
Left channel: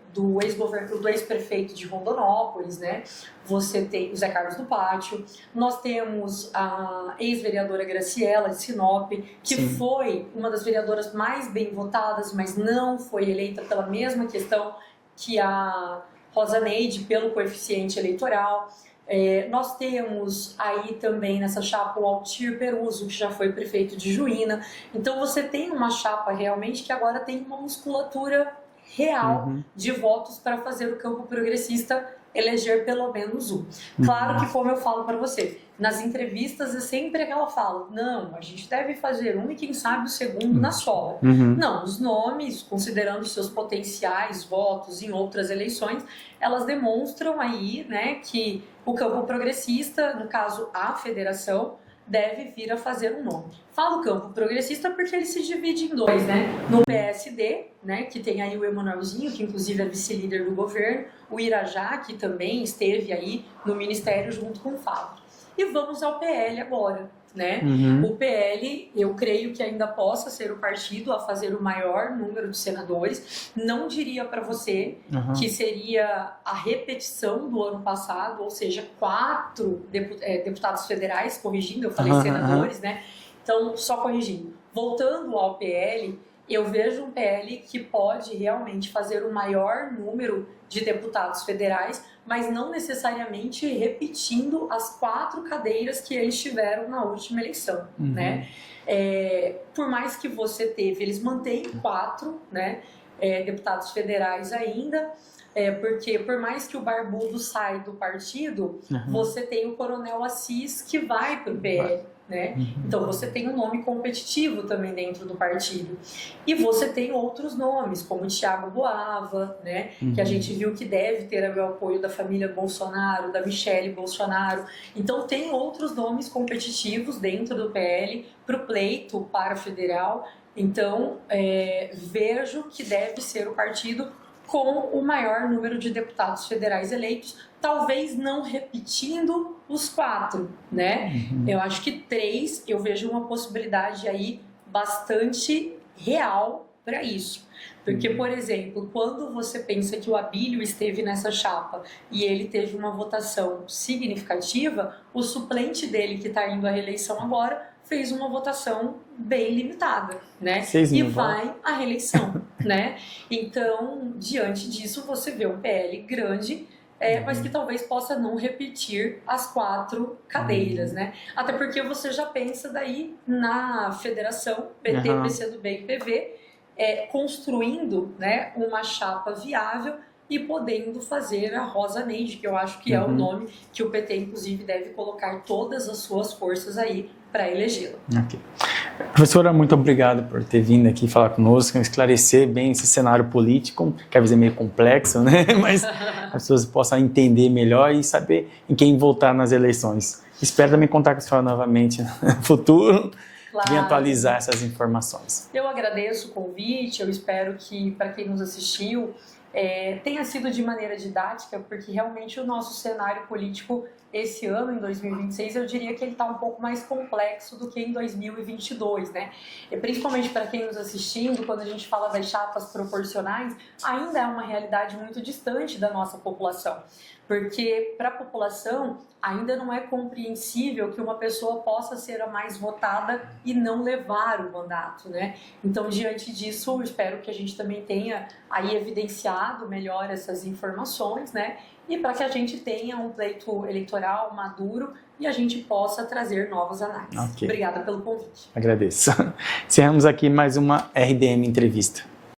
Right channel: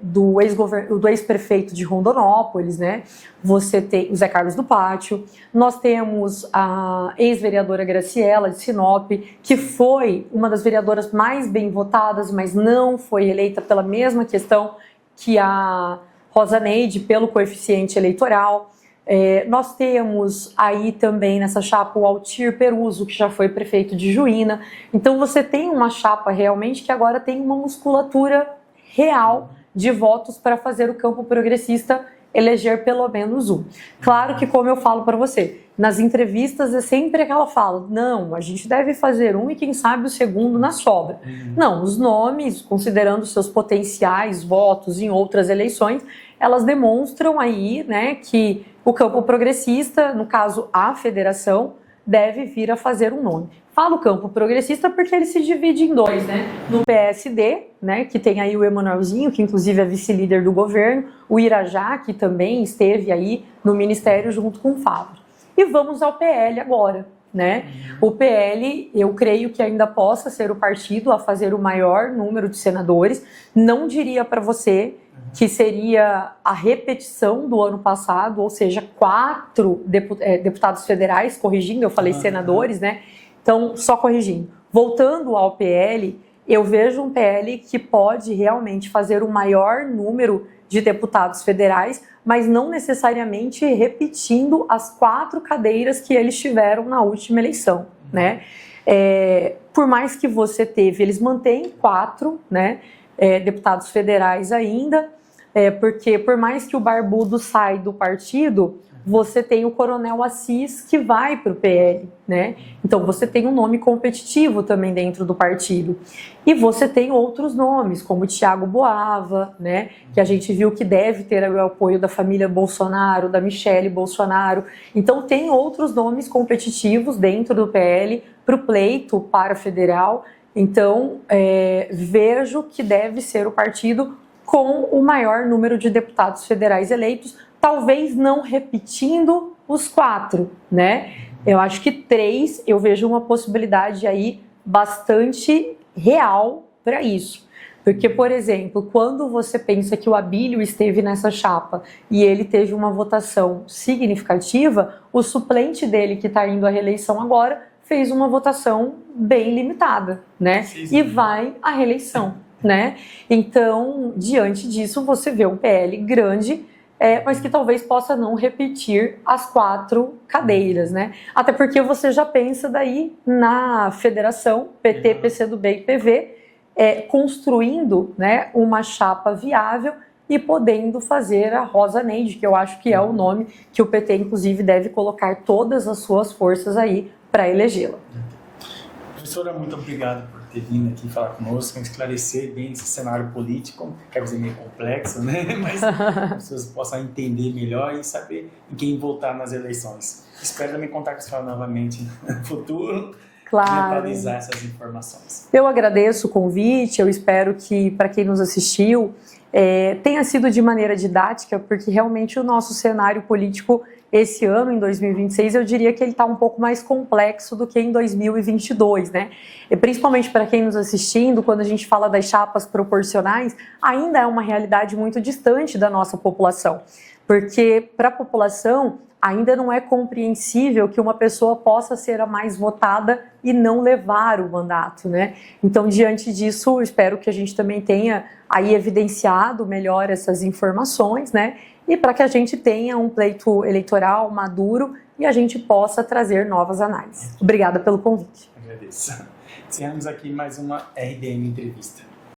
do ex-prefeito de Rondonópolis, né? Você tem o Zé Carlos do Pátio, nós temos a ex-vereadora Graciela de Sinop, que foi uma das vereadoras mais bem votadas, mas não foi eleita pela mesma questão que a Rosa Neide, pelo coeficiente eleitoral. Nós temos aí também nessa chapa o Altir Peruso, que já foi prefeito de Juína. Então você tem uma chapa realmente que agora tem uma musculatura real de votos para fazer o campo progressista eleger pelo menos um. Claro que, como eu falo para você, nas entrevistas é sempre aquela fala, não, a gente deve fazer um e quem sabe o segundo na sobra. Não, os nomes, considerando seus potenciais votos em outras eleições, elas demonstram aí, né, que o campo progressista, no caso a federação, deve vir a fazer um nome. Falo campo progressista porque ele se divide em dois, né? No PSD, né, que tem aí o Emanuelzinho, que inclusive é vice-líder do governo, o Irajá, que também esteve aí no ministério junto com o Fábio. E vamos ao PL agora, né? O PL, eu creio que ainda possa ser o partido a fazer o maior número de senadores. Não diria para você que seria a repetição do ano passado, ou seja, 4 deputados federais, corrigindo, eu falei senadores, né? Então, só corrigindo. Voltando ao PL, eu vejo um PL que pode realmente fazer o maior número de deputados federais, mas não necessariamente repetindo as 4 cadeiras que eles tiveram na última eleição, né? Por mais que você teve, eles mantêm 4, né, deputados federais ainda, porque por mais que o Barbudo saia do partido, você tem o Coronel Assis que vai para o PL, né? Então você tem um nome competitivo também dentro do partido. E você tem outros nomes, como o Thiago Boava, né? Que a gente viu que deve ter o apoio da família Bolsonaro, da Michele Bolsonaro. Então tem outros nomes competitivos dentro do PL para o pleito para federal. Então vejo que deve ser o partido com o maior número de deputados federais eleitos, talvez não repetindo os 4, né? Eu acho que 3, eu vejo uma possibilidade aí bastante real para isso. Porque, por exemplo, quando você pensa que o Abílio esteve nessa chapa e ele teve uma votação significativa, o suplente dele, que está indo à reeleição agora, fez uma votação bem limitada, né? E vai à reeleição, né? Então, diante disso, você vê um PL grande, mas que talvez possa não repetir as 4 cadeiras, né? Até porque você já pensa daí na federação, PT, PCdoB e PV, construindo, né, uma chapa viável e podendo fazer a Rosa Neide, que eu acho que é o nome que o PT, inclusive, deve colocar todas as suas forças aí para elegê-la. Okay. Professora, muito obrigado por ter vindo aqui falar conosco, esclarecer bem esse cenário político, que às vezes é meio complexo, né? Mas as pessoas possam entender melhor e saber em quem votar nas eleições. Espero também contar com a senhora novamente no futuro. Claro. E atualizar essas informações. Eu agradeço o convite, eu espero que, para quem nos assistiu, tenha sido de maneira didática, porque realmente o nosso cenário político esse ano, em 2026, eu diria que ele está um pouco mais complexo do que em 2022, né? E principalmente para quem nos assistindo, quando a gente fala das chapas proporcionais, ainda é uma realidade muito distante da nossa população, porque para a população ainda não é compreensível que uma pessoa possa ser a mais votada e não levar o mandato, né? Então, diante disso, espero que a gente também tenha aí evidenciado melhor essas informações, né? E para que a gente tenha um pleito eleitoral maduro e a gente possa trazer novas análises. Okay. Obrigada pelo convite. Agradeço. Encerramos aqui mais uma RDM Entrevista.